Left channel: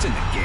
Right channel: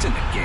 같은 느낌.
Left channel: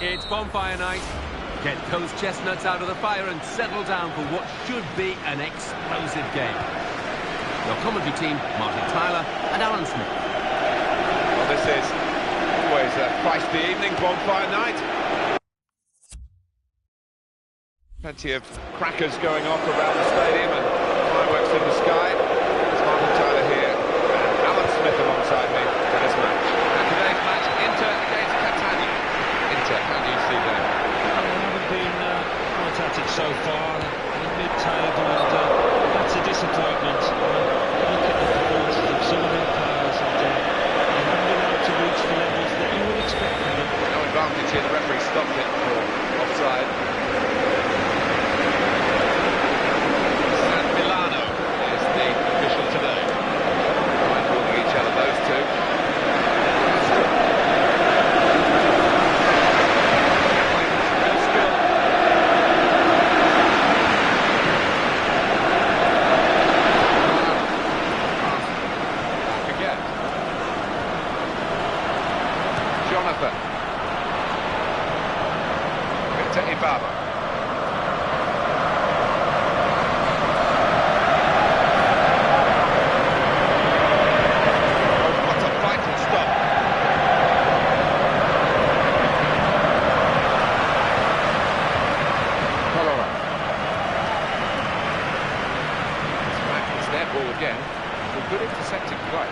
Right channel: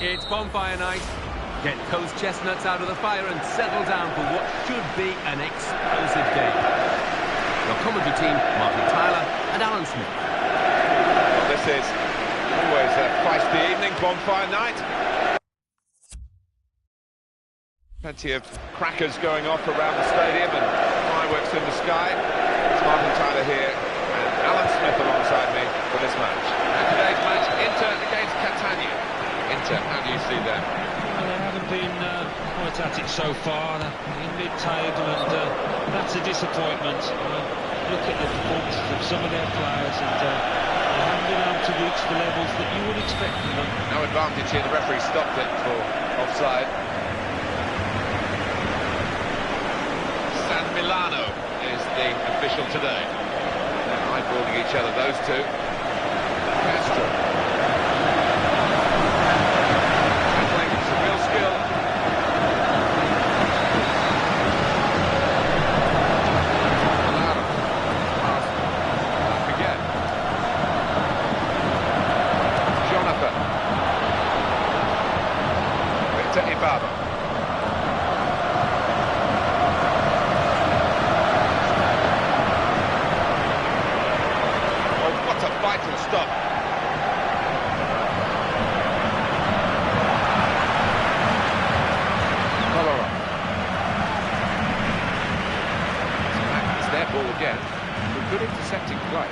It's bonfire night. Get those chestnuts out of the fire and settle down for what should be an explosive game. Your commentary team, Martin Tyler and Alan Smith. Well, this is always a feisty evening, bonfire night. Plenty of crackers going off around the stadium and fireworks in the sky. It's Martin Tyler here and Alan Smith alongside me for this match. And today's match, Inter against Catania. Inter, how do you see them? Well, they haven't been quite at it so far. They're in mid-table, and that's a disappointment. Look at the performances of some of their players, and they haven't been able to reach the levels that you would expect from them. No advantage here, the referee stopped it for offside. San Milano is the official today. Eyeballing each other, those two. Castro. Baba. Oh, what a vital stop. Colora. It's back, it's their ball again. A good intercepting play.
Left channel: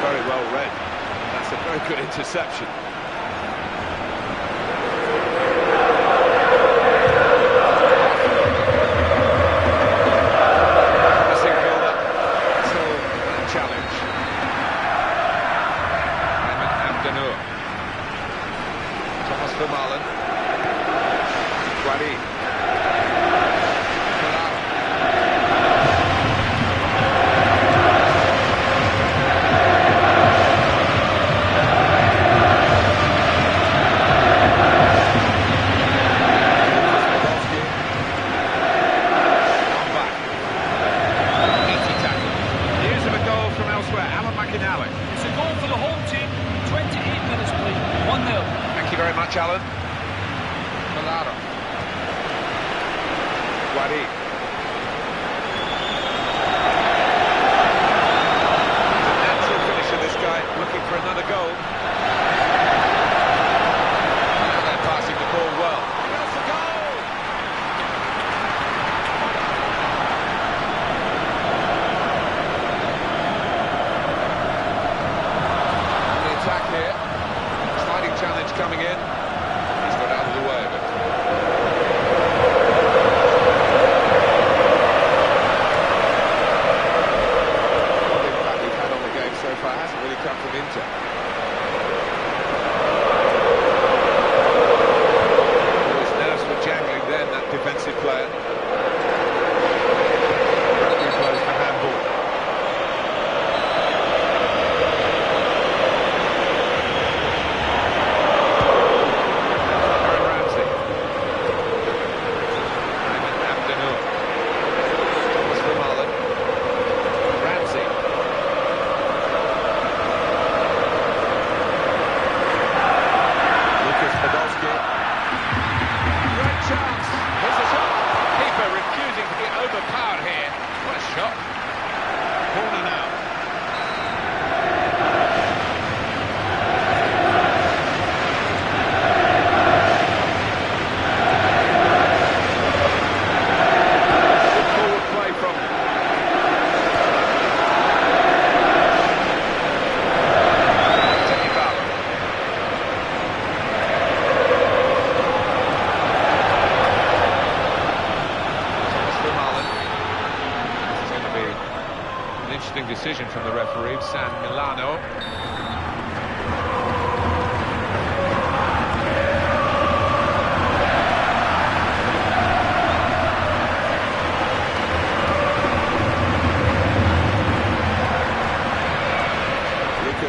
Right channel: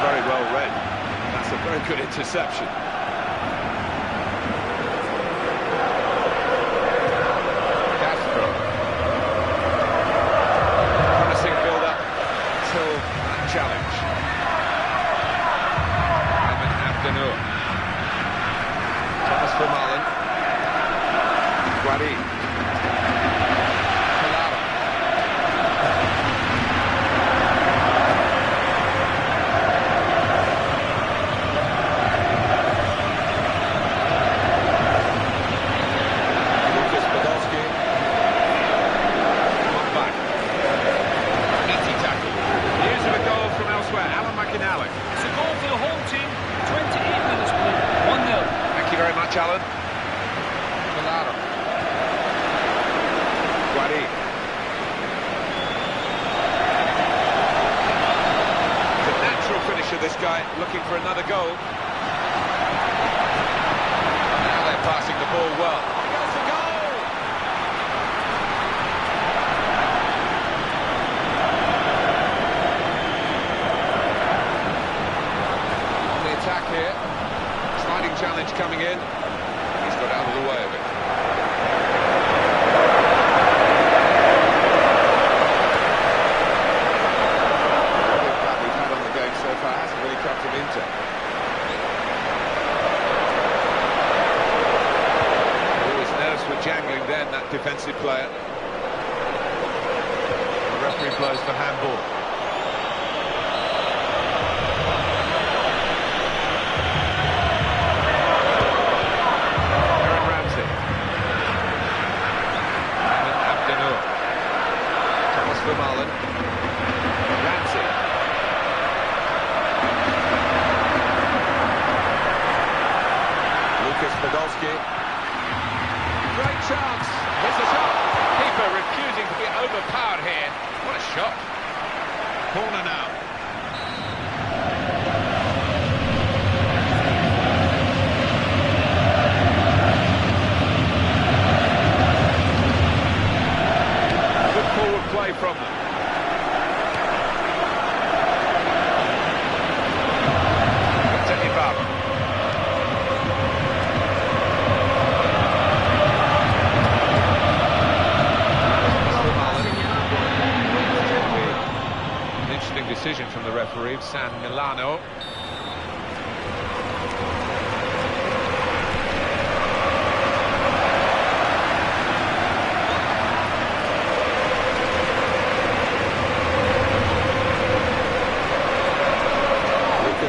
Very well read. That's a very good interception. Promising build-up until that challenge. Ayman Abdenour. Thomas Vermaelen. Guari. It's a goal for the home team. 28 minutes played. 1-0. Thank you very much, Alan. Claro. Guari. It's a natural finisher, this guy, looking for another goal. Now they're passing the ball well. He goes for goal! Attack here, sliding challenge coming in, he's got out of the way of it. The impact we've had on the game so far hasn't really come from Inter. Oh, his nerves were jangling then, that defensive player. The referee blows for handball. Vermaelen. Ramsey. Lucas Podolski. Great chance. Here's the shot. Keeper refusing to be overpowered here. What a shot. Corner now. Play from them. Zepe. Thomas Vermaelen. This is going to be an interesting decision from the referee, San Milano.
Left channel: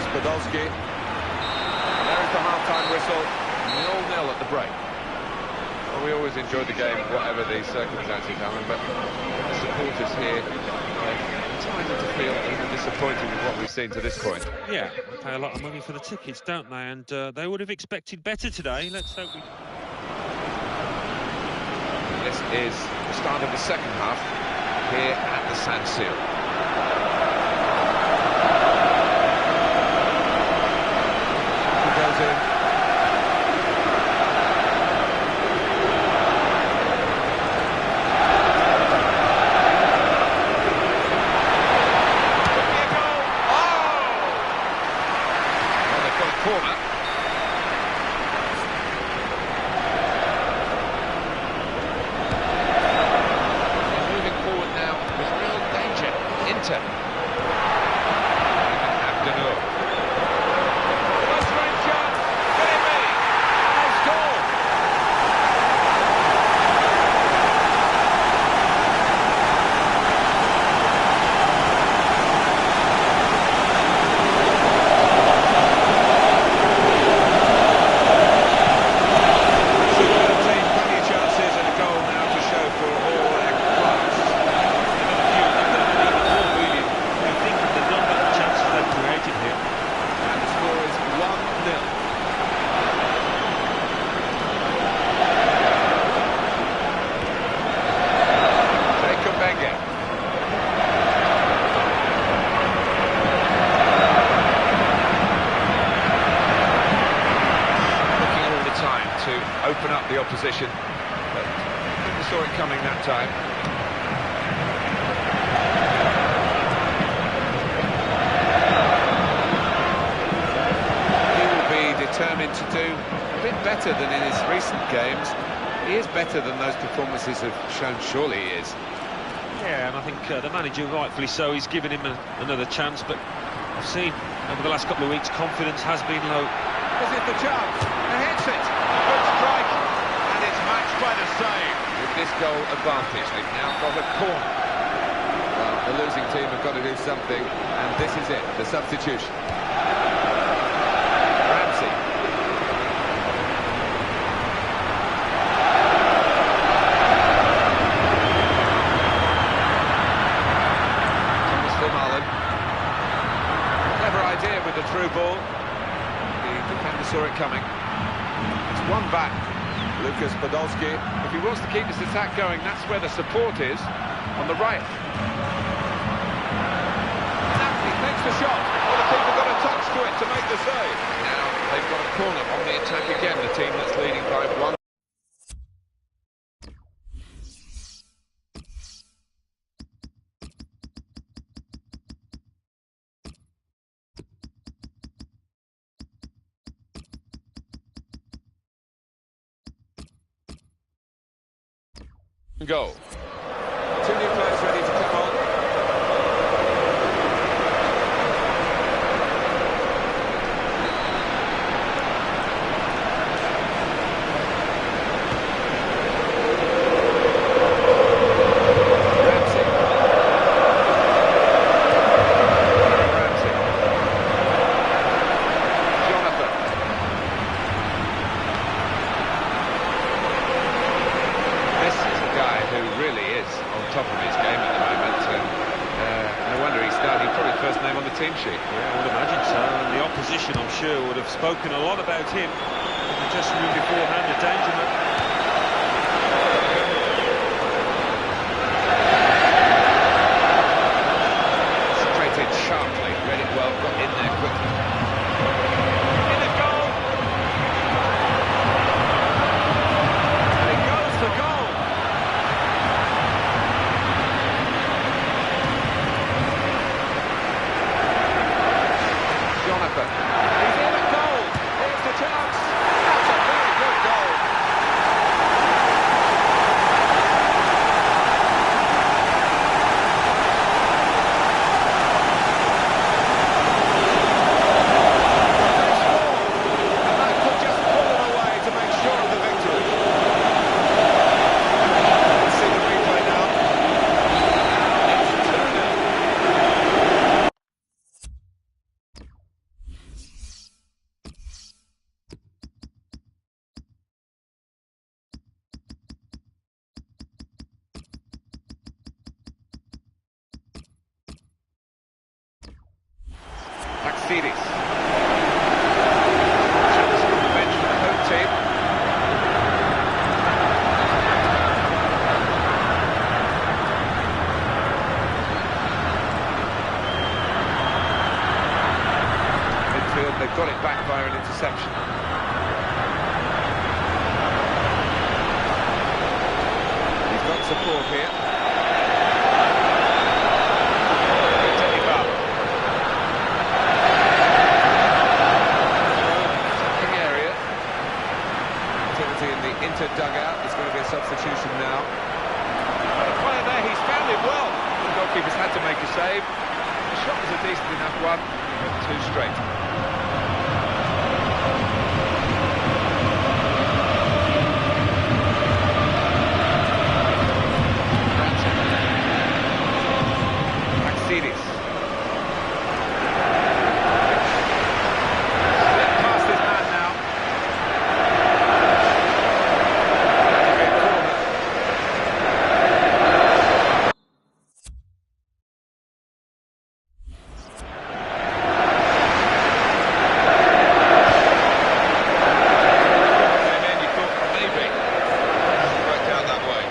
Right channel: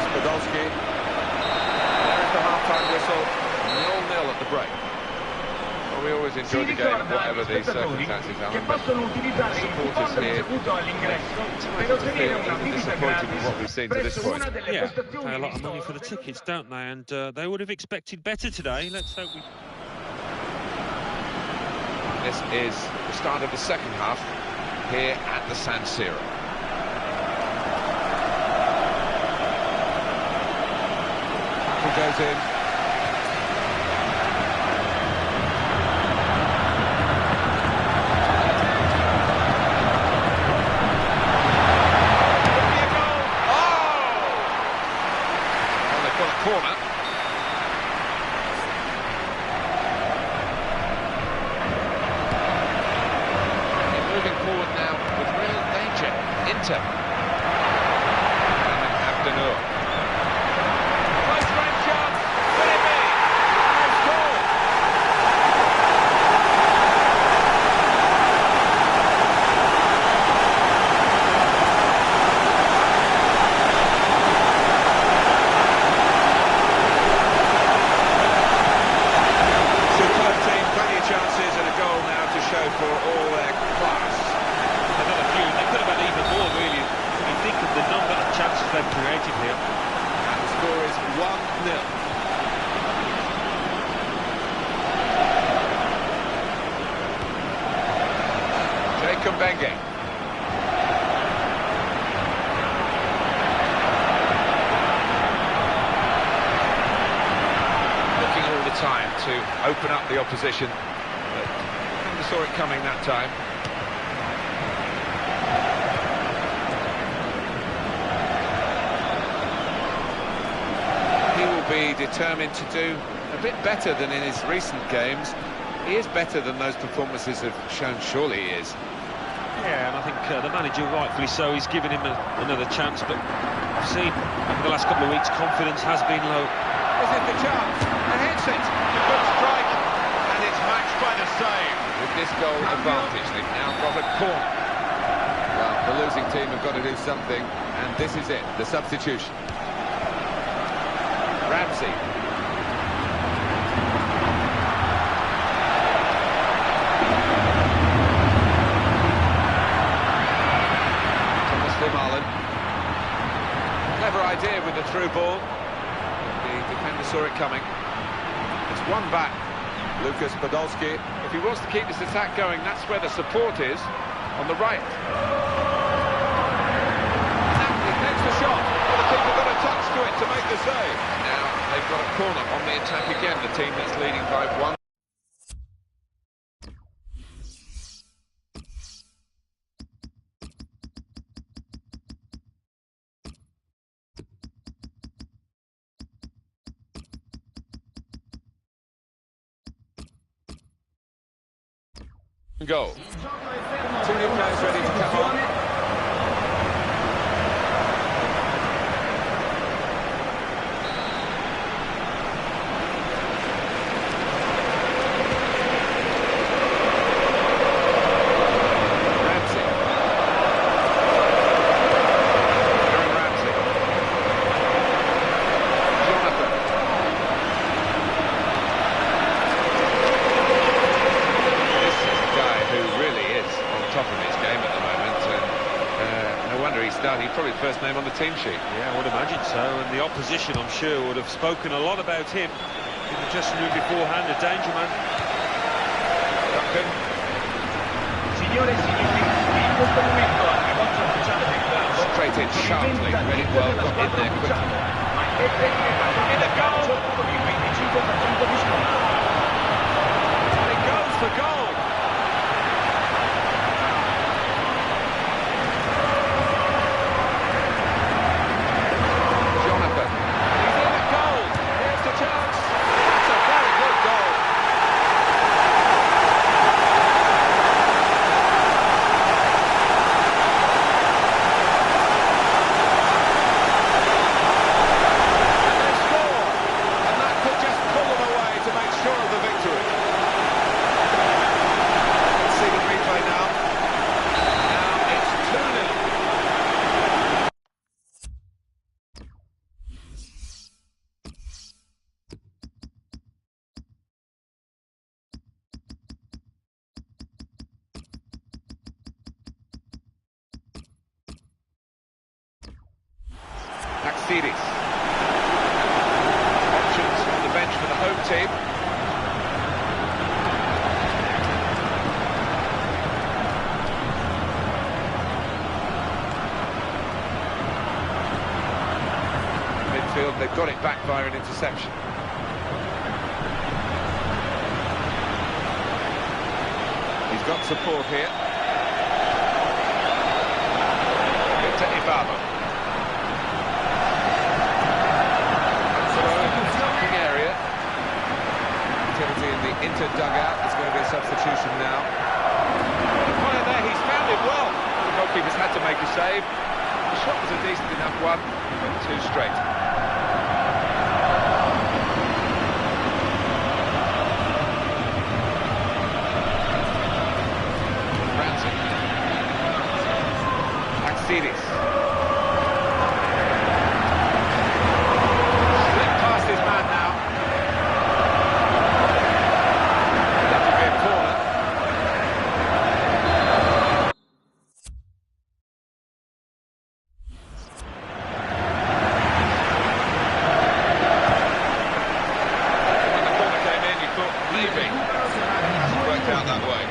Podolski. And there is the half-time whistle, 0-0 at the break. Well, we always enjoy the game, whatever the circumstances, Alan, but the supporters here are entitled to feel a little disappointed with what we've seen to this point. Yeah, pay a lot of money for the tickets, don't they? And they would have expected better today. Let's hope we... This is the start of the second half here at the San Siro. Tackle goes in. Could be a goal. Oh! Well, they've got a corner. Forward now with real danger. Inter. Abdenur. Close range chance. Could it be? And they've scored. Superb team, plenty of chances and a goal now to show for all their class. The number of chances they've created here. And the score is 1-0. Jacob Benga. Looking all the time to open up the opposition, but never saw it coming that time. Be determined to do a bit better than in his recent games. He is better than those performances have shown, surely he is. Yeah, and I think the manager, rightfully so, he's given him another chance, but I've seen over the last couple of weeks confidence has been low. Is it the chance? And hits it. Good strike. And it's matched by the save. With this goal advantage, they've now got a corner. Well, the losing team have got to do something, and this is it, the substitution. Ramsey. Thomas Vermaelen. Clever idea with the through ball. The defender saw it coming. It's one back. Lucas Podolski. If he wants to keep this attack going, that's where the support is, on the right. He takes the shot. Well, the keeper got a touch to it to make the save. Now they've got a corner on the attack again, the team that's leading by 1. Goal. 2 new players ready to come on. Top of his game at the moment, and no wonder he's starting. Probably the first name on the team sheet. Yeah, I would imagine so, and the opposition, I'm sure, would have spoken a lot about him in the dressing room beforehand. A danger man. Straight in sharply, read it well, got in there quickly. In a goal! And it goes for goal! He's in at goal. Here's the chance. That's a very good goal. And they've scored. Taxidis. Options on the bench for the home team. Midfield, they've got it back via an interception. He's got support here. Into Ibaba. Throw in the attacking area. Activity in the Inter dugout. There's going to be a substitution now. The player there, he's found it well. The goalkeeper's had to make a save. The shot was a decent enough one, but too straight. Taxidis. Slipped past his man now. That'll be a corner. When the corner came in, you thought maybe. It hasn't worked out that way.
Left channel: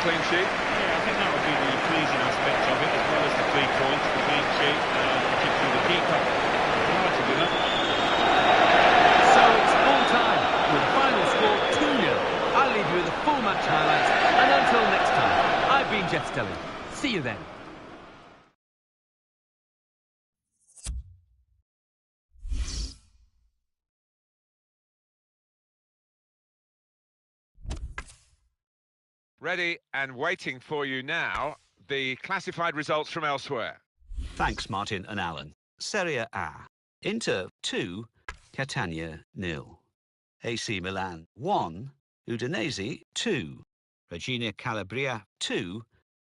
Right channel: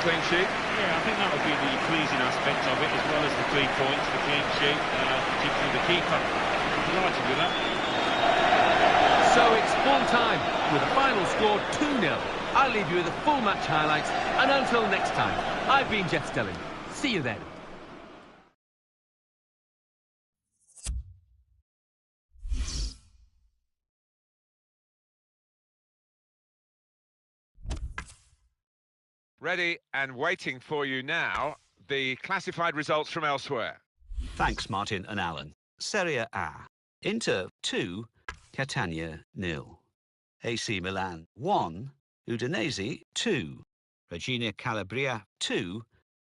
Clean sheet. Yeah, I think that would be the pleasing aspect of it, as well as the 3 points, the clean sheet, particularly the keeper. Delighted with that. So it's full time, with the final score 2-0. I'll leave you with the full match highlights, and until next time, I've been Jeff Stelling. See you then. Ready and waiting for you now, the classified results from elsewhere. Thanks, Martin and Alan. Serie A. Inter 2, Catania 0. AC Milan 1, Udinese 2. Reggina Calabria 2,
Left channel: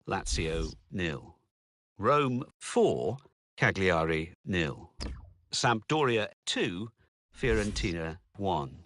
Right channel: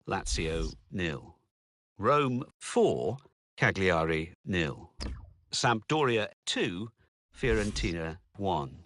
Lazio 0. Rome 4, Cagliari 0. Sampdoria 2, Fiorentina 1.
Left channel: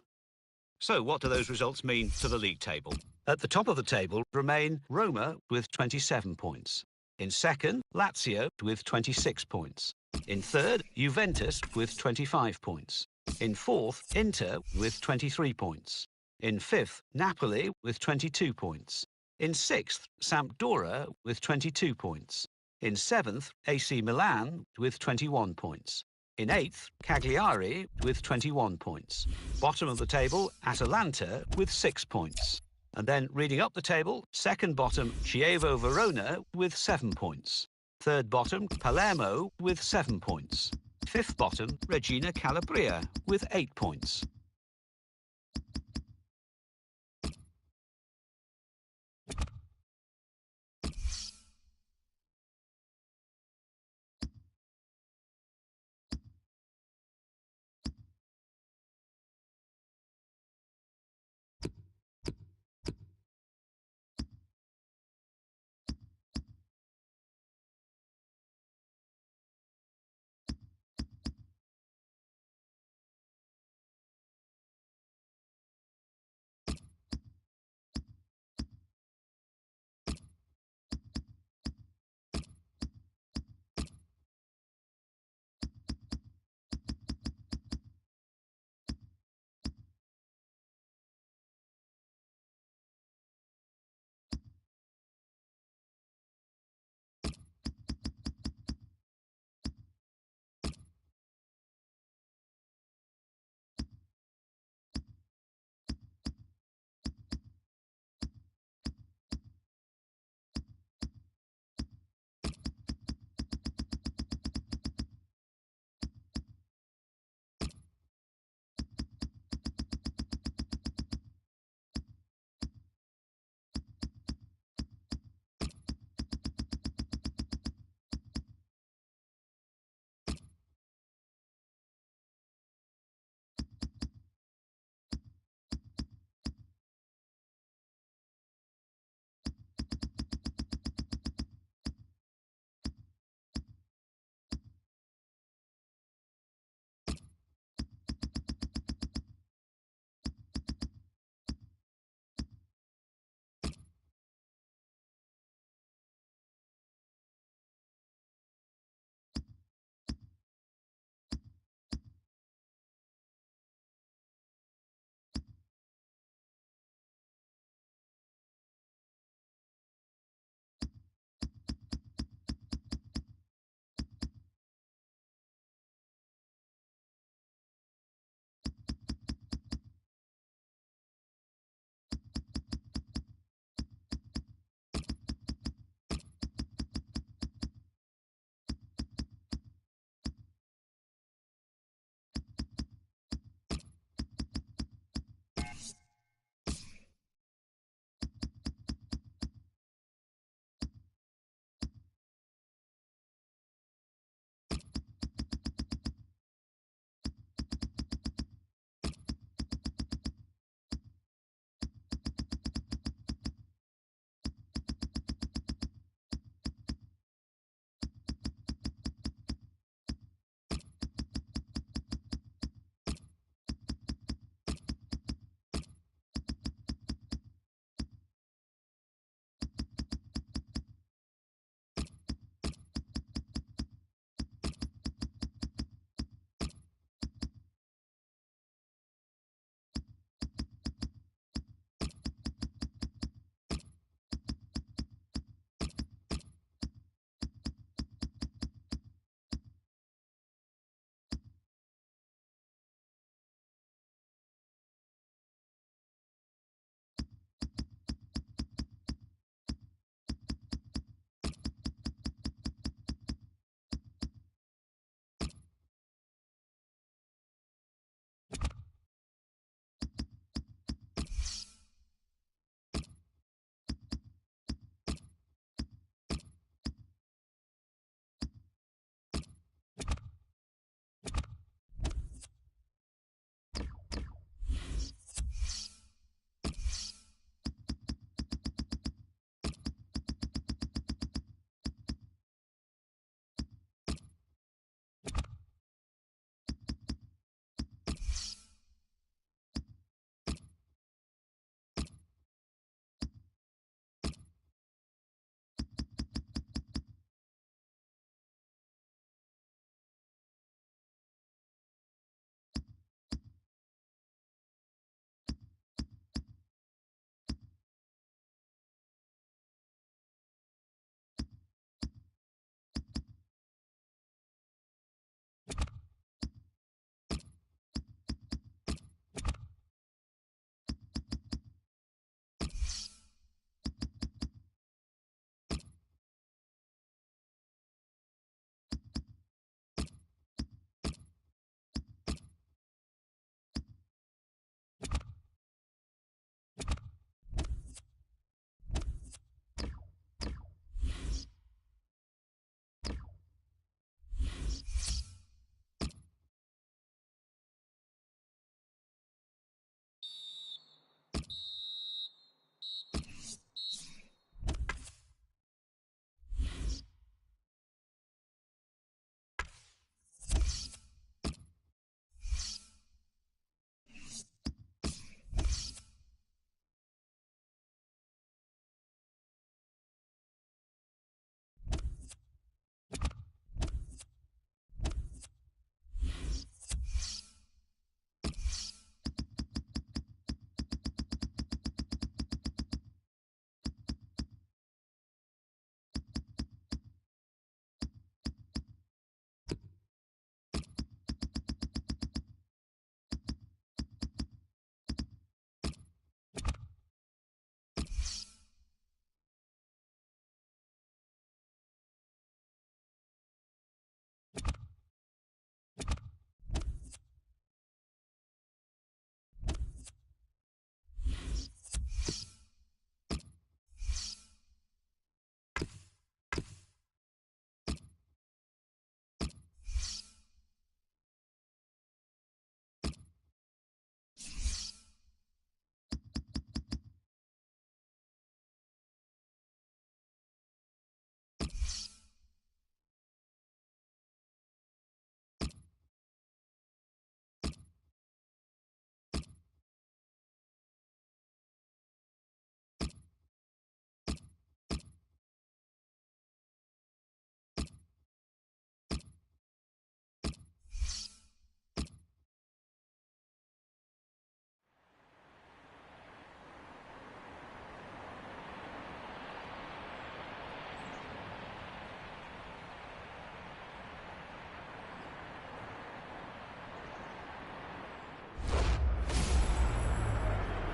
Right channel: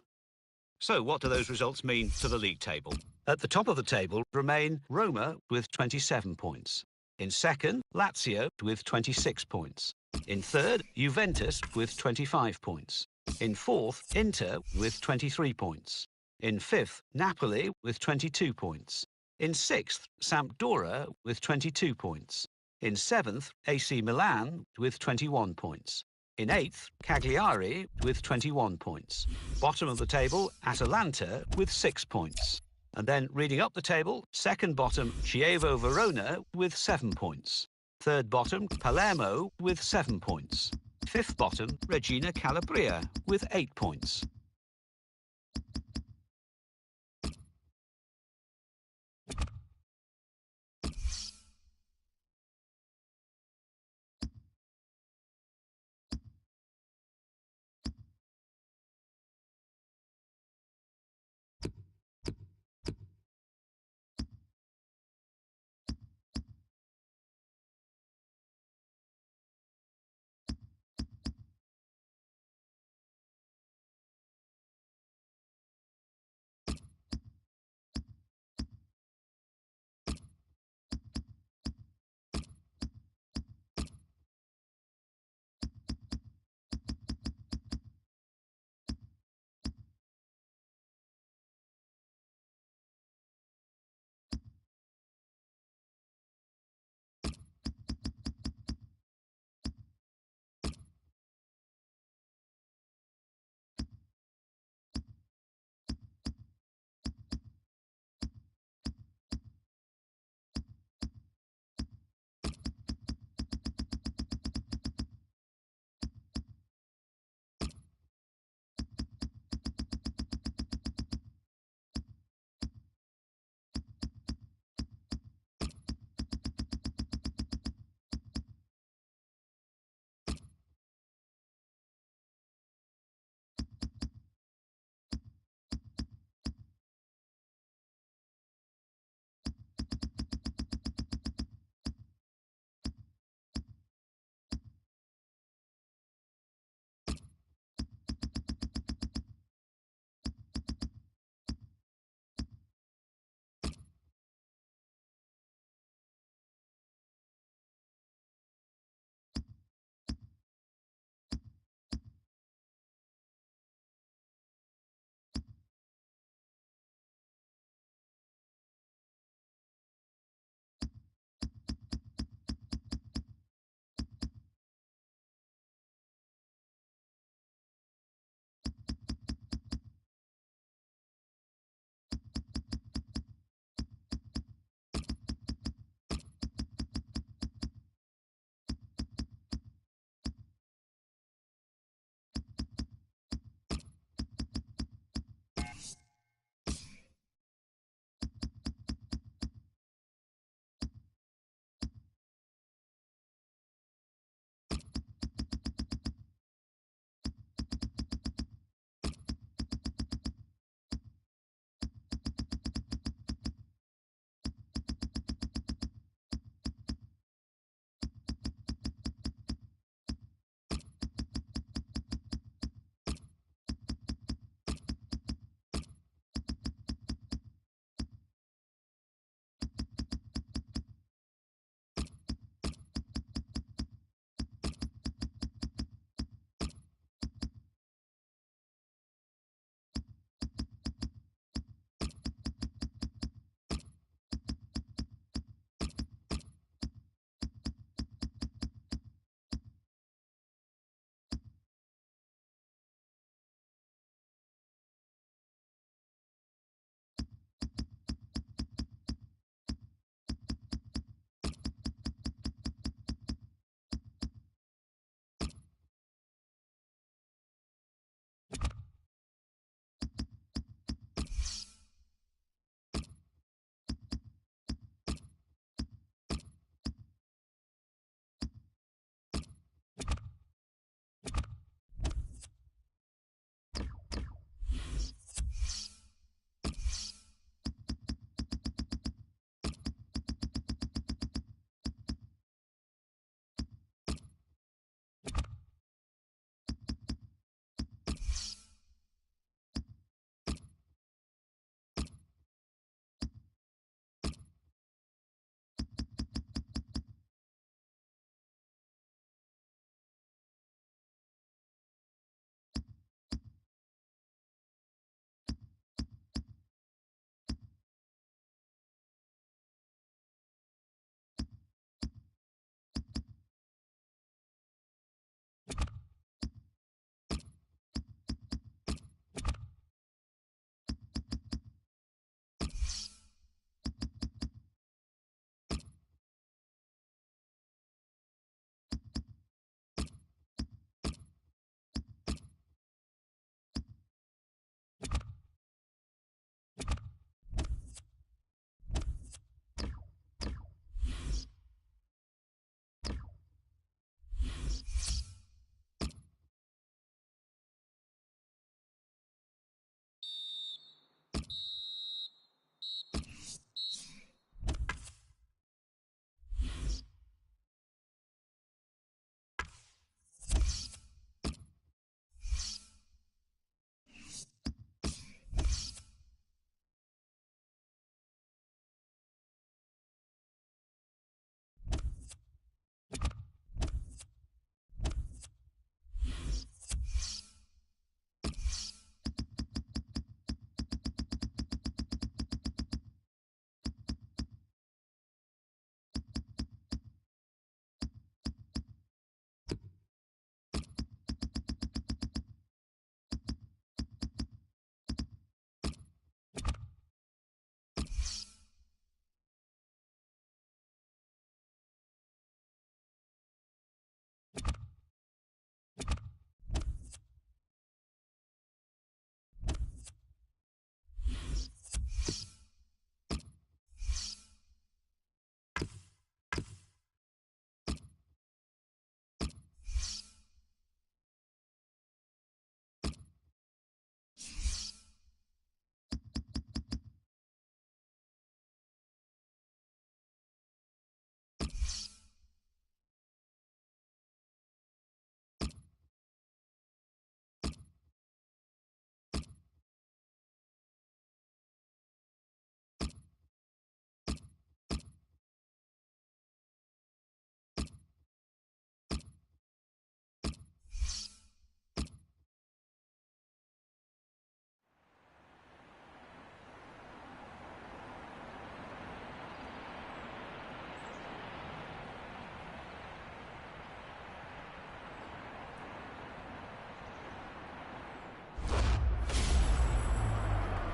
So what do those results mean to the league table? At the top of the table remain Roma with 27 points. In second, Lazio with 26 points. In third, Juventus with 25 points. In fourth, Inter with 23 points. In fifth, Napoli with 22 points. In sixth, Sampdoria with 22 points. In seventh, AC Milan with 21 points. In eighth, Cagliari with 21 points. Bottom of the table, Atalanta with 6 points. And then reading up the table, second bottom, Chievo Verona with 7 points. Third bottom, Palermo with 7 points. Fifth bottom, Reggina Calabria with 8 points.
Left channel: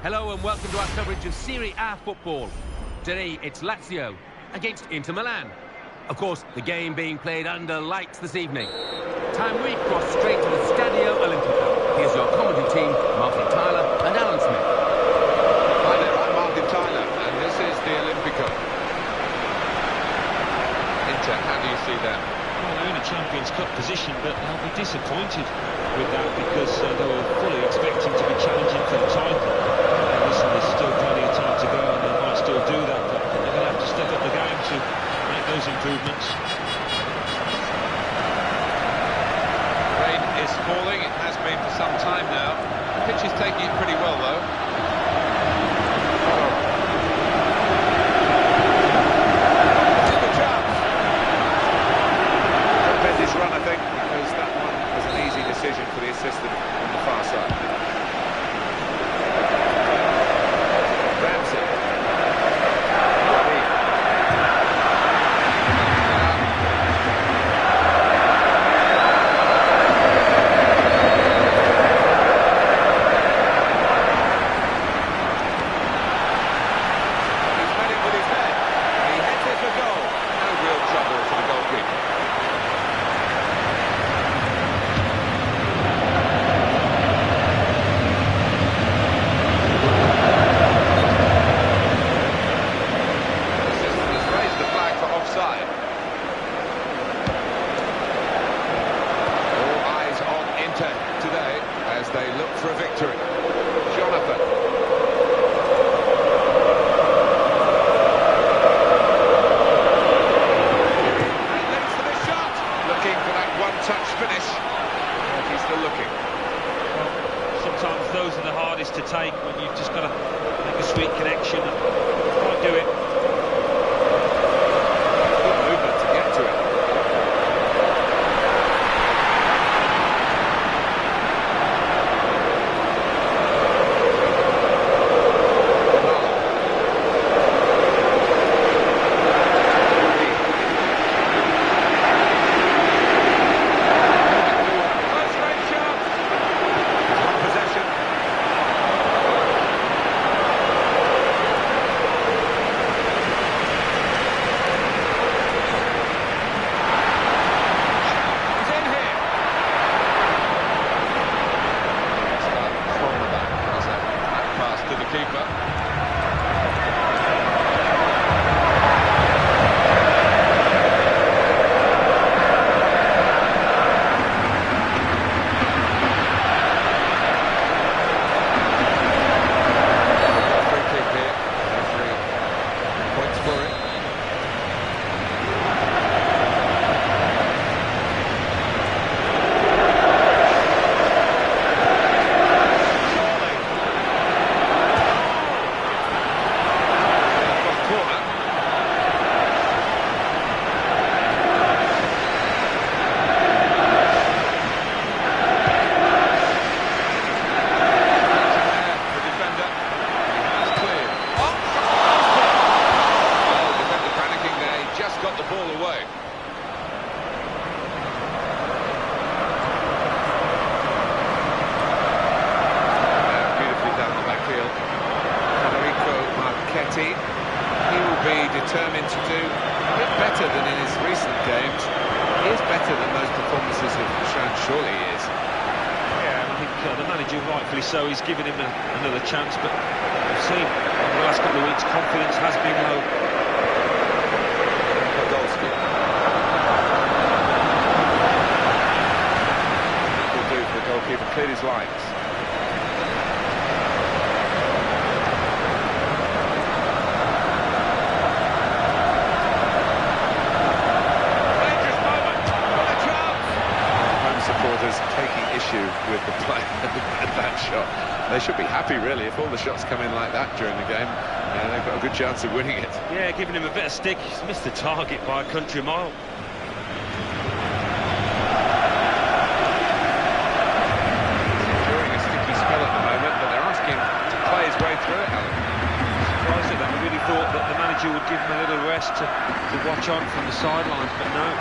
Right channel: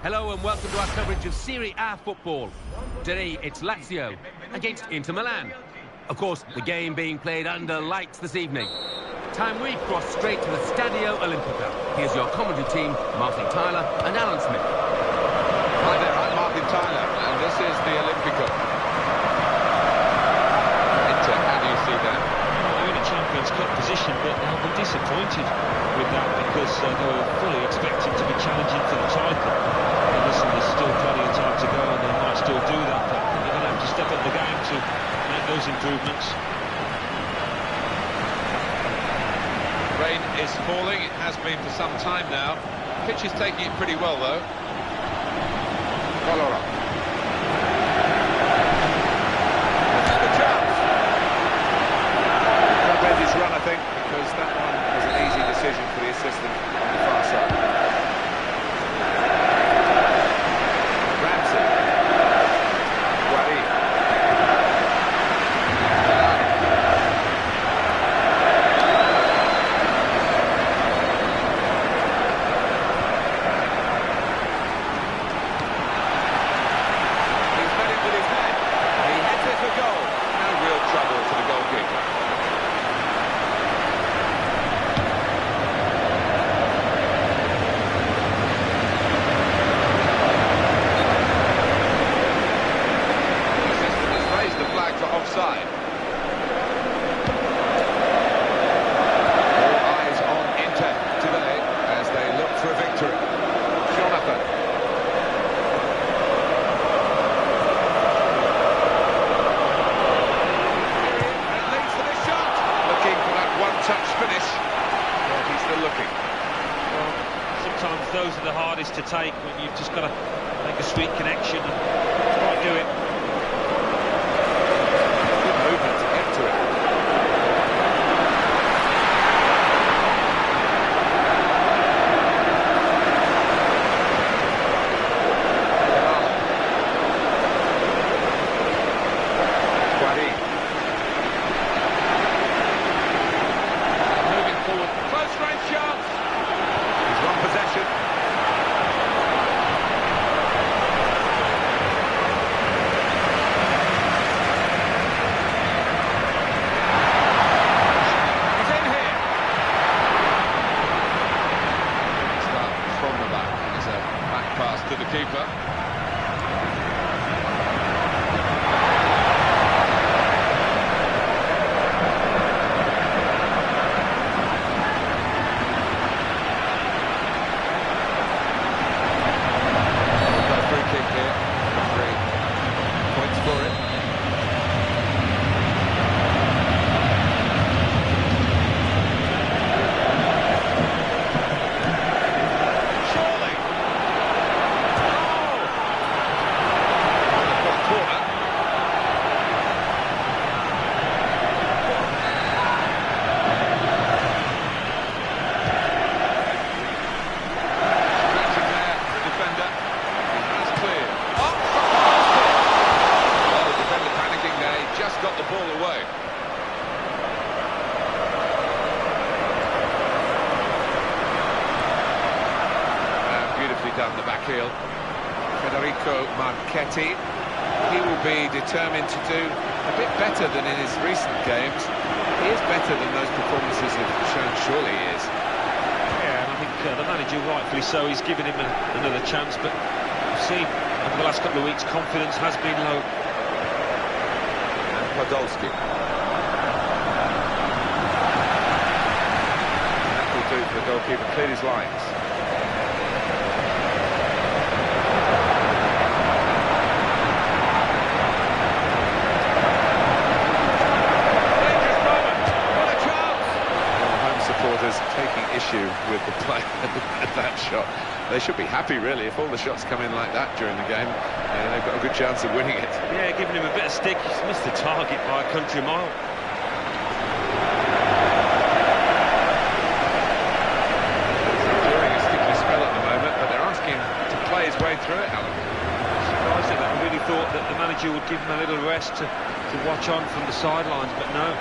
Hello and welcome to our coverage of Serie A football. Today it's Lazio against Inter Milan. Of course, the game being played under lights this evening. Time we cross straight to the Stadio Olimpico. Here's your commentary team, Martin Tyler and Alan Smith. Hi there, I'm Martin Tyler, and this is the Olimpico. Inter, how do you see them? Well, they're in a Champions Cup position, but they'll be disappointed with that because they were fully expecting to be challenging for the title. Now, listen, there's still plenty of time to go and they might still do that, but I think they're going to have to step up the game to make those improvements. Rain is falling, it has been for some time now. The pitch is taking it pretty well, though. Follow up. This is the chance. Got to bend his run, I think, because that one was an easy decision for the assistant on the far side. Ramsey. Guarin. He's met it with his head. He heads it for goal. No real trouble for the goalkeeper. Offside. All eyes on Inter today as they look for a victory. Jonathan. It leads for this shot. Looking for that one-touch finish. But he's still looking. Well, sometimes those are the hardest to take when you've just got to make a sweet connection and quite do it. To get to it. Moving forward. Close range shots. He's won possession. To the keeper. Free kick here. 3 points for it. Just got the ball away. Beautifully done the back heel. Federico Marchetti. He will be determined to do a bit better than in his recent games. He is better than those performances have shown, surely he is. Yeah, and I think the manager, rightfully so, he's given him another chance, but we've seen over the last couple of weeks confidence has been low. Podolski. That will do for the goalkeeper, cleared his lines. Dangerous moment, what a chance! Home supporters taking issue with the play at that shot. They should be happy, really, if all the shots come in like that during the game. They've got a good chance of winning it. Yeah, giving him a bit of stick. He's missed the target by a country mile. He's enduring a sticky spell at the moment, but they're asking to play his way through it, Alan. Surprised at that. I really thought that the manager would give him a little rest to watch on from the sidelines, but no.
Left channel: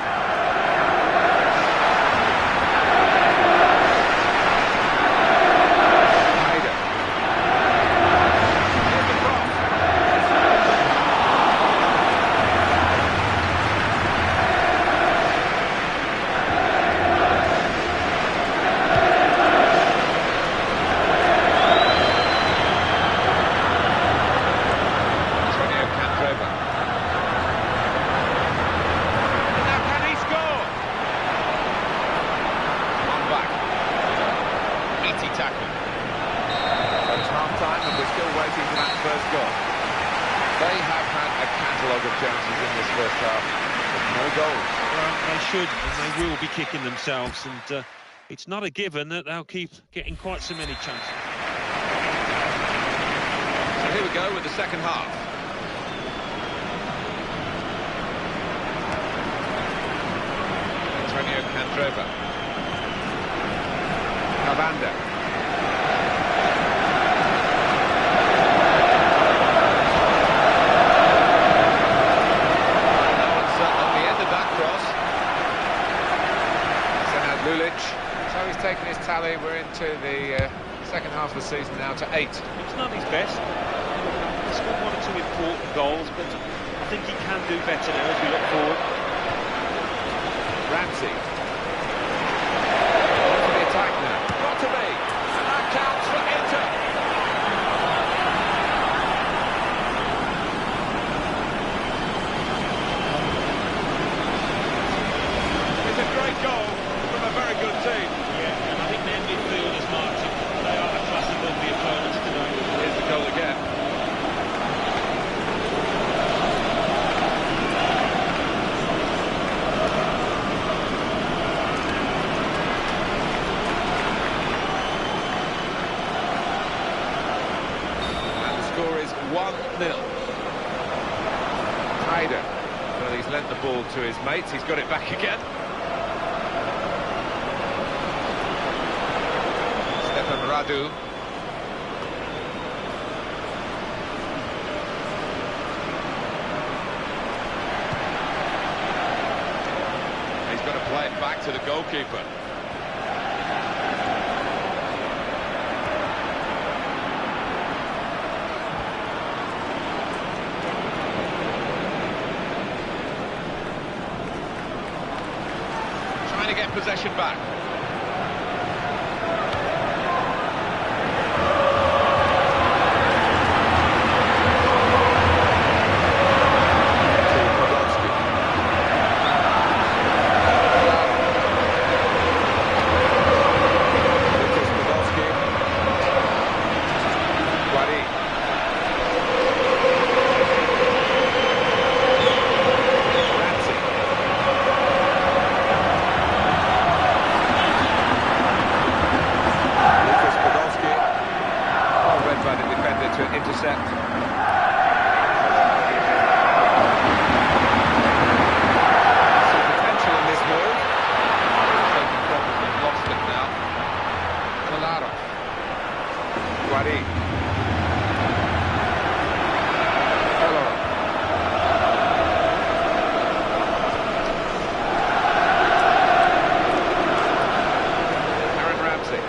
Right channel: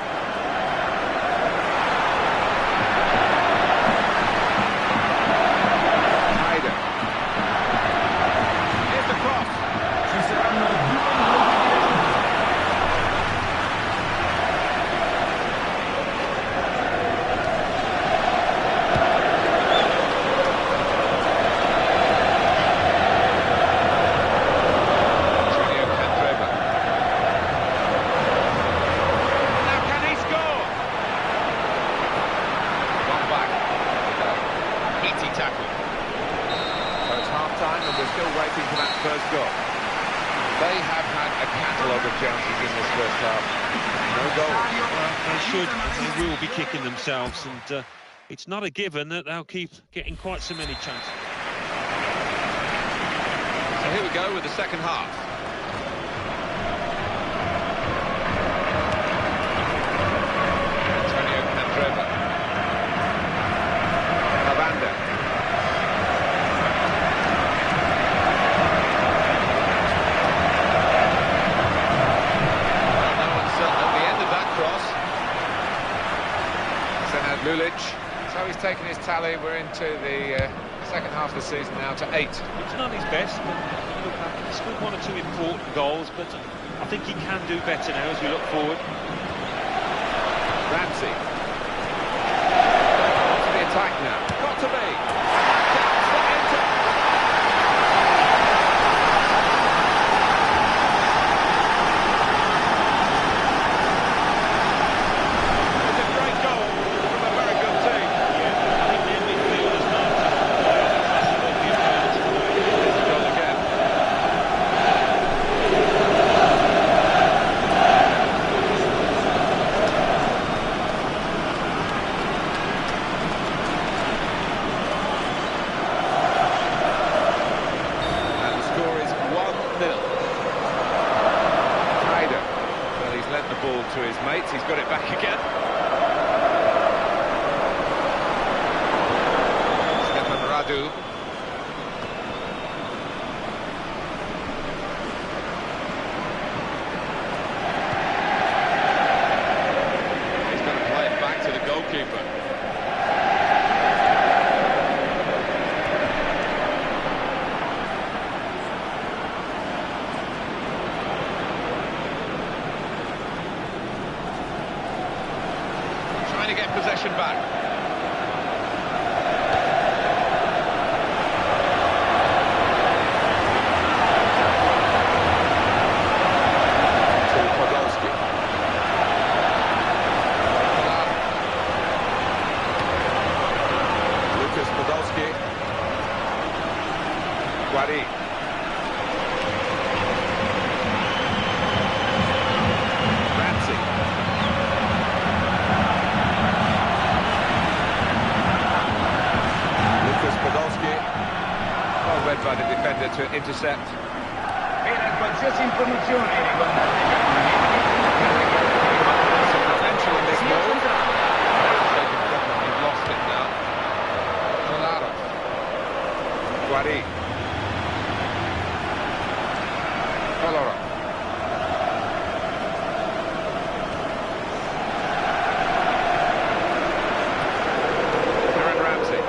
still waiting for that first goal. They have had a catalogue of chances in this first half, but no goals. Well, they should and they will be kicking themselves, and it's not a given that they'll keep getting quite so many chances. So here we go with the second half. Antonio Candreva. Cavanda. Well, no uncertain at the end of that cross. Senad Lulic. So he's taken his tally. We're into the second half of the season now to 8. It's not his best, but you look back, he scored 1 or 2 important goals, but I think he can do better now as we look forward. Ramsey. On to the attack now. Got to be. And that counts for Inter. It's a great goal from a very good team. Yeah, I think their midfielders, Martin, they are the class above the opponents today. Here's the goal again. And the score is 1-0. Hyder. Well, he's lent the ball to his mates. He's got it back again. Radu. He's got to play it back to the goalkeeper. Trying to get possession back. By the defender to intercept. Some potential in this move. They can definitely have lost it now. Kolarov. Guari. Kolarov. Aaron Ramsey.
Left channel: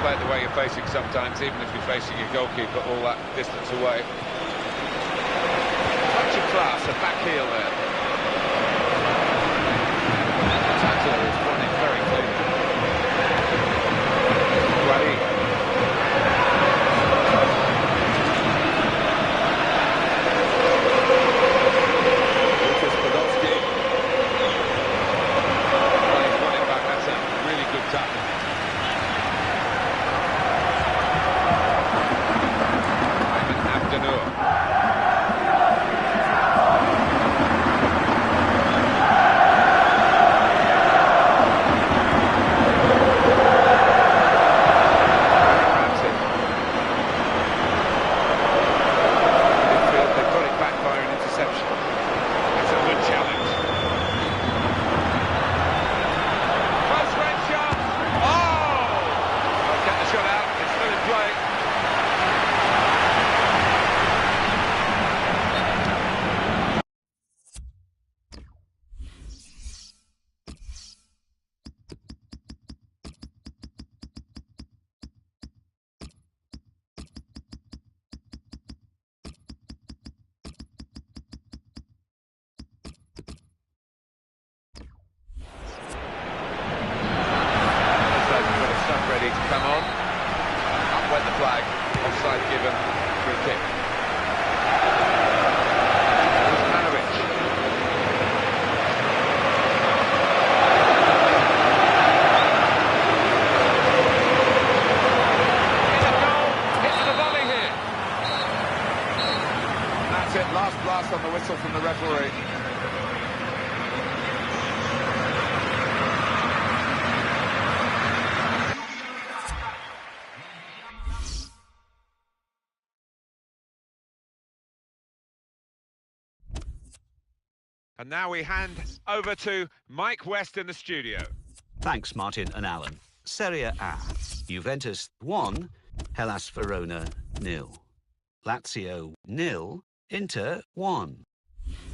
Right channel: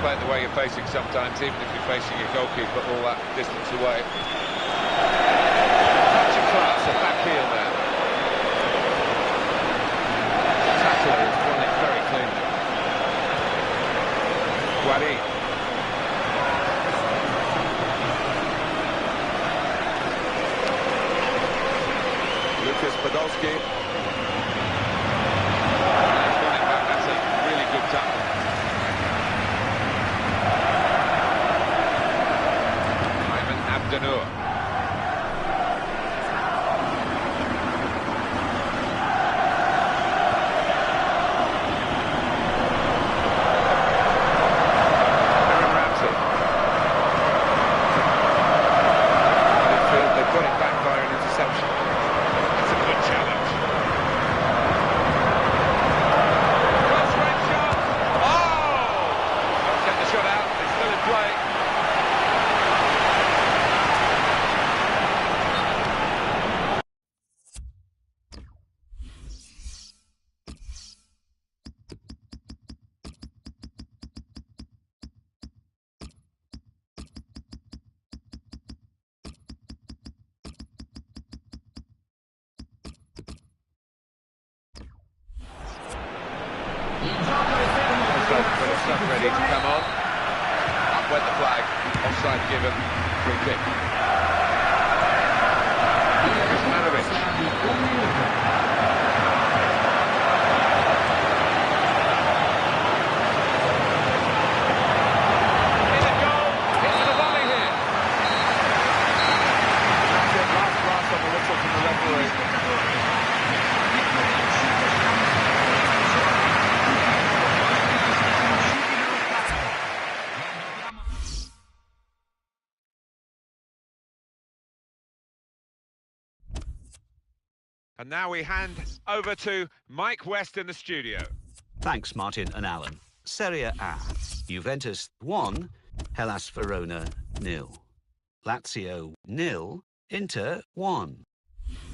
Play it the way you're facing sometimes, even if you're facing your goalkeeper all that distance away. Touch of class, a back heel there. The tackler has won it very cleanly. Guari. Lucas Podolski. Well, he's won it back. That's a really good tackle. Abdenur. ready to come on. Up went the flag, offside given, free kick. Kuzmanovic. In a goal, hits the volley here. That's it, last blast on the whistle from the referee. And now we hand over to Mike West in the studio. Thanks, Martin and Alan. Serie A. Juventus 1, Hellas Verona 0. Lazio 0, Inter 1.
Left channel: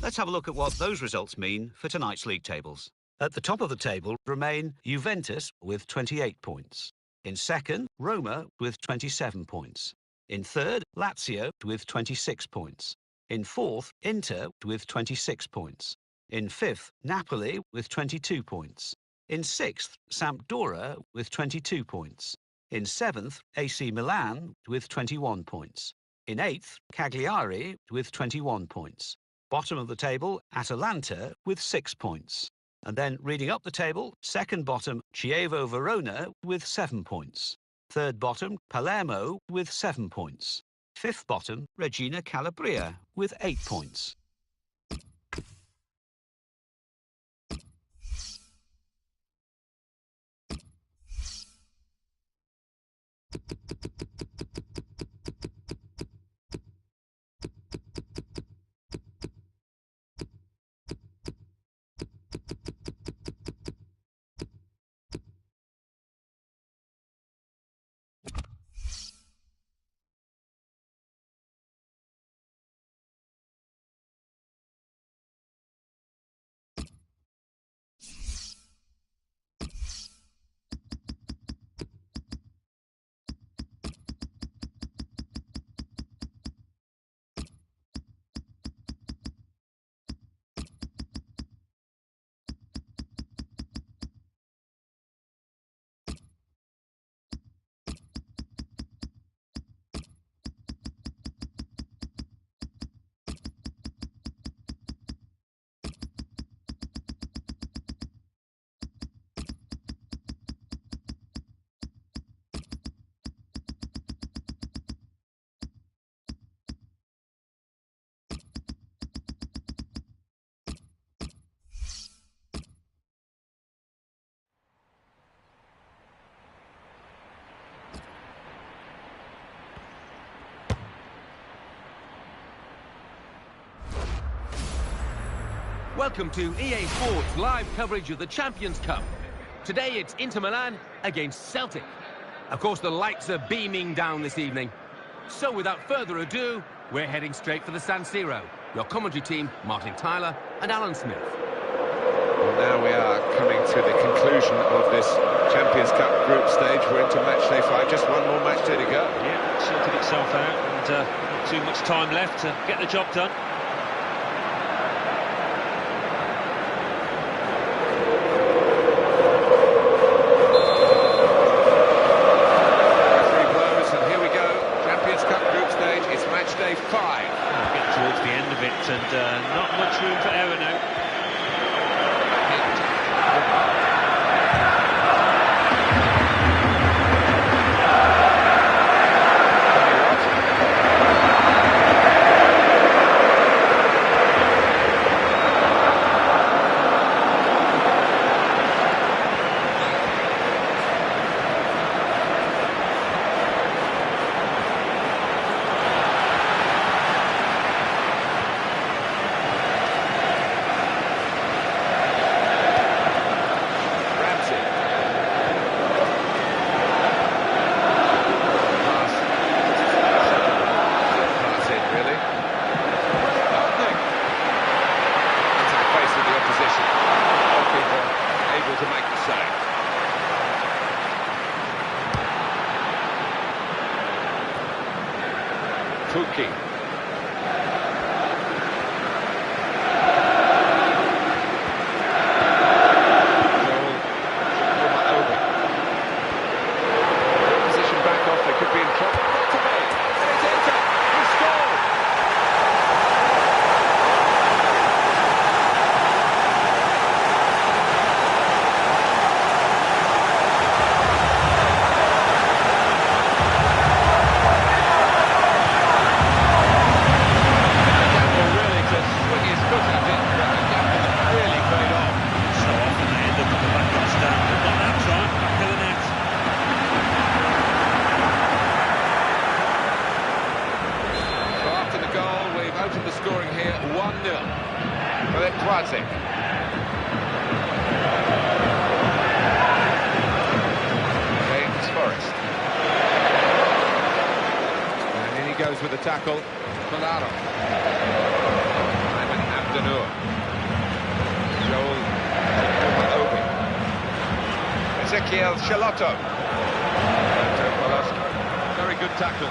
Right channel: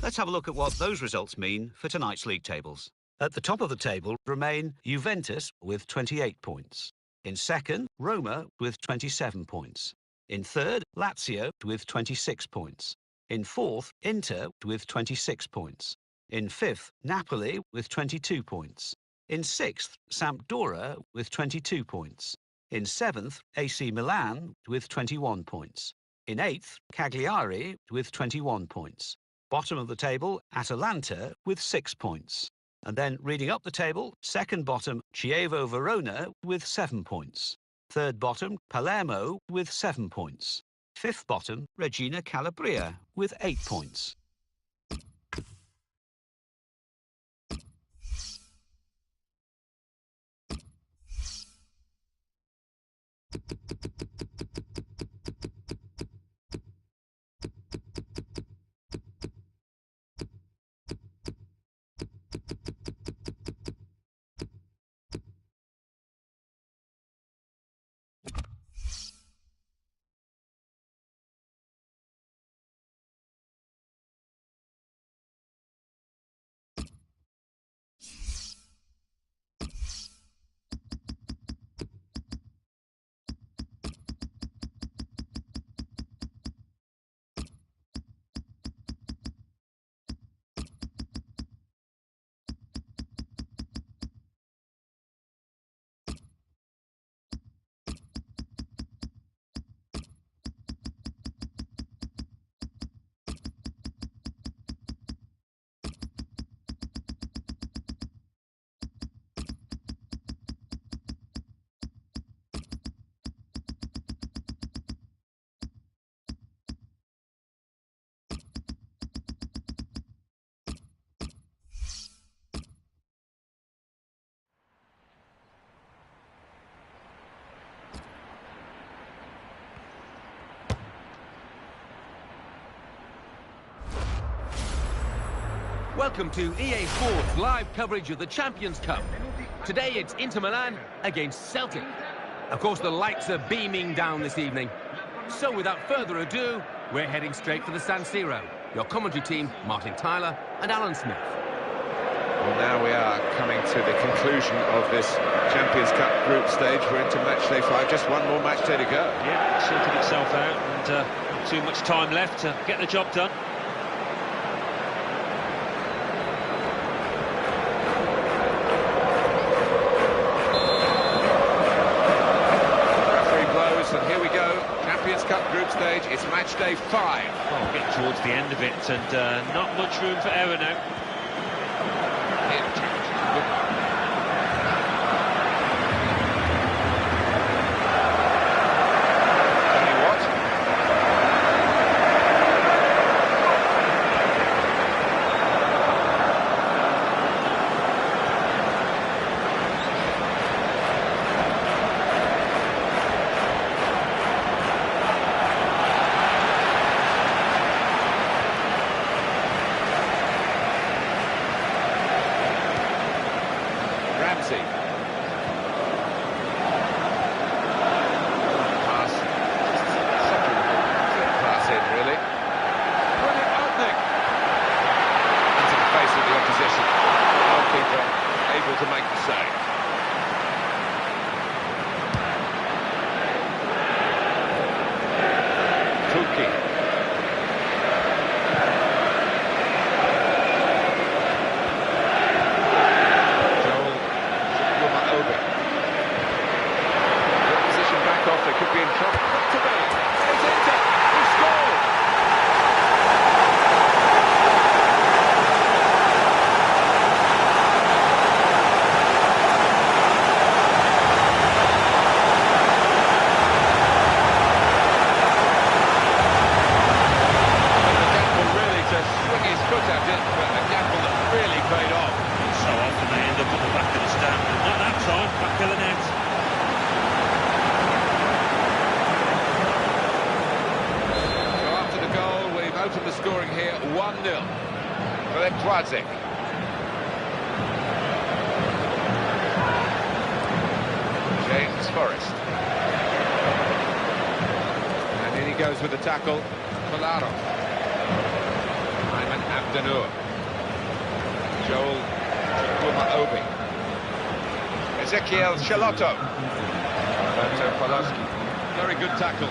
Let's have a look at what those results mean for tonight's league tables. At the top of the table remain Juventus with 28 points. In second, Roma with 27 points. In third, Lazio with 26 points. In fourth, Inter with 26 points. In fifth, Napoli with 22 points. In sixth, Sampdoria with 22 points. In seventh, AC Milan with 21 points. In eighth, Cagliari with 21 points. Bottom of the table, Atalanta with 6 points. And then reading up the table, second bottom, Chievo Verona with 7 points. Third bottom, Palermo with 7 points. Fifth bottom, Regina Calabria with 8 points. Welcome to EA Sports live coverage of the Champions Cup. Today it's Inter Milan against Celtic. Of course, the lights are beaming down this evening. So without further ado, we're heading straight for the San Siro. Your commentary team, Martin Tyler and Alan Smith. Well, now we are coming to the conclusion of this Champions Cup group stage. We're into match day 5, just one more match day to go. Yeah, it sorted itself out, and not too much time left to get the job done. It's match day 5. Well, we're getting towards the end of it, and not much room for error now. To make the save. Tuki. Joel Obi. back of the net. So after the goal, we've opened the scoring here 1-0. Philip Dwadzik. James Forrest. And in he goes with the tackle. Polaro. Ayman Abdenour. Joel Obi. Ezekiel Chalotto. Roberto Poloski. Very good tackle.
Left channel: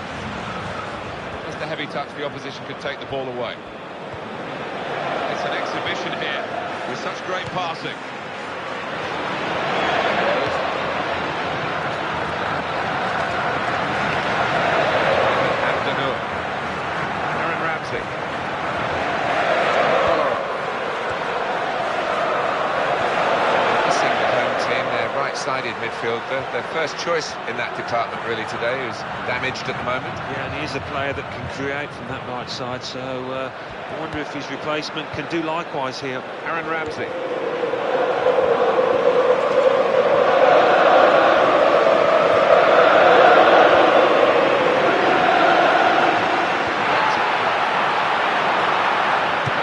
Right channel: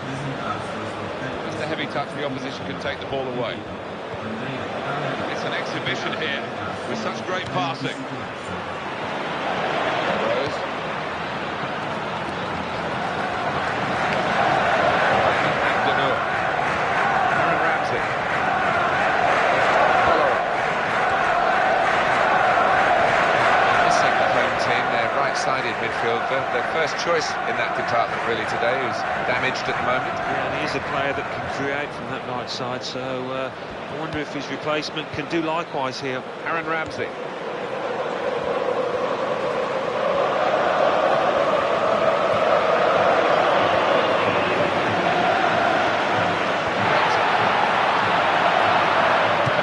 Just a heavy touch, the opposition could take the ball away. It's an exhibition here with such great passing. Rose. Abdenour. Aaron Ramsey. Polaro. Missing the home team, their right-sided midfielder, their first choice in that department really today, who's damaged at the moment. Yeah, and he is a player that can create from that right side, so I wonder if his replacement can do likewise here. Aaron Ramsey. And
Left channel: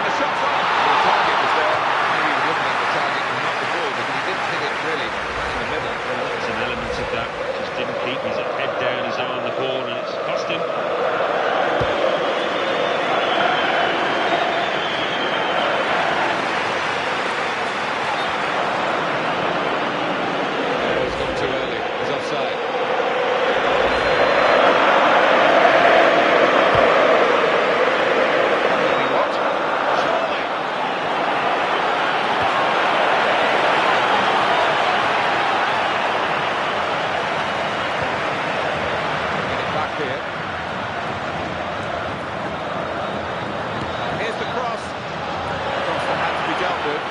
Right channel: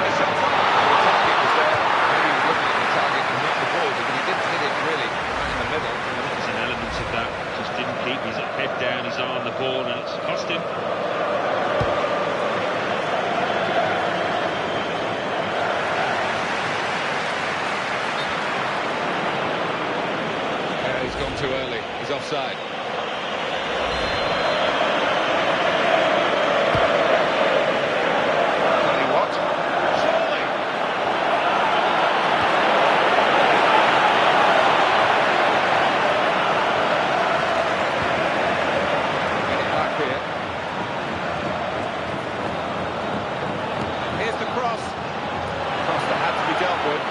the shot's on. The target was there. Maybe he was looking at the target and not the ball, because he didn't hit it really right in the middle. There's an element of that. Just didn't keep his head down, his eye on the ball, and it's cost him. He's gone too early. He's offside. Johnny Watt. Surely. Get it back here. Here's the cross. Cross that had to be dealt with.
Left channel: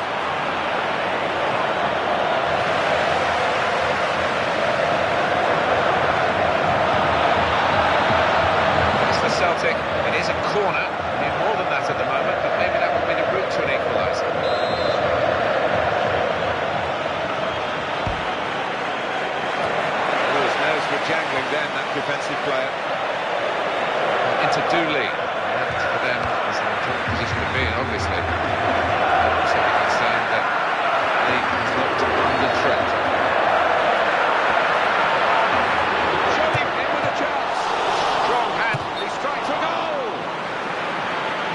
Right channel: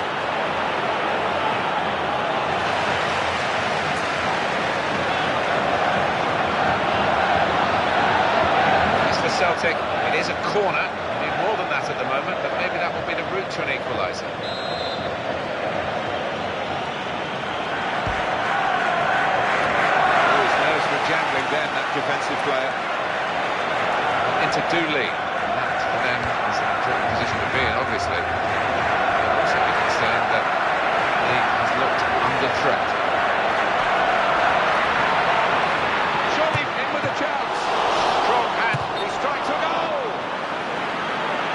Celtic, it is a corner. We need more than that at the moment, but maybe that will be the route to an equaliser. Oh, his nerves were jangling then, that defensive player. Into Dooley. That, for them, is an important position to be in, obviously. They'll also be concerned that he has looked under threat. Surely in with a chance. Strong hand. Strikes a goal!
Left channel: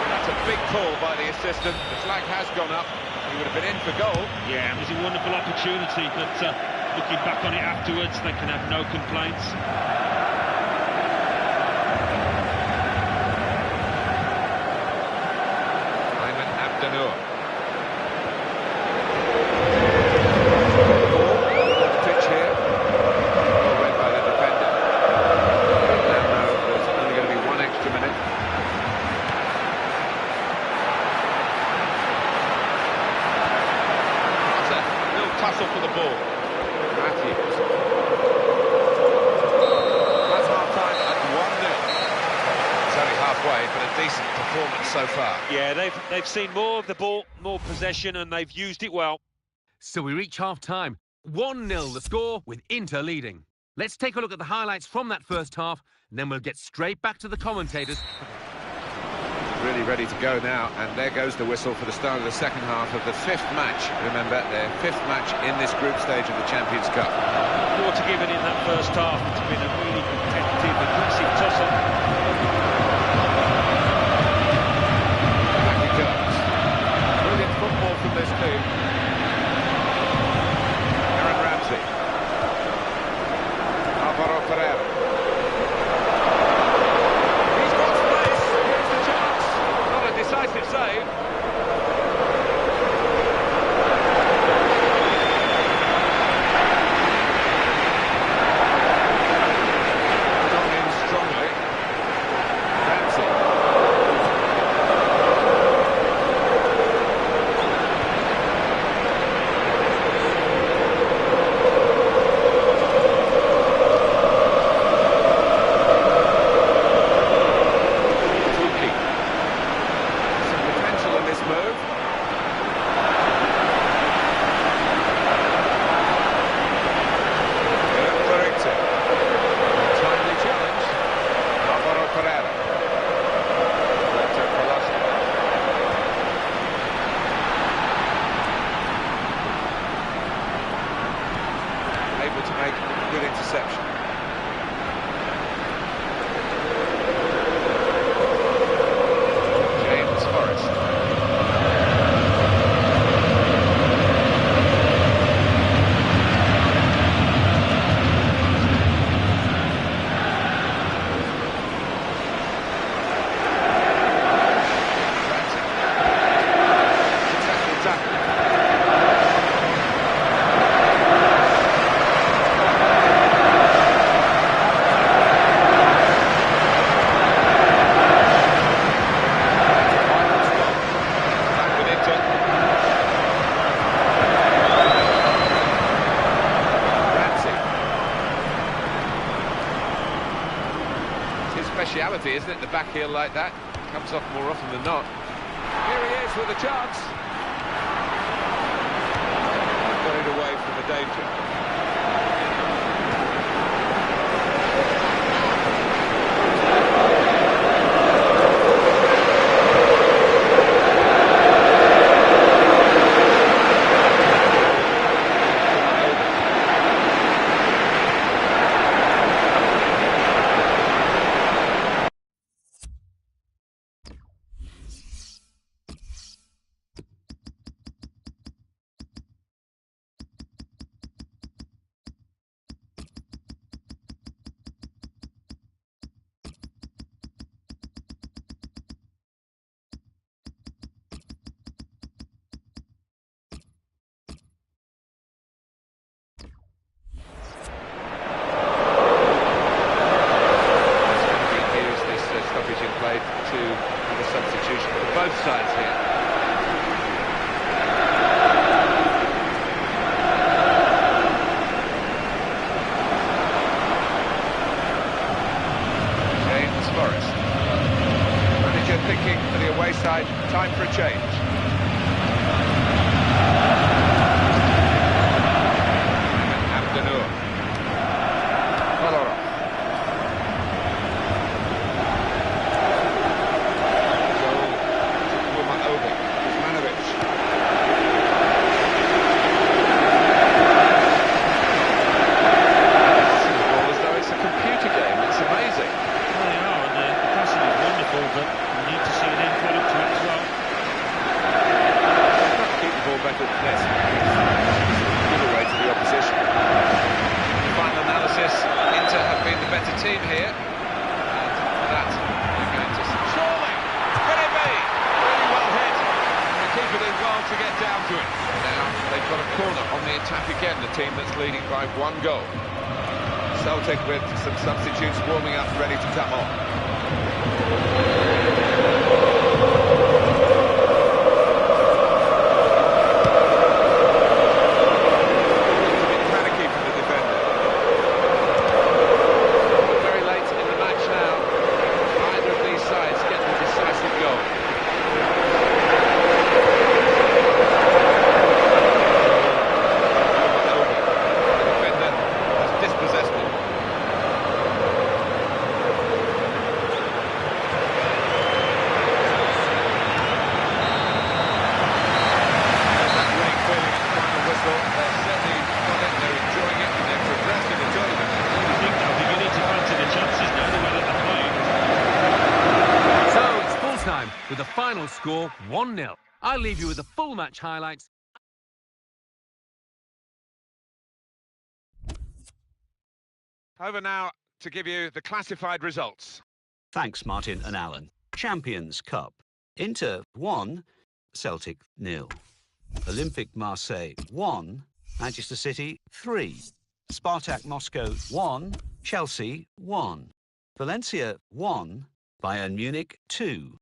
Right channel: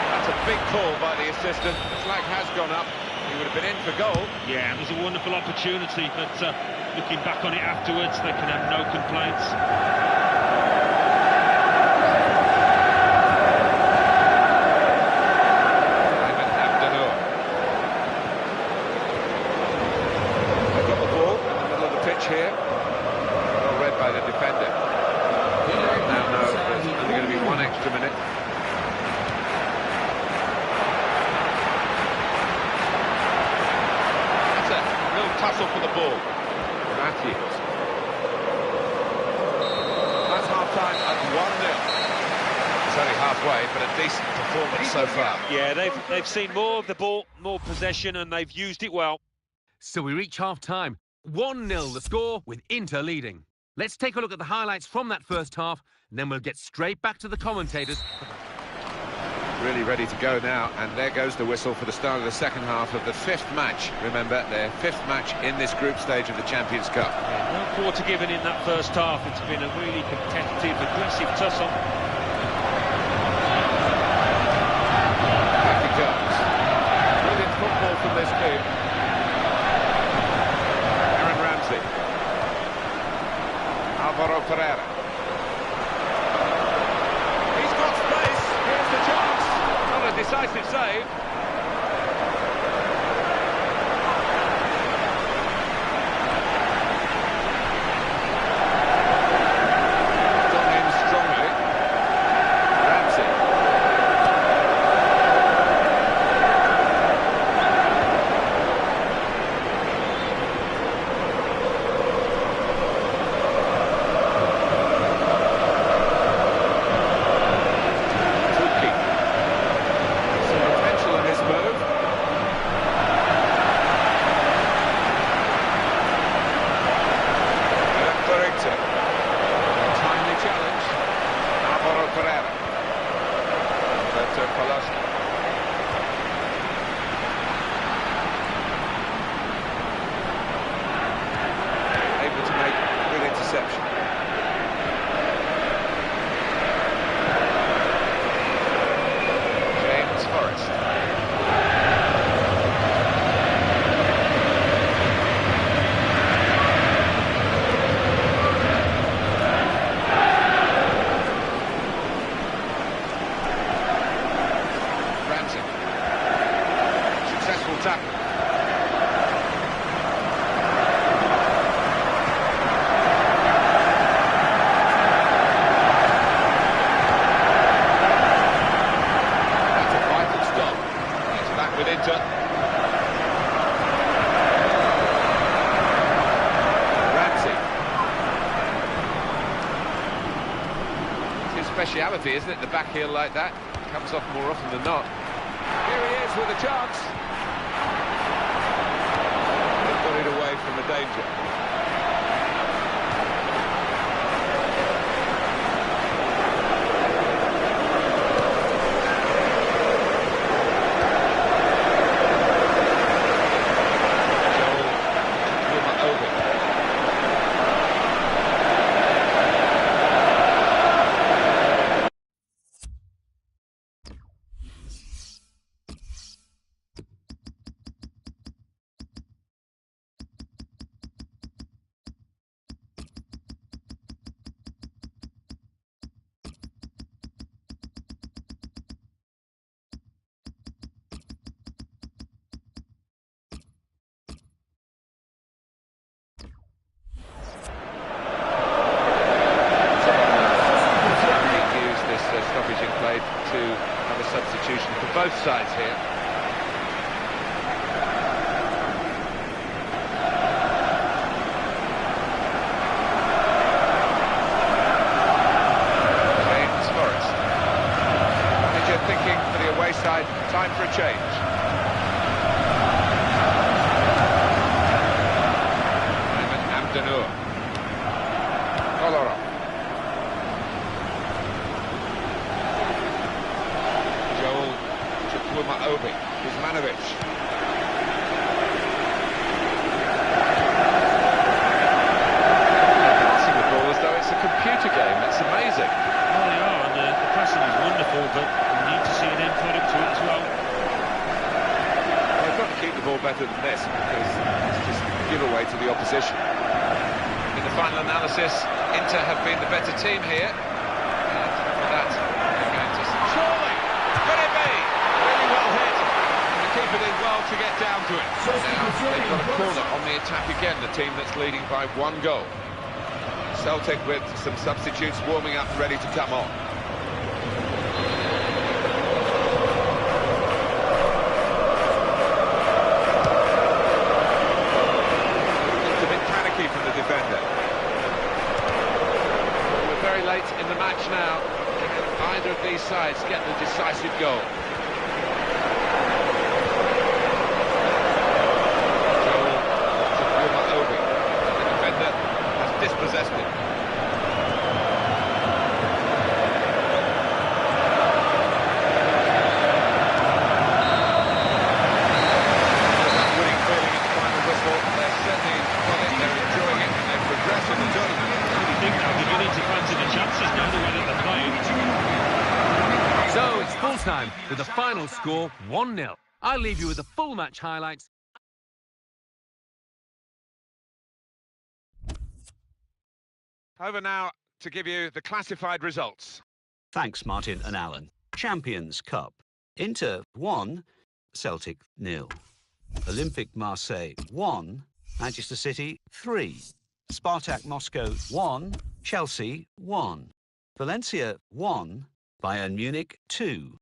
That's a big call by the assistant. The flag has gone up. He would have been in for goal. Yeah, it was a wonderful opportunity, but looking back on it afterwards, they can have no complaints. Ayman Abdenour. Got the ball, middle of the pitch here. Well read by the defender. Now know there's only going to be one extra minute. That's a real tussle for the ball. Matthews. That's half-time at 1-0. It's only halfway, but a decent performance so far. Yeah, they've seen more of the ball, more possession, and they've used it well. So we reach half-time. 1-0 the score, with Inter leading. Let's take a look at the highlights from that first half, and then we'll get straight back to the commentators. Really ready to go now, and there goes the whistle for the start of the second half of the fifth match. Remember, their fifth match in this group stage of the Champions Cup. No quarter given in that first half. It's been a really competitive, aggressive tussle. Back it goes. Brilliant football from this team. Aaron Ramsey. Alvaro Pereira. He's got space. Here's the chance. Not a decisive save. Gone in strongly. Ramsey. to make a good interception. James Forrest. Tackle. That's a vital stop. It's back with Inter. Ramsey. It's his speciality, isn't it? The back heel like that. Comes off more often than not. Here he is with a chance. Got it away from the danger. Stoppage in play to have a substitution for both sides here. James Forrest. Manager thinking for the away side, time for a change. Ayman Abdenour. Kolarov. Obi, Kuzmanovic. Passing the ball as though it's a computer game. It's amazing. Well, they are, and the passing is wonderful, but you need to see an end product to it as well. They've got to keep the ball better than this, because it's just a giveaway to the opposition. In the final analysis, Inter have been the better team here, and for that, they're going to... Surely! Could it be? Really well hit. Keep it in well to get down to it. Now they've got a corner on the attack again, the team that's leading by 1 goal. Celtic with some substitutes warming up, ready to come on. Looked a bit panicky from the defender. We're very late in the match now. Either of these sides get the decisive goal. Dispossessed him. That winning feeling at the final whistle. They've certainly got it, they're enjoying it, and they've progressed in the tournament. I think they're beginning to fancy the chances now, the way that they're playing. So it's full time with the final score 1-0. I'll leave you with the full match highlights. Over now to give you the classified results. Thanks, Martin and Alan. Champions Cup. Inter 1, Celtic 0. Olympique Marseille 1, Manchester City 3. Spartak Moscow 1, Chelsea 1. Valencia 1, Bayern Munich 2.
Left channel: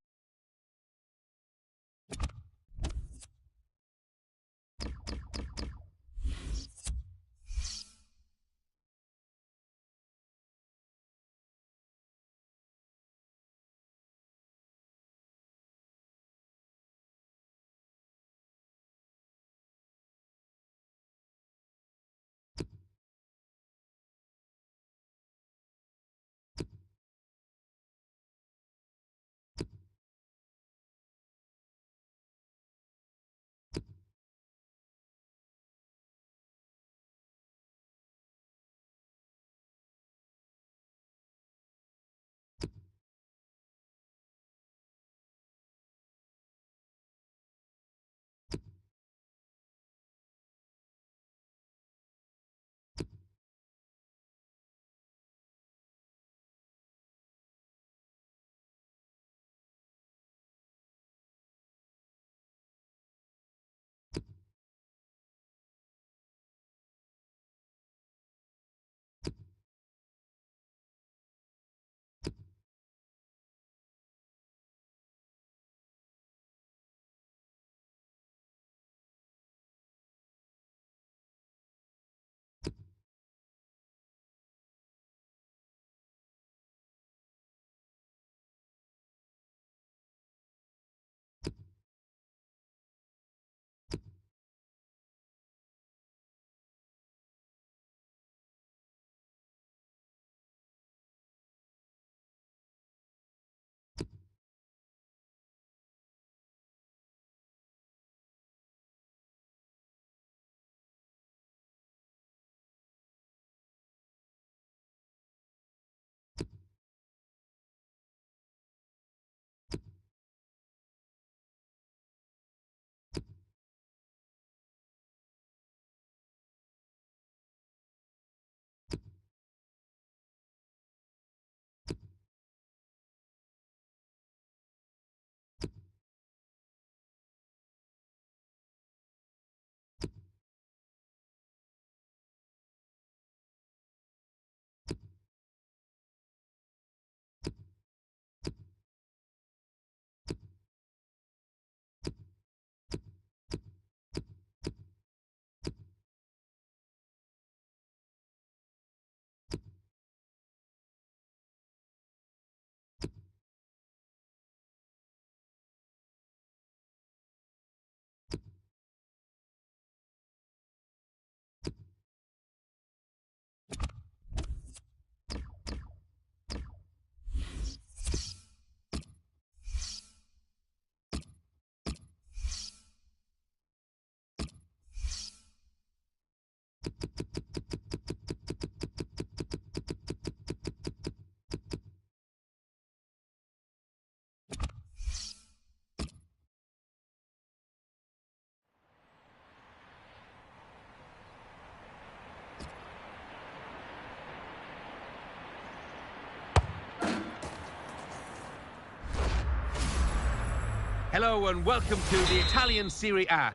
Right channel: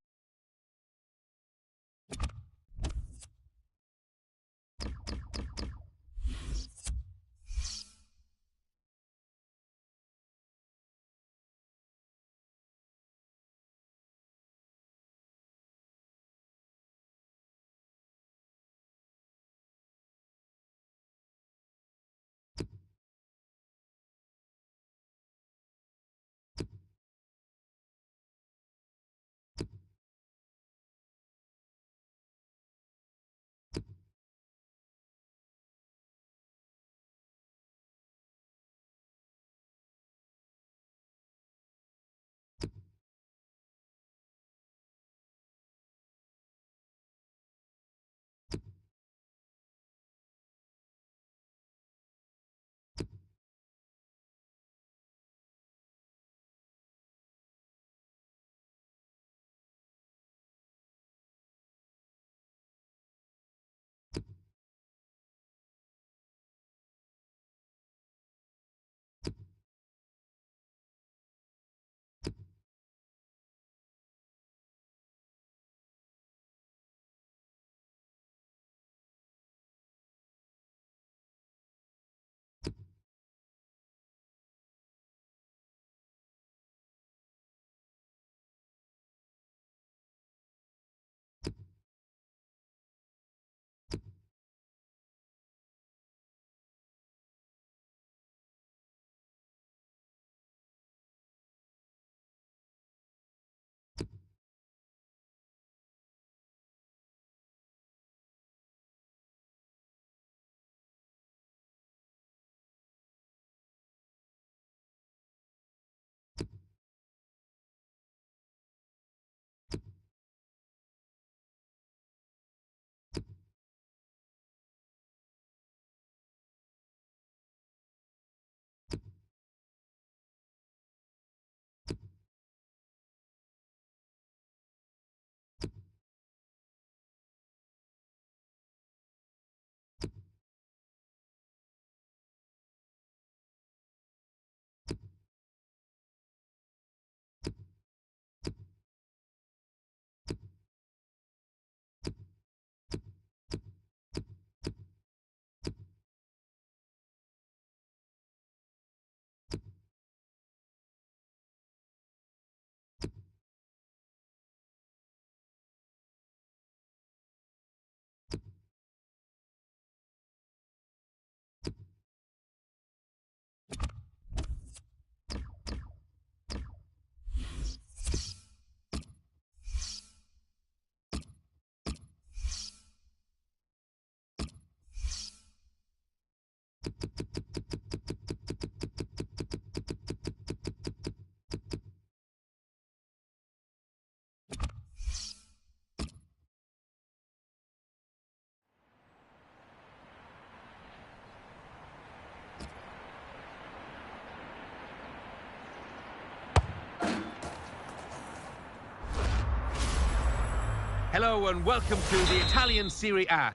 Hello and welcome to the Italian Serie A.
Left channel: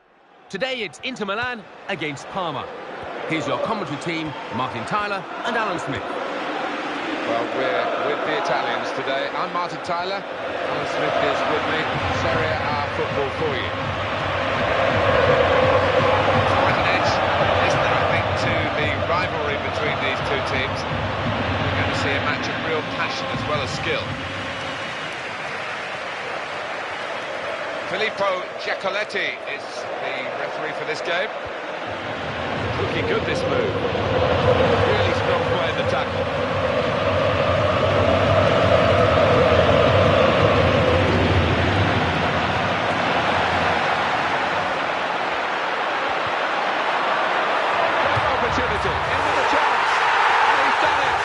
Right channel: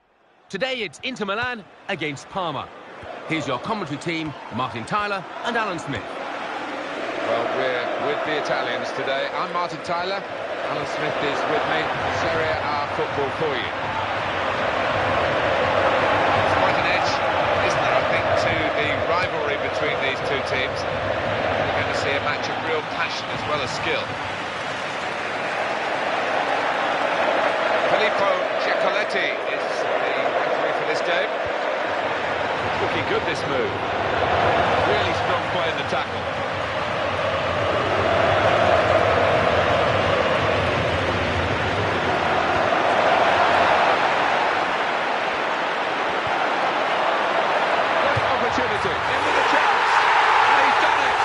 Today it's Inter Milan against Parma. Here's your commentary team, Martin Tyler and Alan Smith. Well, we're with the Italians today. I'm Martin Tyler. Alan Smith is with me. Serie A football for you. It's quite an edge, isn't there, I think, to the rivalry between these two teams. We're going to see a match of real passion as well as skill. Filippo Giacoletti is the referee for this game. It's looking good, this move. Really strong play in the tackle. Great opportunity, in with a chance, and he's done it.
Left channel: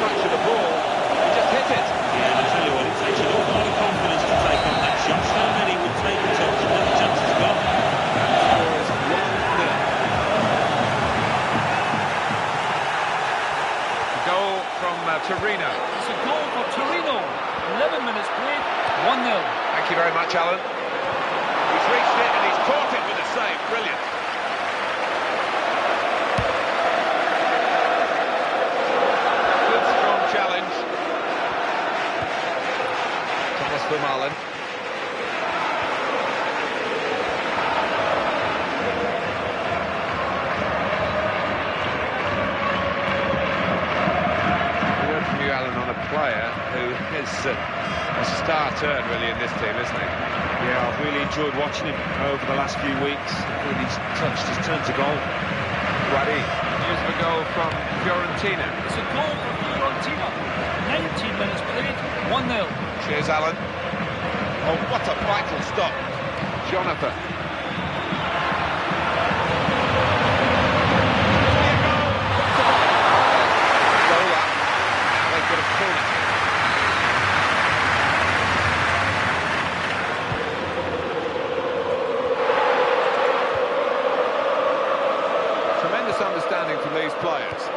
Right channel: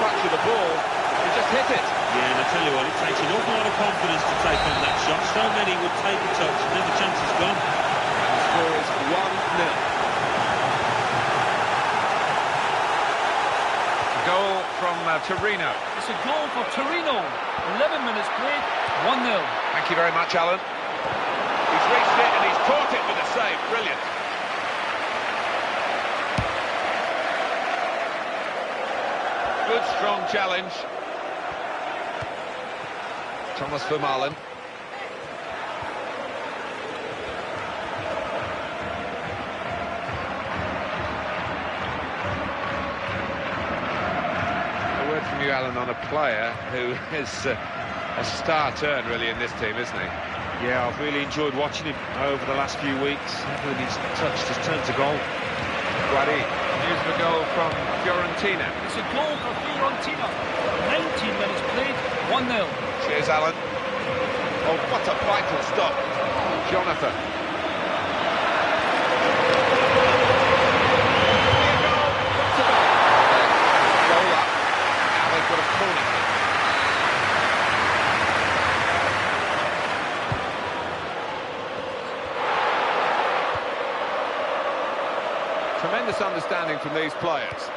Touch of the ball, he just hit it. Yeah, and I tell you what, it takes an awful lot of confidence to take on that shot. So many would take a touch, and then the chance is gone. And the score is 1-0. A goal from Torino. It's a goal for Torino. 11 minutes played, 1-0. Thank you very much, Alan. He's reached it and he's caught it with a save. Brilliant. Good, strong challenge. Thomas Vermaelen. A word from you, Alan, on a player who is a star turn, really, in this team, isn't he? Yeah, I've really enjoyed watching him over the last few weeks. When he's touched his turn to goal. Guardi. News of a goal from Fiorentina. It's a goal for Fiorentina. 19 minutes played, 1-0. Cheers, Alan. Oh, what a vital stop. Jonathan. Goal up. Now they've got a corner. Tremendous understanding from these players.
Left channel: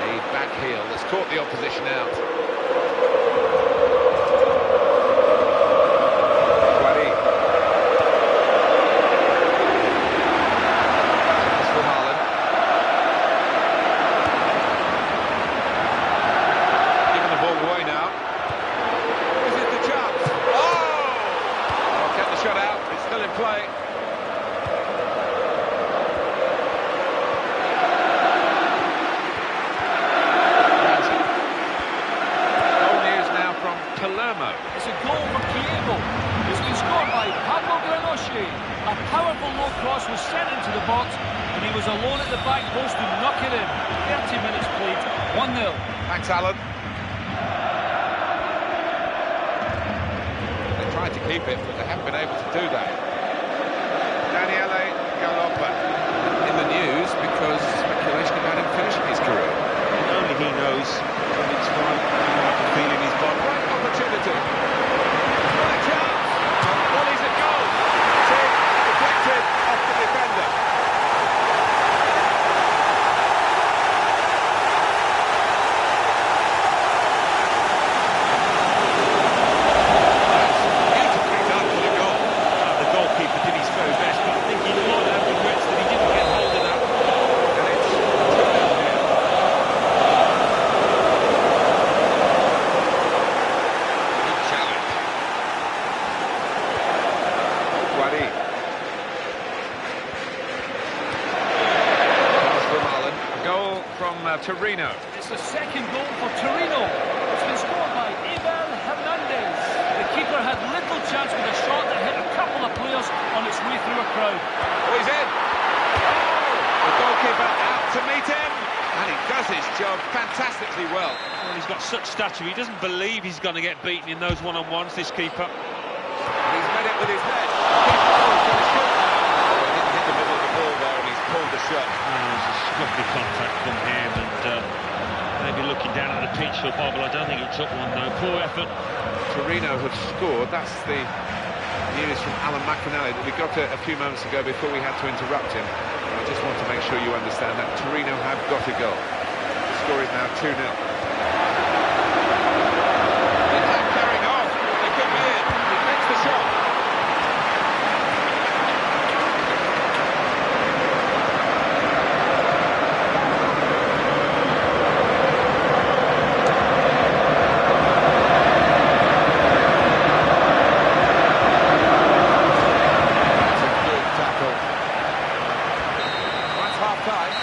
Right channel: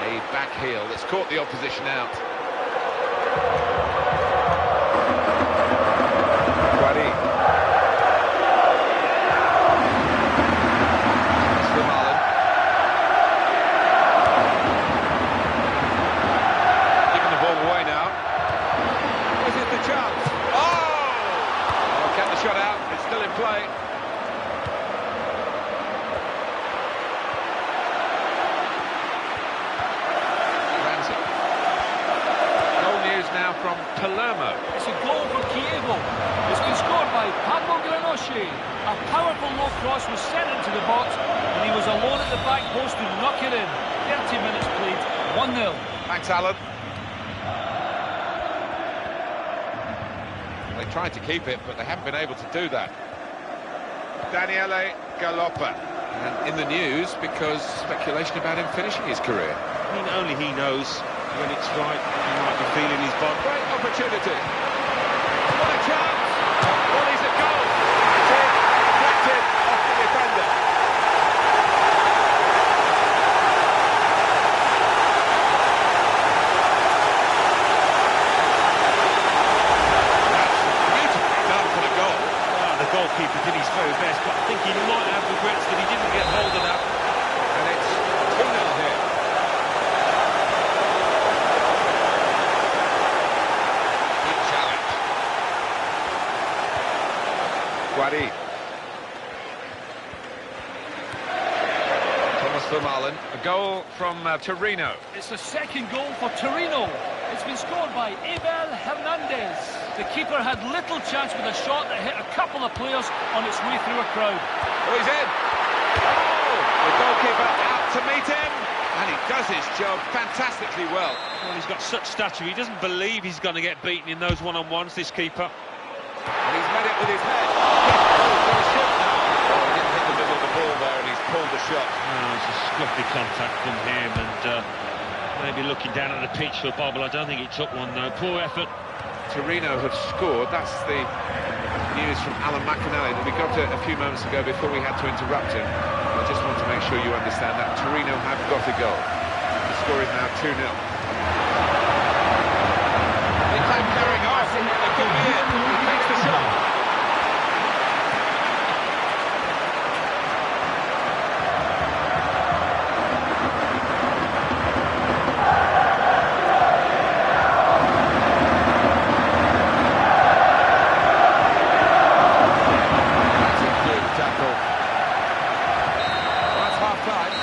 A back heel that's caught the opposition out. Guardi. Thomas Vermaelen. Giving the ball away now. Is it the chance? Oh! Kept the shot out. It's still in play. From Palermo. It's a goal for Chievo. It's been scored by Pablo Granoche. A powerful low cross was sent into the box, and he was alone at the back post to knock it in. 30 minutes played, 1-0. Thanks, Alan. They tried to keep it, but they haven't been able to do that. Daniele Galoppa. In the news because speculation about him finishing his career. I mean, only he knows when it's right. He might be feeling his body. Great opportunity. What a chance! Well, he's a goal. It's in, deflected off the defender. That's beautifully done for the goal. The goalkeeper did his very best, but I think he might have regrets that he didn't get hold of that. And it's 2-0 here. Guardi. Thomas Vermaelen. A goal from Torino. It's the second goal for Torino. It's been scored by Abel Hernandez. The keeper had little chance with a shot that hit a couple of players on its way through a crowd. Oh, he's in. Oh, the goalkeeper out to meet him. And he does his job fantastically well. Well, he's got such stature, he doesn't believe he's going to get beaten in those one-on-ones, this keeper. And he's met it with his head. Oh, he's going to shoot now. Oh, he didn't hit the middle of the ball there, and he's pulled the shot. Oh, it's a scruffy contact from him, and maybe looking down at the pitch for Bobble. I don't think he took one, though. Poor effort. Torino have scored. That's the news from Alan McAnally that we got a few moments ago before we had to interrupt him. I just want to make sure you understand that Torino have got a goal. The score is now 2-0. The attack carrying on. It could be it. He makes the shot. That's a good tackle. That's half-time.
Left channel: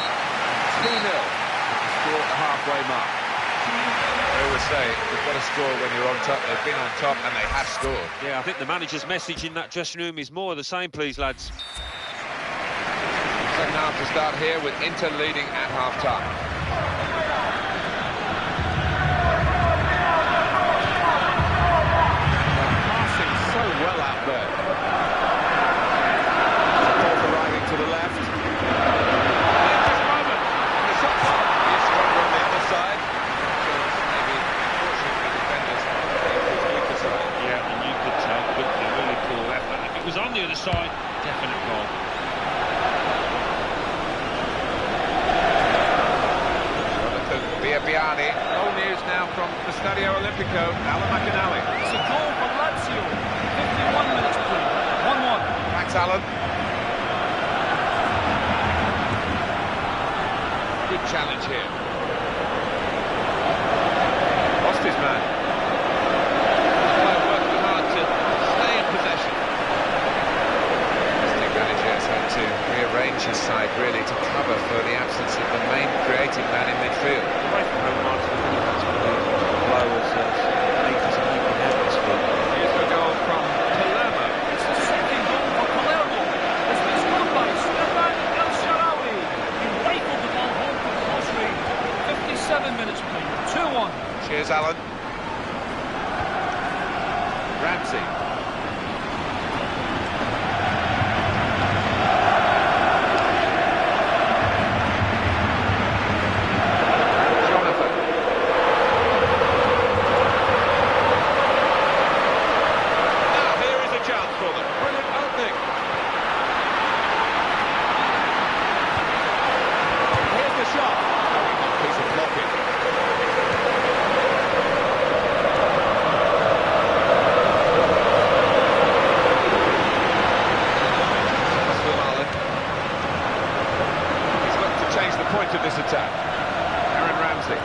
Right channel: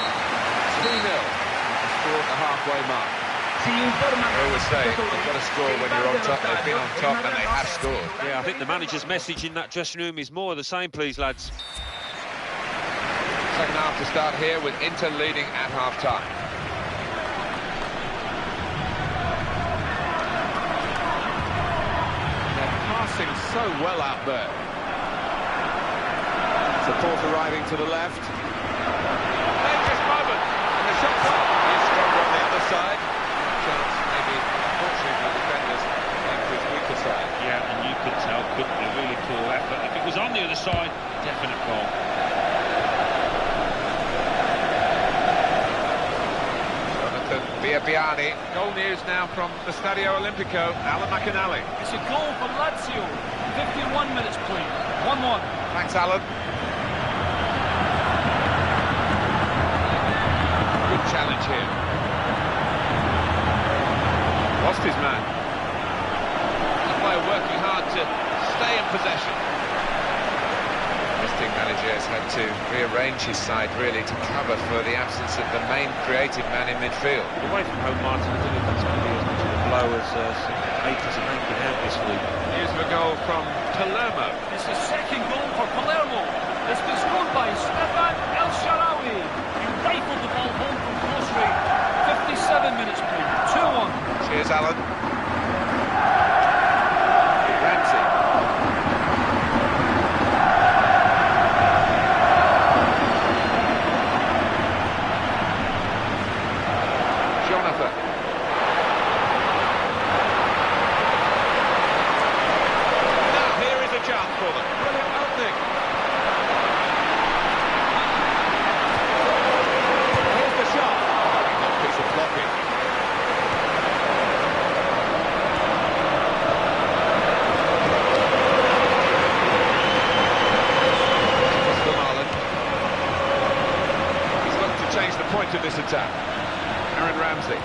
2-0. The score at the halfway mark. I always say, you've got to score when you're on top. They've been on top and they have scored. Yeah, I think the manager's message in that dressing room is more of the same, please, lads. Second half to start here with Inter leading at half-time. They're passing so well out there. Support arriving to the left. Dangerous moment, and the shot's on. He's stronger on the other side. Chance, maybe, fortunately, defenders came to his weaker side. Yeah, and you could tell, couldn't you? Really poor effort. If it was on the other side, definite goal. Jonathan Biabiani. Goal news now from the Stadio Olimpico. Alan McAnally. It's a goal for Lazio. 51 minutes played. 1-1. Thanks, Alan. Good challenge here. Lost his man. This player working hard to stay in possession. Visiting manager has had to rearrange his side really to cover for the absence of the main creative man in midfield. Away from home, Martin, I think that's going to be as much of a blow as Nathan's making out this week. Here's the goal from Palermo. It's the second goal for Palermo. It's been scored by Stefan El Shaarawy. He rifled the ball home from close range. 57 minutes played. 2-1. Cheers, Alan. Ramsey. Jonathan. Now here is a chance for them. Brilliant opening. Here's the shot. Very good piece of blocking. Change the point of this attack. Aaron Ramsey.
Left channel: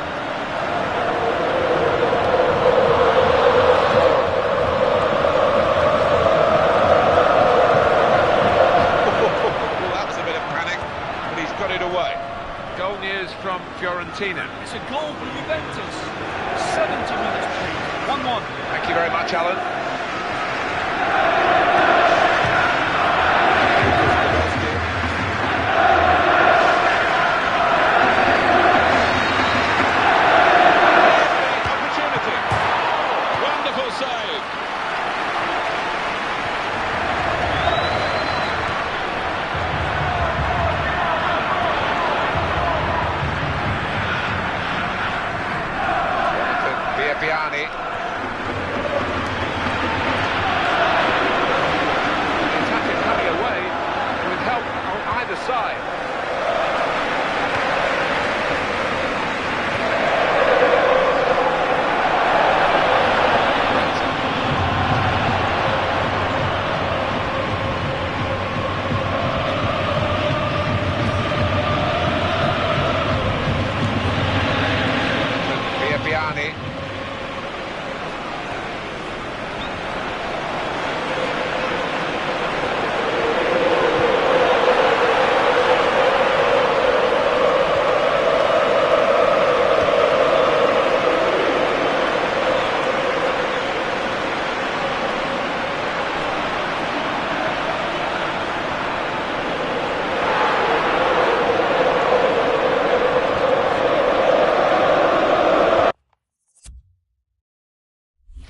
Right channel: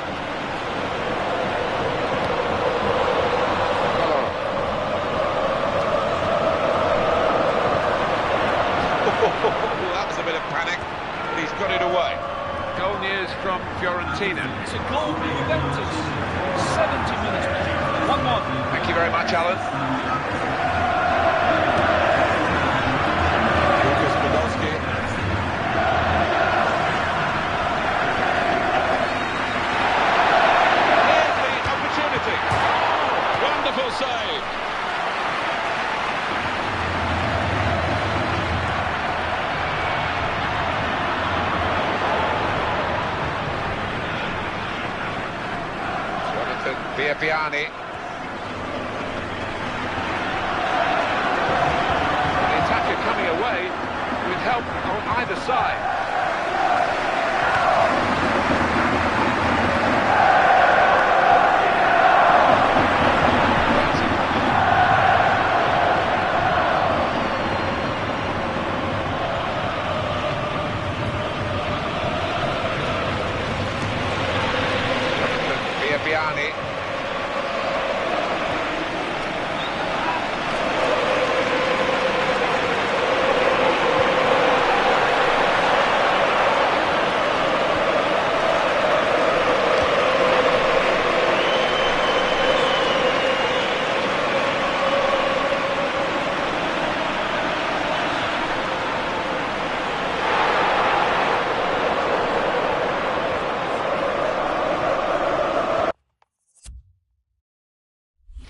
That was a bit of panic, but he's got it away. Goal news from Fiorentina. It's a goal for Juventus. 70 minutes played. 1-1. Thank you very much, Alan. Lucas Podolski. Wonderful save. Jonathan Biabiani. The attacker coming away with help on either side. Biabiani.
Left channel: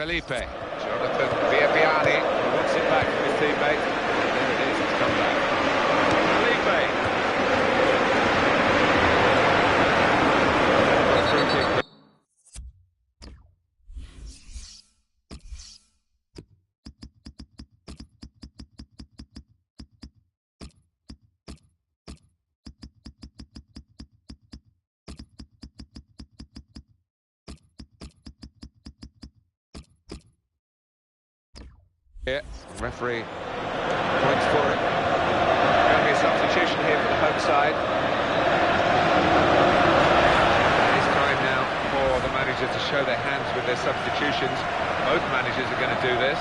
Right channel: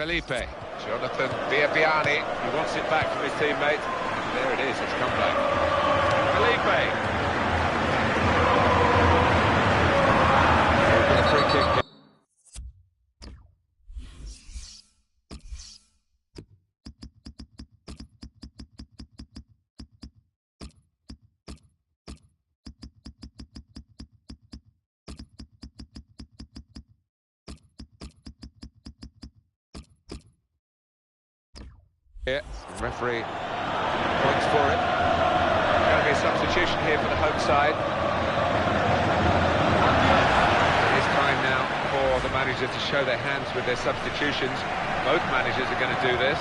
Felipe, Jonathan Biabiani, he wants it back from his teammate. And there it is, it's come back. Felipe. Got a free kick here. Here, referee points for it. Going to be a substitution here for the home side. It is time now for the managers to show their hands with their substitutions. Both managers are going to do this.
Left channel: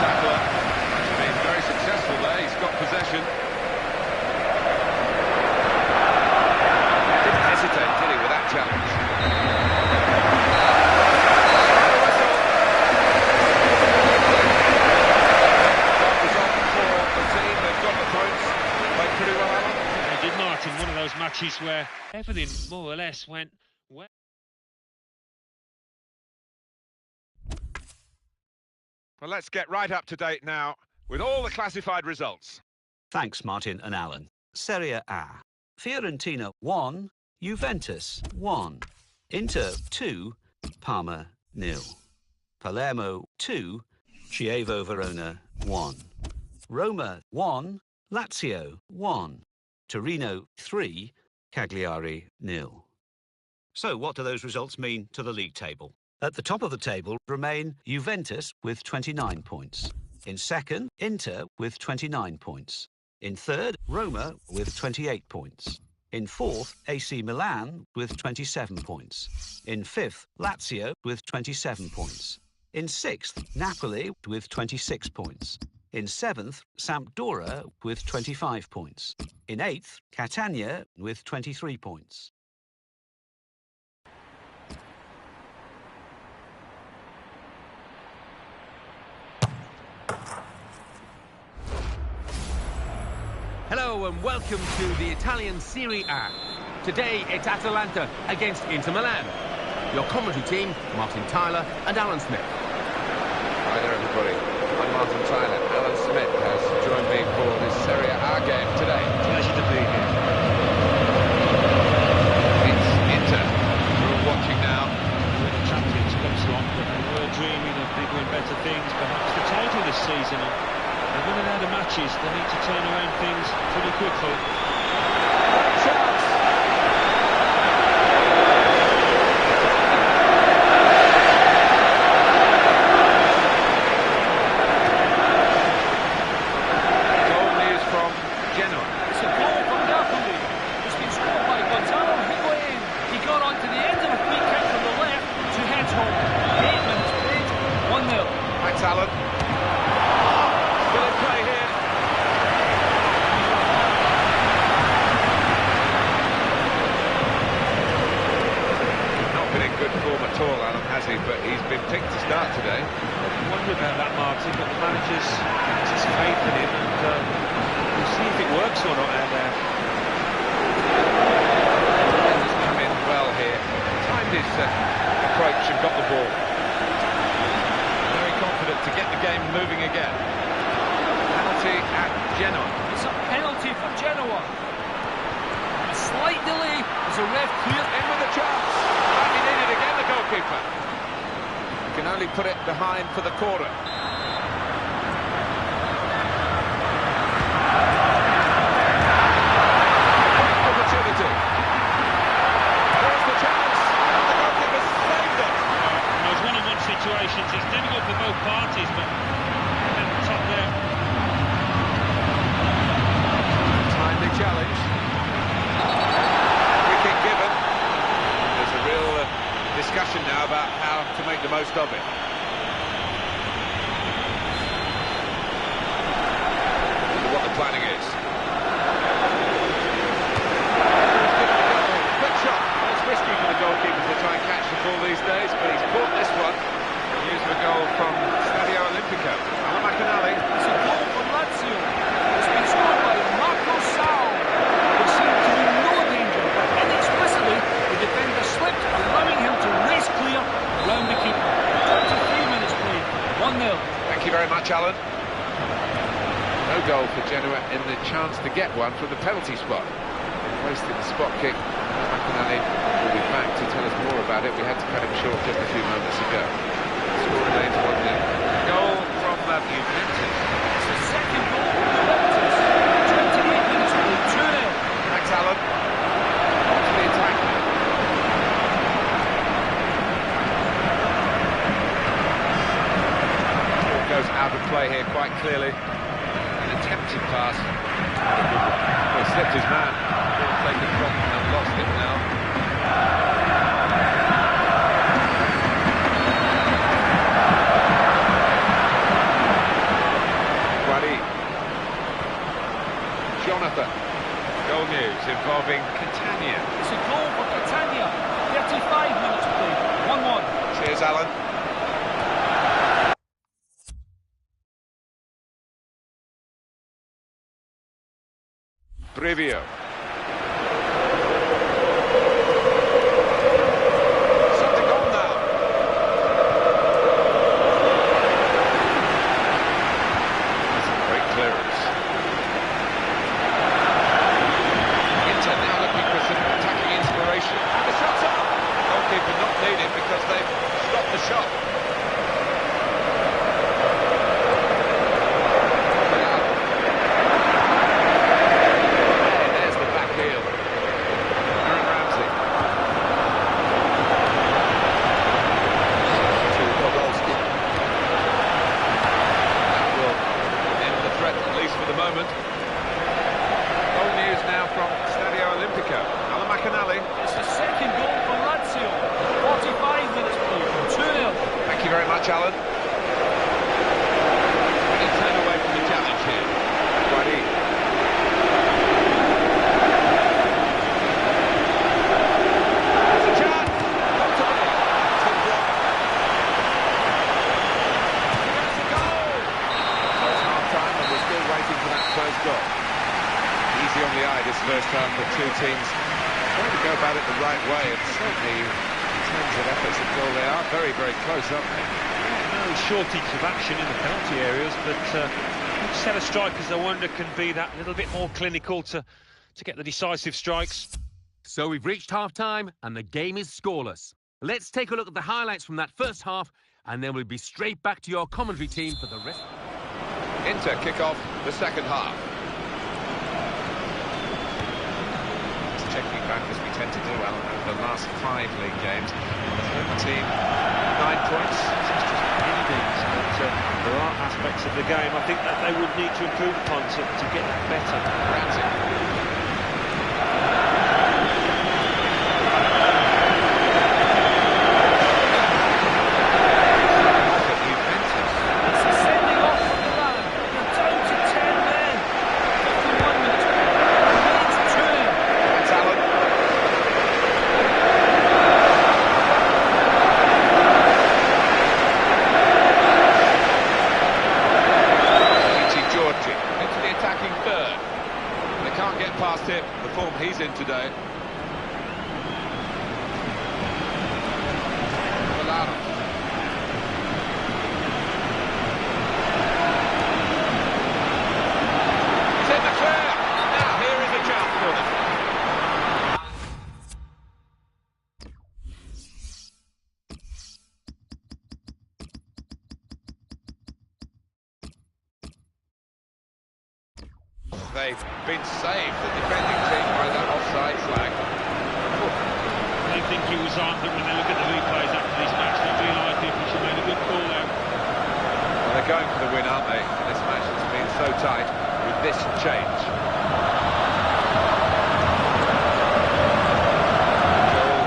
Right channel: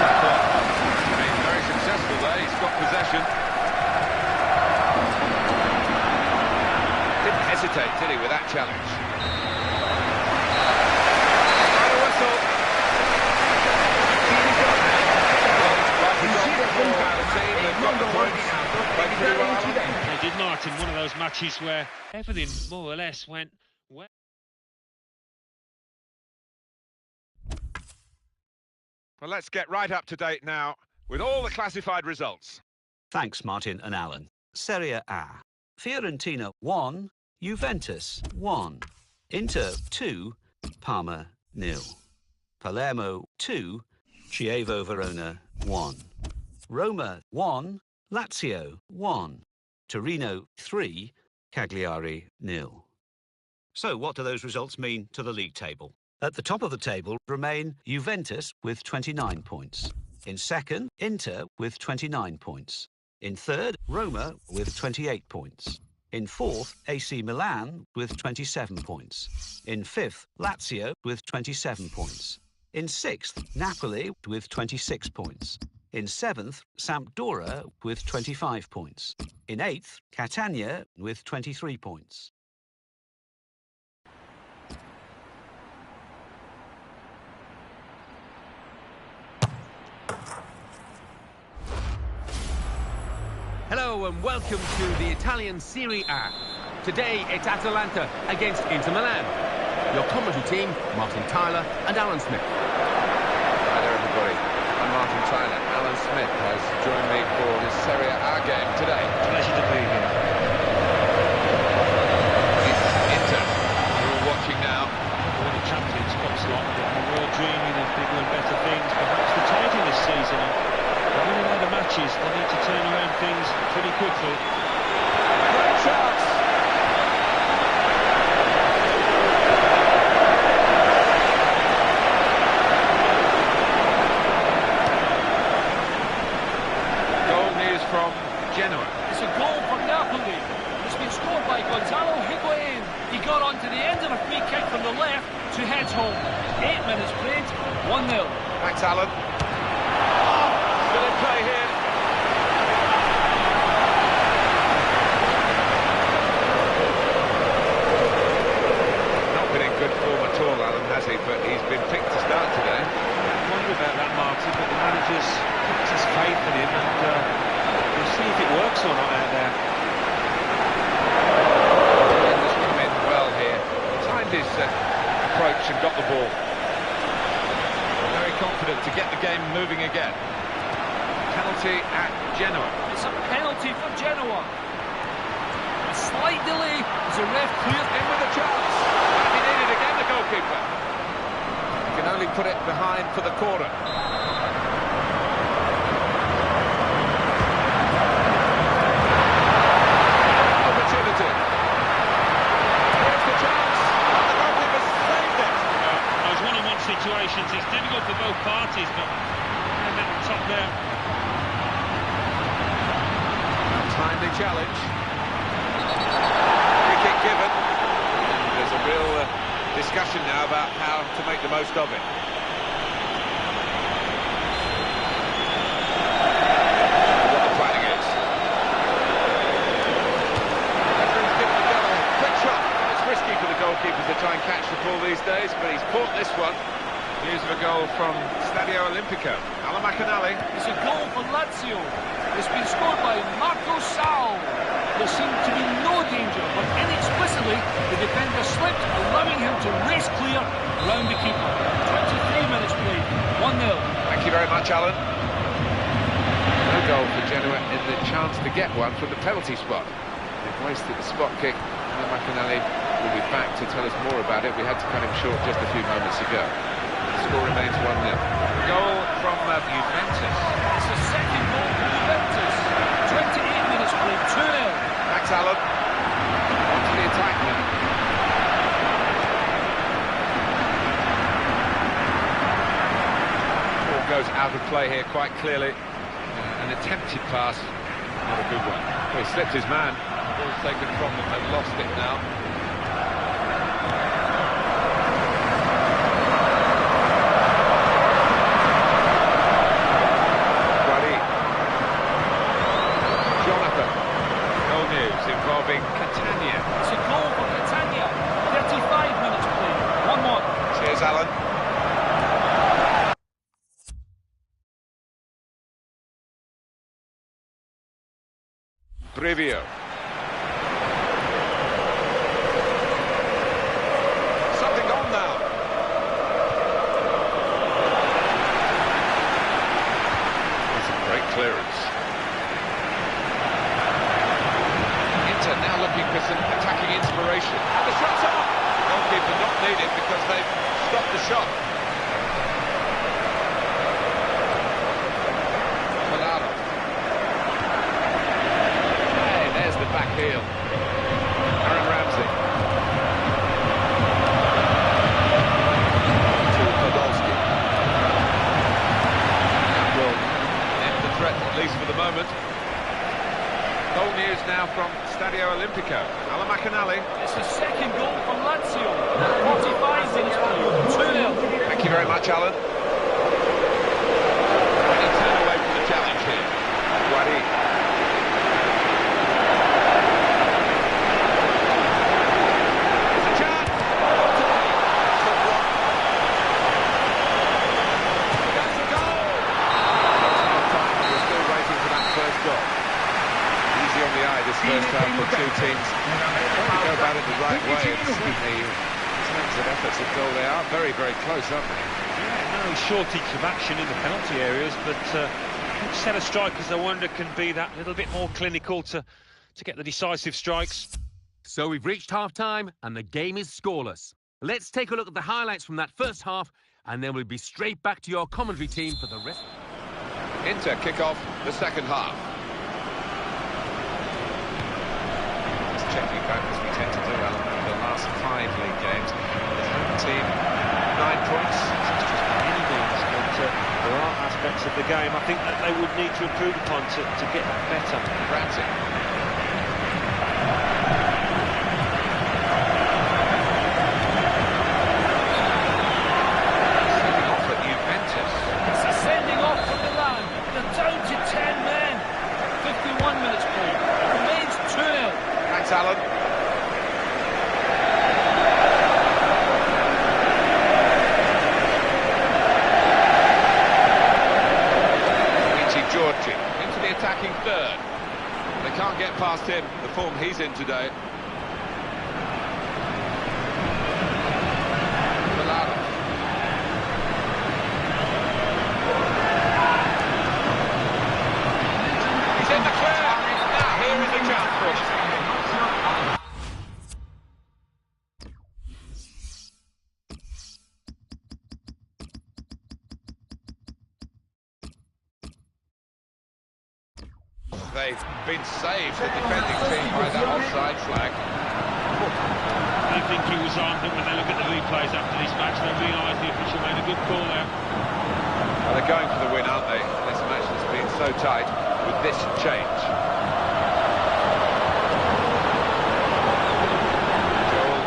Tackler has been very successful there. He's got possession. Hesitate, did he, with that challenge? A whistle. Well, result for the team. They've got the points. Played pretty well, Alan. They did, Martin. One of those matches where everything more or less went well. Well, let's get right up to date now with all the classified results. Thanks, Martin and Alan. Serie A. Fiorentina 1, Juventus 1. Inter 2, Parma 0. Palermo 2, Chievo Verona 1. Roma 1, Lazio 1. Torino 3, Cagliari 0. So what do those results mean to the league table? At the top of the table remain Juventus with 29 points. In second, Inter with 29 points. In third, Roma with 28 points. In fourth, AC Milan with 27 points. In fifth, Lazio with 27 points. In sixth, Napoli with 26 points. In seventh, Sampdoria with 25 points. In eighth, Catania with 23 points. Hello and welcome to the Italian Serie A. Today it's Atalanta against Inter Milan. Your commentary team, Martin Tyler and Alan Smith. Hi there, everybody. I'm Martin Tyler. Alan Smith has joined me for this Serie A game today. Pleasure to be here. It's Inter. We're all watching now. We're in the Champions Cup slot, but we were dreaming of bigger and better things. Perhaps the title this season. They're running out of matches. They need to turn around things pretty quickly. Great chance. Goal news from Genoa. It's a goal from Napoli. It's been scored by Gonzalo Higuain. He got onto the end of a free kick from the left to head home. 8 minutes played, 1-0. Thanks, Alan. Still in play here. Not been in good form at all, Alan, has he? But he's been picked to start today. I wonder about that, Martin, but the manager's has his faith in him, and we'll see if it works or not out there. And has come in well here. Timed his approach and got the ball. Very confident to get the game moving again. Penalty at Genoa. It's a penalty for Genoa. A slight delay as the ref cleared. In with a chance. Might be needed again, the goalkeeper. He can only put it behind for the corner. Opportunity. Here's the chance. And the goalkeeper saved it. Those one-on-one situations, it's difficult for both parties, but they're at the top there. Timely challenge. Free kick given. There's a real discussion now about how to make the most of it. What the planning is. Referee's given the goal. Quick shot. It's risky for the goalkeepers to try and catch the ball these days, but he's caught this one. News of a goal from Stadio Olimpico. aleXan. It's a goal for Lazio. It's been scored by Marco Sal. There seemed to be no danger, but inexplicably the defender slipped, allowing him to race clear round the keeper. 23 minutes played, 1-0. Thank you very much, Alan. No goal for Genoa in the chance to get one from the penalty spot. They've wasted the spot kick. aleXan will be back to tell us more about it. We had to cut him short just a few moments ago. The score remains 1-0. Goal from Juventus. It's the second goal for Juventus. 28 minutes played, 2-0. Thanks, Alan. On to the attack now. Ball goes out of play here quite clearly. An attempted pass, not a good one. Well, he slipped his man. Ball taken from him and lost it now. Jonathan. Goal news involving Catania. It's a goal for Catania. 35 minutes played, 1-1. Cheers, Alan. Brivio. Something on now. That's a great clearance. Inter now looking for some attacking inspiration. And the shot's up! Goalkeeper not needed because they've stopped the shot. Hey, there's the back heel. Aaron Ramsey. To Podolski. That will end the threat, at least for the moment. Goal news now from Stadio Olimpico. aleXan. It's the second goal for Lazio. 45 minutes played, 2-0. Thank you very much, Alan. When you turn away from the challenge here, Guari. There's a chance. Not to be. Took block. Here goes the goal. So it's half-time and we're still waiting for that first goal. Easy on the eye this first half for two teams. Trying to go about it the right way, and certainly in terms of efforts at goal they are very, very close, aren't they? Yeah, no shortage of action in the penalty areas, but each set of strikers, I wonder, can be that little bit more clinical to get the decisive strikes. So we've reached half-time and the game is scoreless. Let's take a look at the highlights from that first half and then we'll be straight back to your commentary team for the rest. Inter kick off the second half. Checking back as we tend to do, Alan, over the last 5 league games. The home team, 9 points. It's just by any means, but there are aspects of the game I think that they would need to improve upon to get that better. Ramsey. Sending off at Juventus. It's a sending off from Milan. They're down to 10 men. 51 minutes played. Remains 2-0. Thanks, Alan. Giorgi into the attacking third. They can't get past him, the form he's in today. Milano. He's in the clear. Now here is a chance for them. They've been saved, the defending team, by that offside flag. They think he was on, but when they look at the replays after this match, they realise the official made a good call there. Well, they're going for the win, aren't they? This match has been so tight with this change. Joel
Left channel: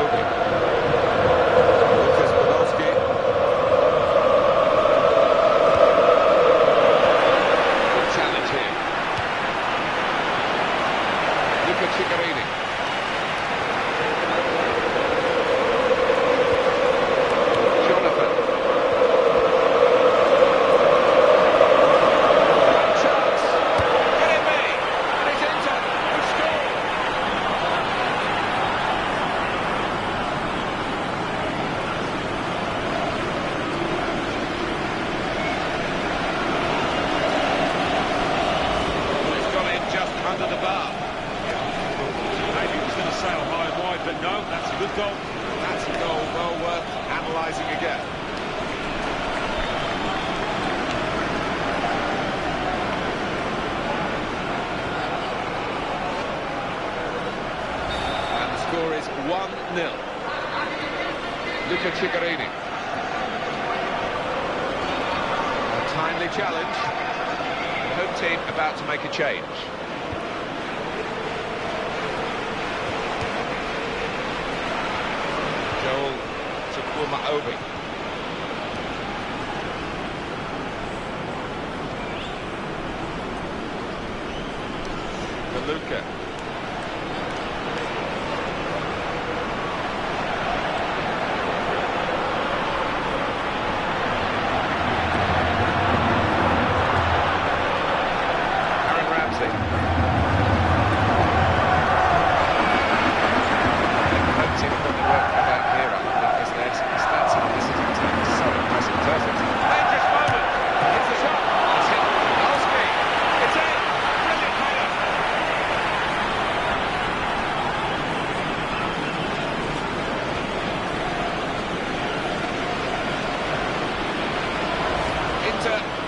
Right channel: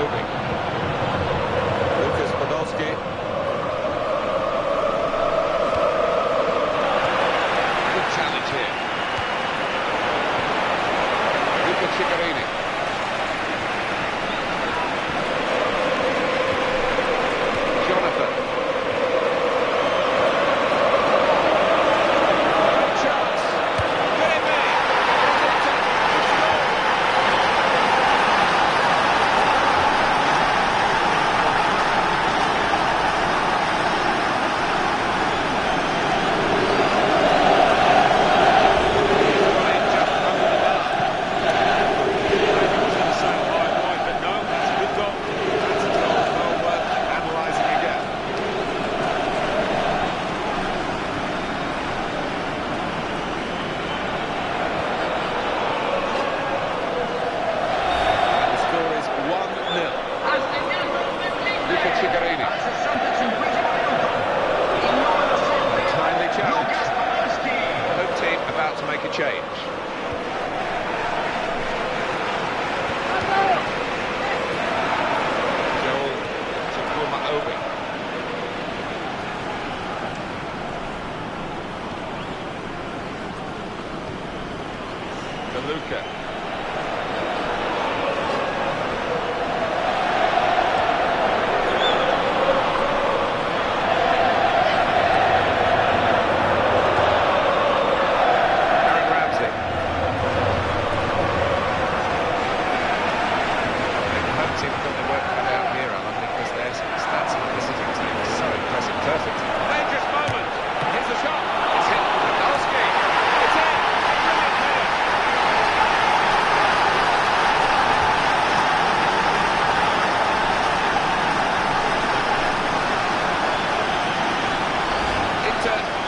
Obi. Lucas Podolski. Good challenge here. Luca Ciccarini. Jonathan. Gianluca Cigarini. A timely challenge. The home team about to make a change. Joel Obi. Luca.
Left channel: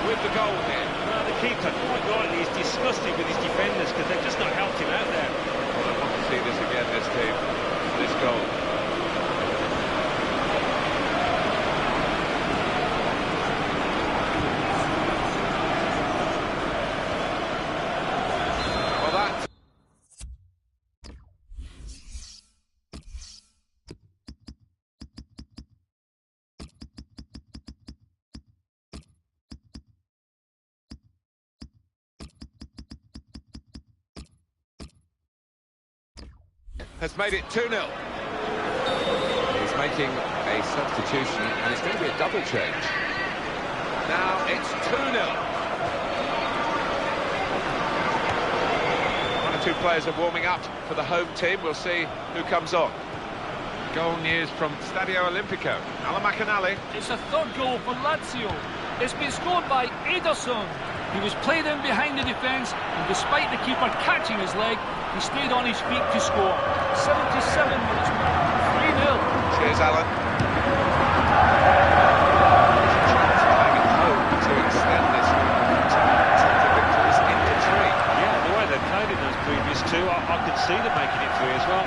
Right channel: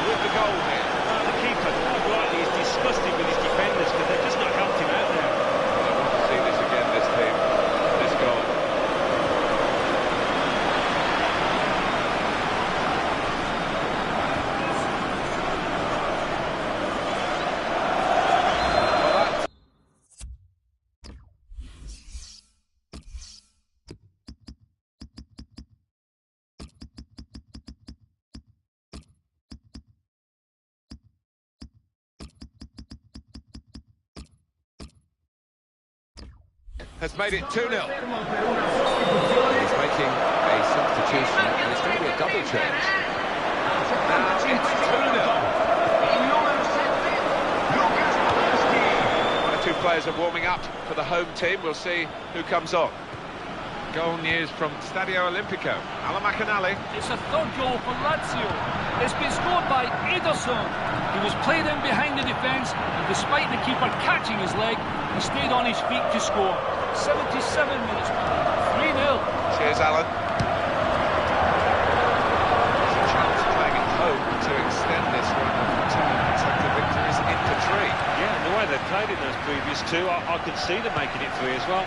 With the goal here. The keeper, quite rightly, is disgusted with his defenders because they've just not helped him out there. Well, I want to see this again, this team, this goal. Well, that... has made it 2-0. He's making a substitution, and it's going to be a double change. Now it's 2-0. One or two players are warming up for the home team. We'll see who comes on. Goal news from Stadio Olimpico. aleXan. It's a third goal for Lazio. It's been scored by Ederson. He was played in behind the defence, and despite the keeper catching his leg, he stayed on his feet to score. 77 minutes, 3-0. Cheers, Alan. There's a chance playing at home to extend this run of two victories into 3. Yeah, the way they played in those previous two, I could see them making it 3 as well.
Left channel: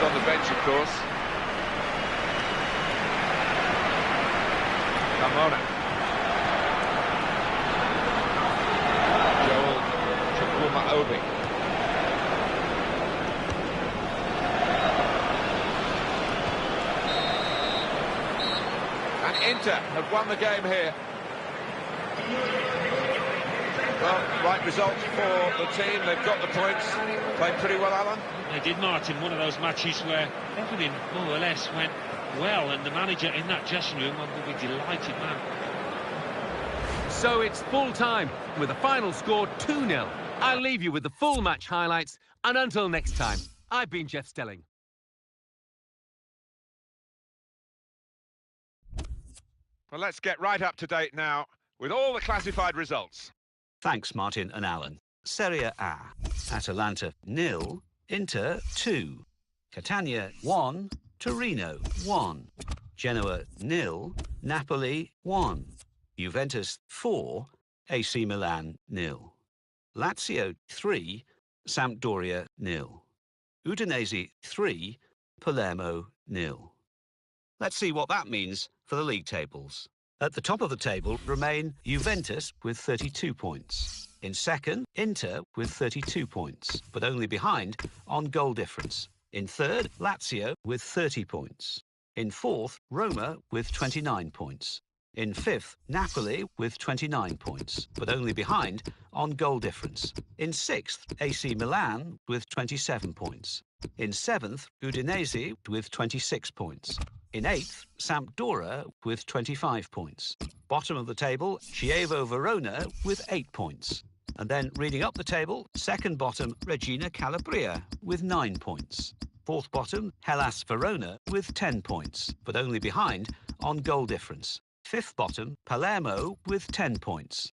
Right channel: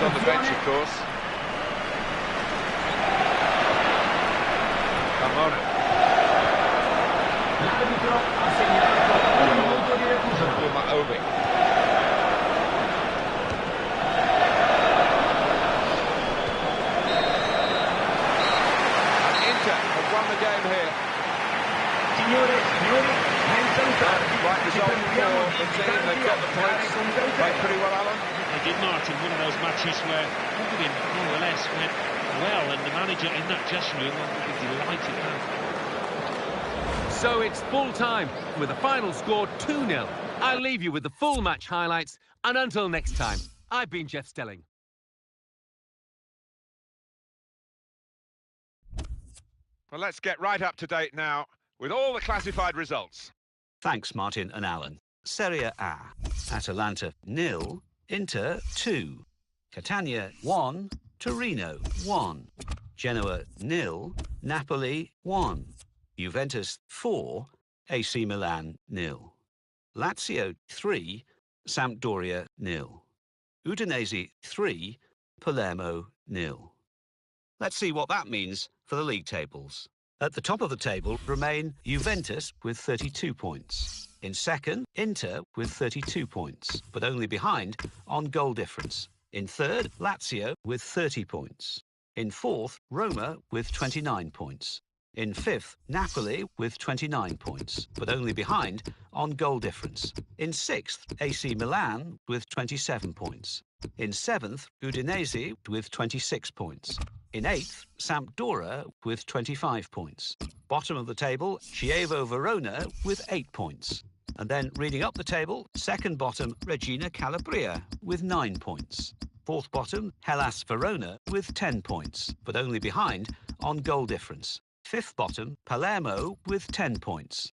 On the bench, of course. Carmona. Joel Obi. And Inter have won the game here. Right result for the team. They've got the points. Played pretty well, Alan. They did, Martin. One of those matches where everything more or less went well, and the manager in that dressing room will be delighted, man. So it's full time with a final score 2-0. I'll leave you with the full match highlights, and until next time, I've been Jeff Stelling. Well, let's get right up to date now with all the classified results. Thanks, Martin and Alan. Serie A. Atalanta 0, Inter 2, Catania 1, Torino 1, Genoa 0, Napoli 1, Juventus 4, AC Milan 0, Lazio 3, Sampdoria 0, Udinese 3, Palermo 0. Let's see what that means for the league tables. At the top of the table remain Juventus with 32 points. In second, Inter with 32 points, but only behind on goal difference. In third, Lazio with 30 points. In fourth, Roma with 29 points. In fifth, Napoli with 29 points, but only behind on goal difference. In sixth, AC Milan with 27 points. In seventh, Udinese with 26 points. In 8th, Sampdoria with 25 points. Bottom of the table, Chievo Verona with 8 points. And then reading up the table, second bottom, Regina Calabria with 9 points. Fourth bottom, Hellas Verona with 10 points, but only behind on goal difference. Fifth bottom, Palermo with 10 points.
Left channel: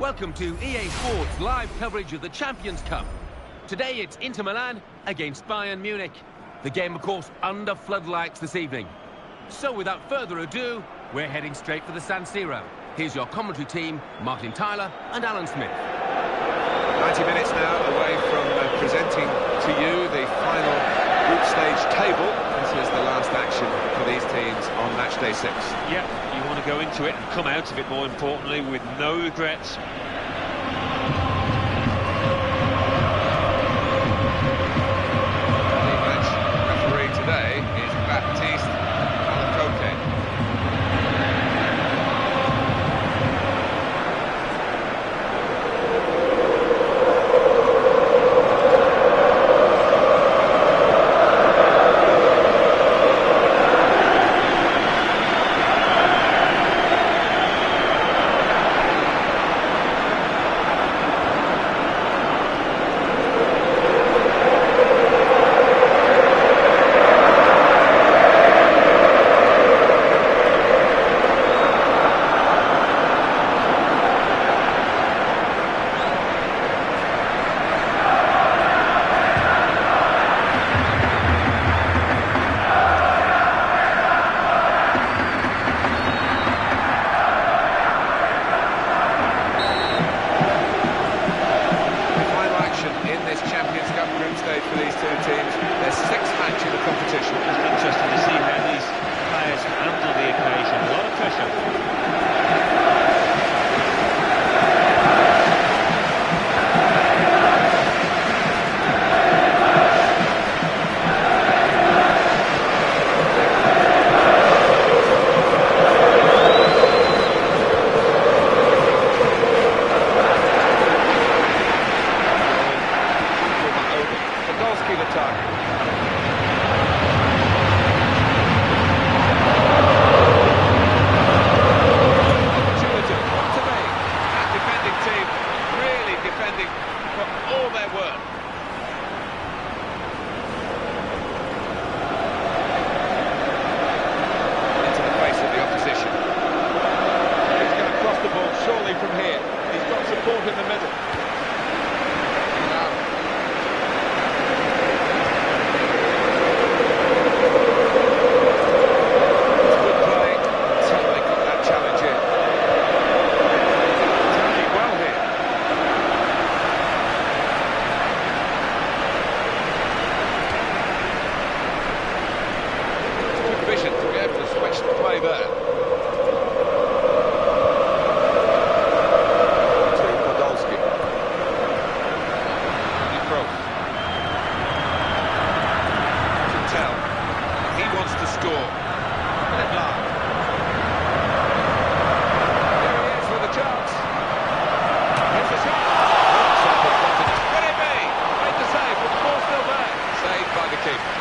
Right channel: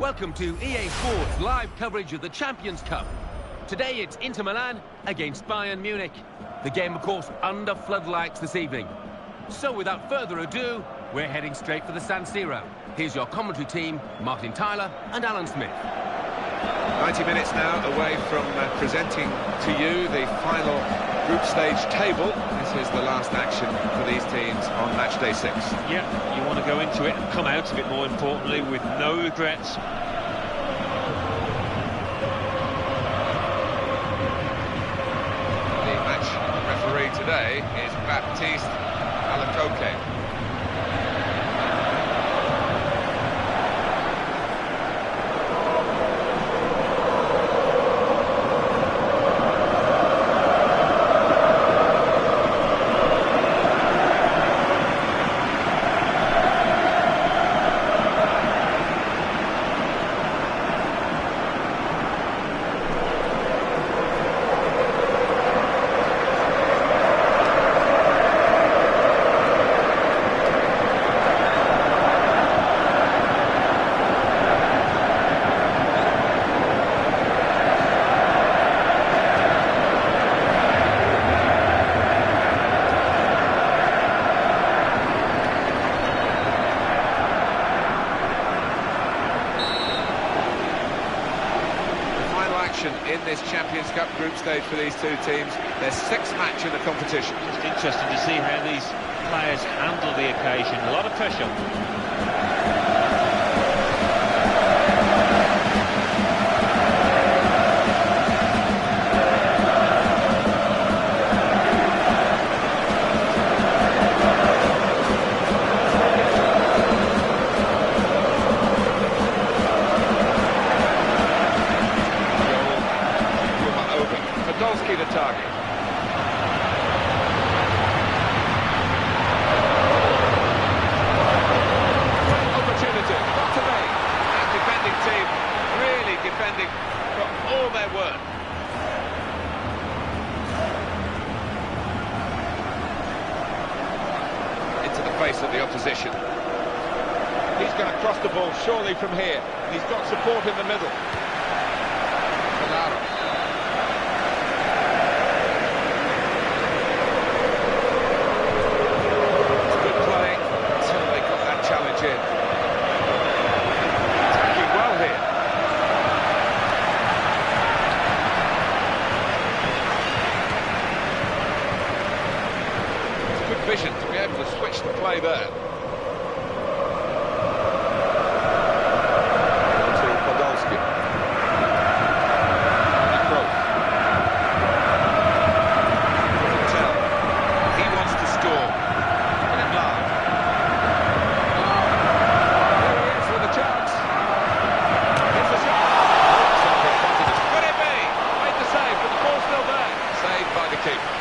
Welcome to EA Sports live coverage of the Champions Cup. Today it's Inter Milan against Bayern Munich. The game, of course, under floodlights this evening. So without further ado, we're heading straight for the San Siro. Here's your commentary team, Martin Tyler and Alan Smith. 90 minutes now away from presenting to you the final group stage table. This is the last action for these teams on match day 6. Yeah, you want to go into it and come out of it, more importantly, with no regrets. The match referee today is Baptiste Alacoque. In this Champions Cup group stage for these two teams, their 6th match in the competition. Just interesting to see how these players handle the occasion. A lot of pressure. The target. Opportunity, not to be. That defending team really defending for all their worth. Into the face of the opposition. He's going to cross the ball surely from here. He's got support in the middle. Claro. Vision to be able to switch the play there. To Podolski. Cross. You can tell he wants to score. Look at Blanc. There he is with a chance. Here's the shot. Could it be? Made the save, but the ball's still there. Saved by the keeper.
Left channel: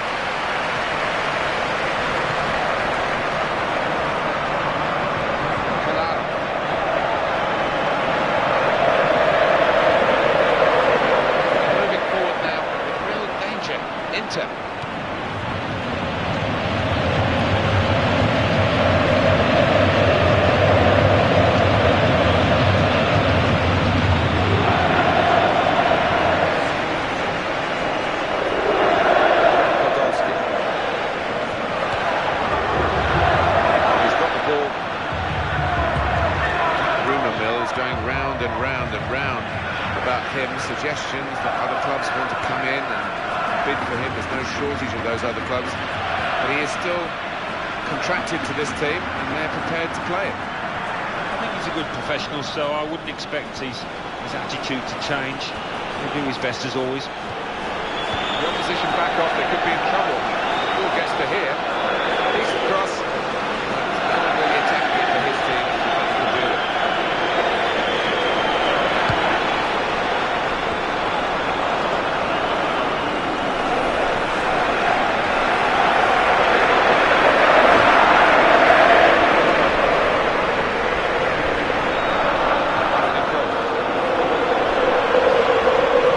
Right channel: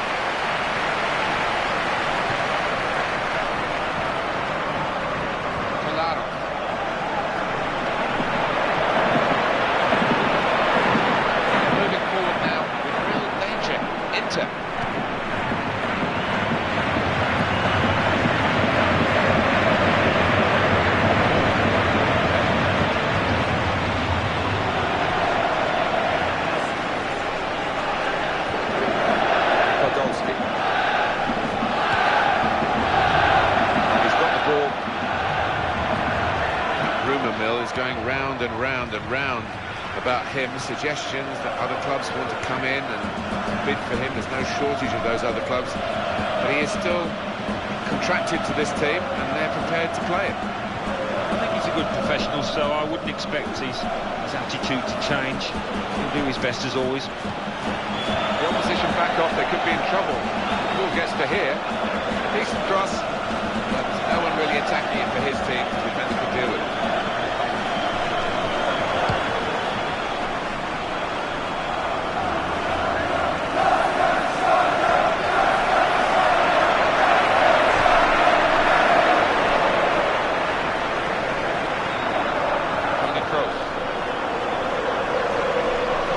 Inter. Podolski. He's got the ball. Rumour mill is going round and round and round about him, suggestions that other clubs want to come in and bid for him. There's no shortage of those other clubs, but he is still contracted to this team and they're prepared to play it. think he's a good professional, so I wouldn't expect his attitude to change. He'll do his best as always. The opposition back off, they could be in trouble. The ball gets to here. Decent cross, but no one really attacking it for his team. The defender could deal with it.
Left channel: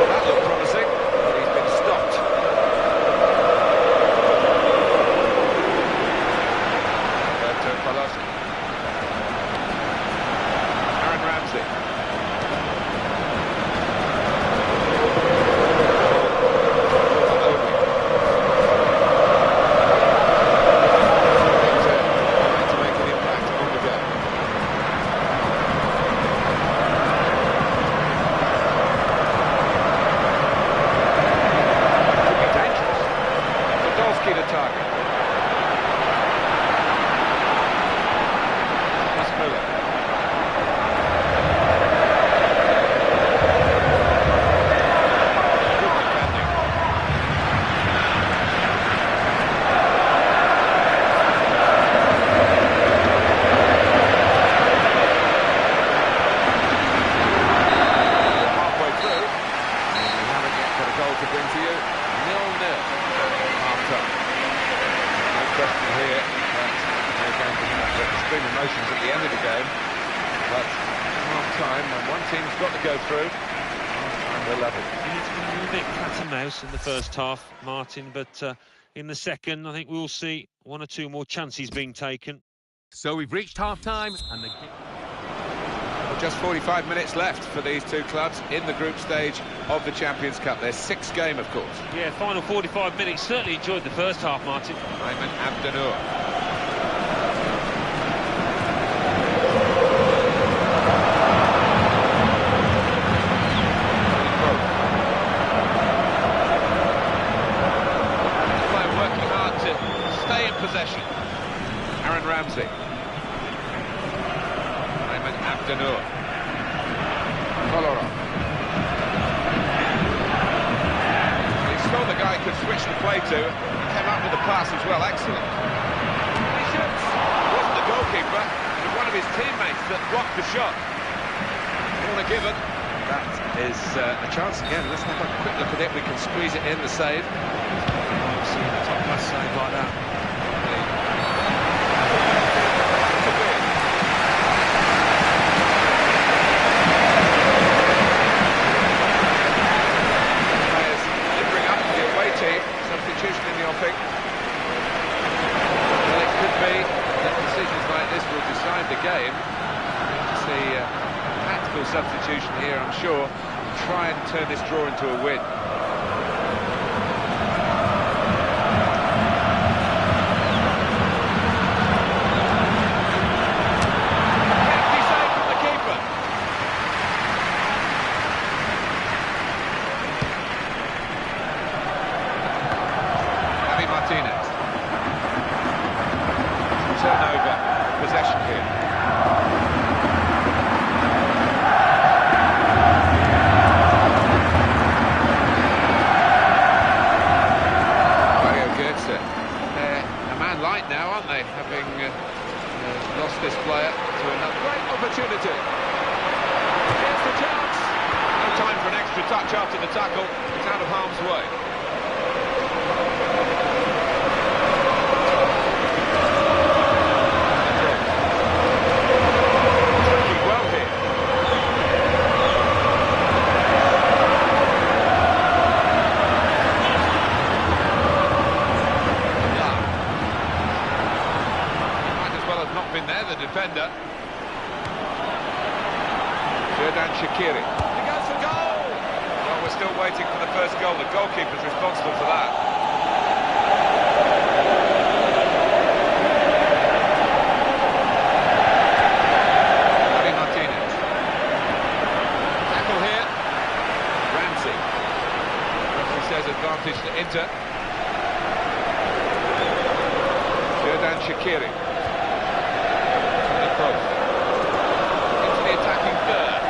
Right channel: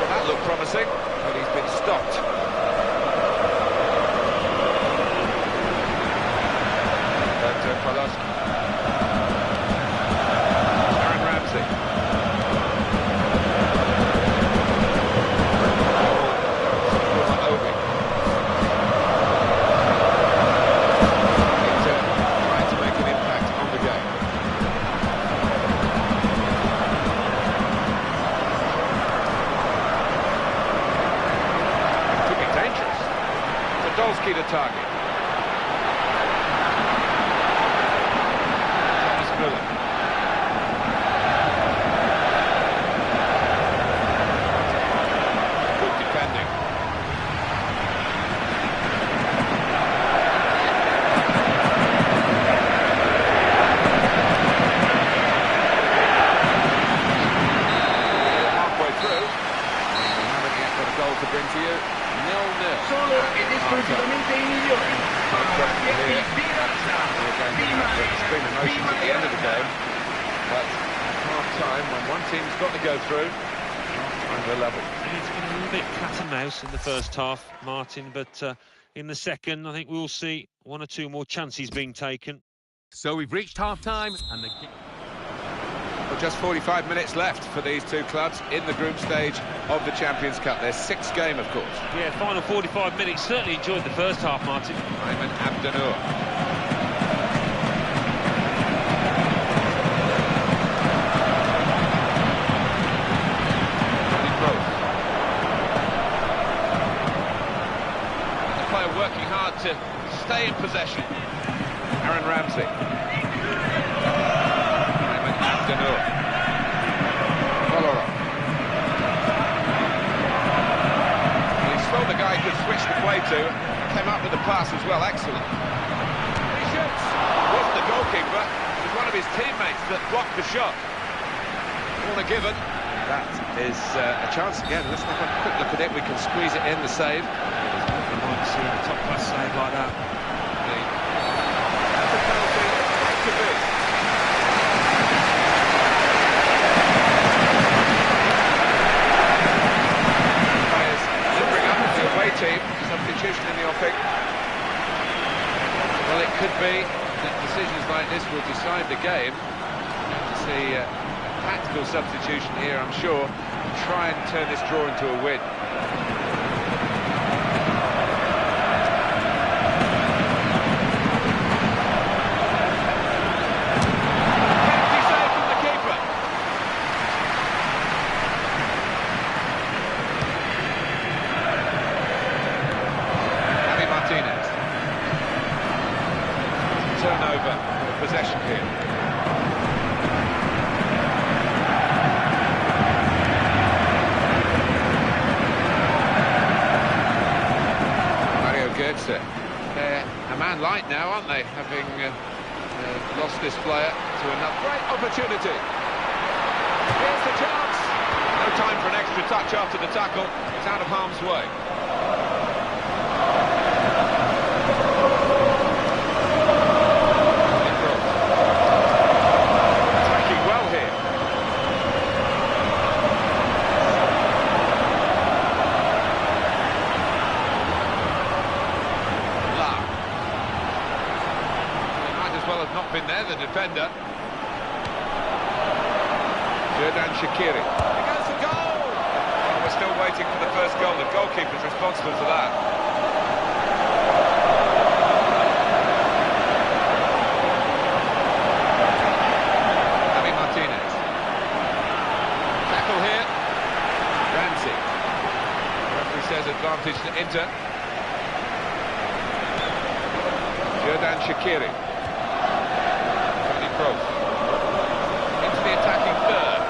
That looked promising, but he's been stopped. Aaron Ramsey. Trying to make an impact on the game. Could be dangerous. Podolski to target. Good defending. We're halfway through, and we haven't yet got a goal to bring to you. 0-0 at half-time. No question here that we're going to have extreme emotions at the end of the game, but half-time, when one team's got to go through, half-time we're level. It's been a little bit cat and mouse in the first half, Martin, but in the second, I think we'll see one or two more chances being taken. So we've reached half-time, and the... Well, just 45 minutes left for these two clubs in the group stage of the Champions Cup. Their sixth game, of course. Yeah, final 45 minutes. Certainly enjoyed the first half, Martin. Ayman Abdenour. The player working hard to stay in possession. Aaron Ramsey. Abdenour. Kolarov. He saw the guy could switch the play to and came up with the pass as well. Excellent. He shoots. It wasn't the goalkeeper, it was one of his teammates that blocked the shot. Corner given. That is a chance again. Let's have a quick look at it. We can squeeze it in, the save. You might see a top-class save like that. That's a penalty. Back to be. Team, substitution in the offing. Well, it could be that decisions like this will decide the game. We're going to see a tactical substitution here, I'm sure, to try and turn this draw into a win. Hefty save from the keeper. Martinez. Turnover, possession here. Mario Götze. They're a man light now, aren't they? Having lost this player to another great opportunity. Here's the chance. No time for an extra touch after the tackle. It's out of harm's way. Not been there, the defender. Xherdan Shaqiri. He goes for goal! Well, we're still waiting for the first goal. The goalkeeper's responsible for that. Javi Martinez. Tackle here. Ramsey. Referee says advantage to Inter. Xherdan Shaqiri. Cross. third.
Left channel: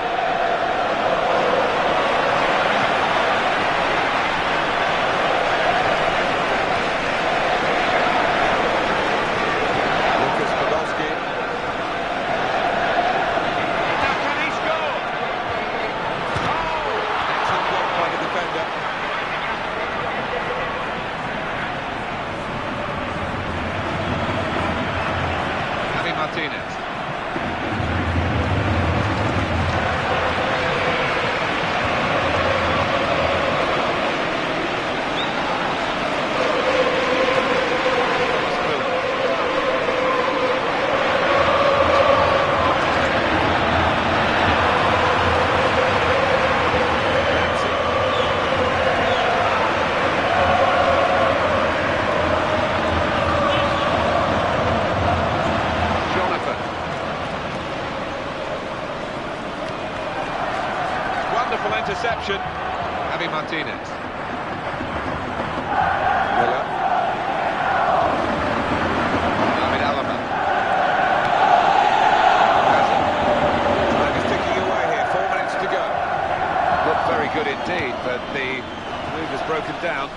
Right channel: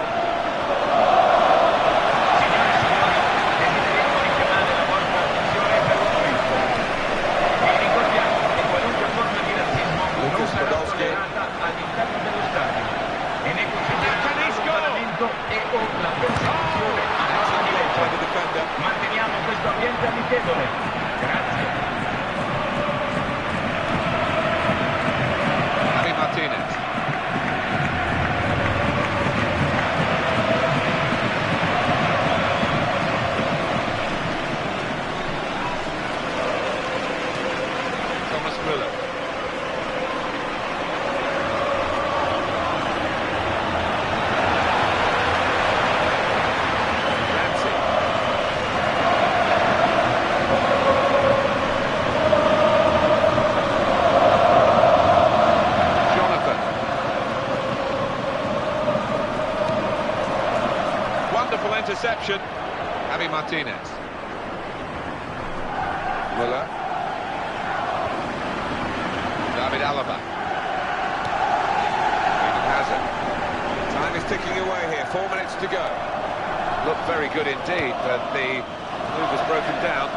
Martinez. Thomas Müller. Ramsey. Wonderful interception. Javi Martinez. Müller. David Alaba. Has it. Time is ticking away here. 4 minutes to go. Looked very good indeed, but the move is broken down.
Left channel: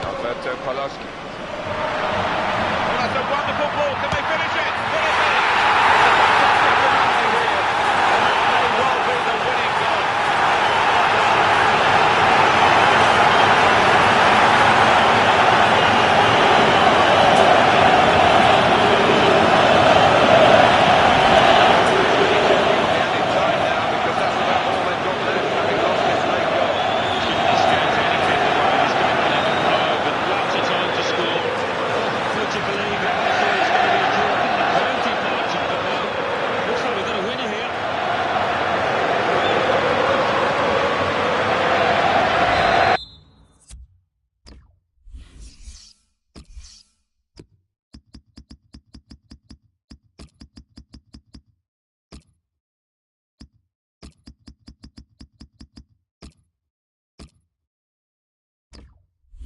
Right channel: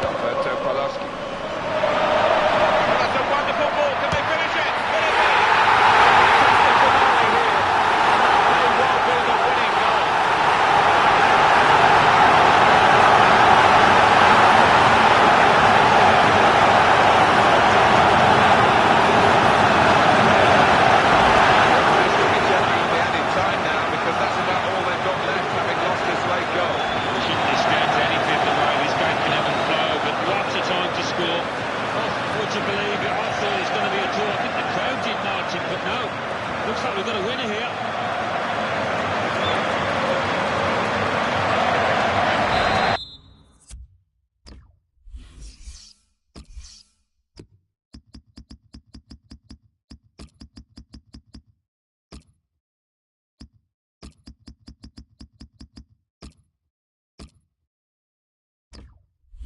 Alberto Poloski. Oh, that's a wonderful ball. Can they finish it? Will it be? It's a fantastic finale here, and that may well be the winning goal. To believe it, I thought it was going to be a draw. I think the crowd did marching, but no. Looks like we've got a winner here.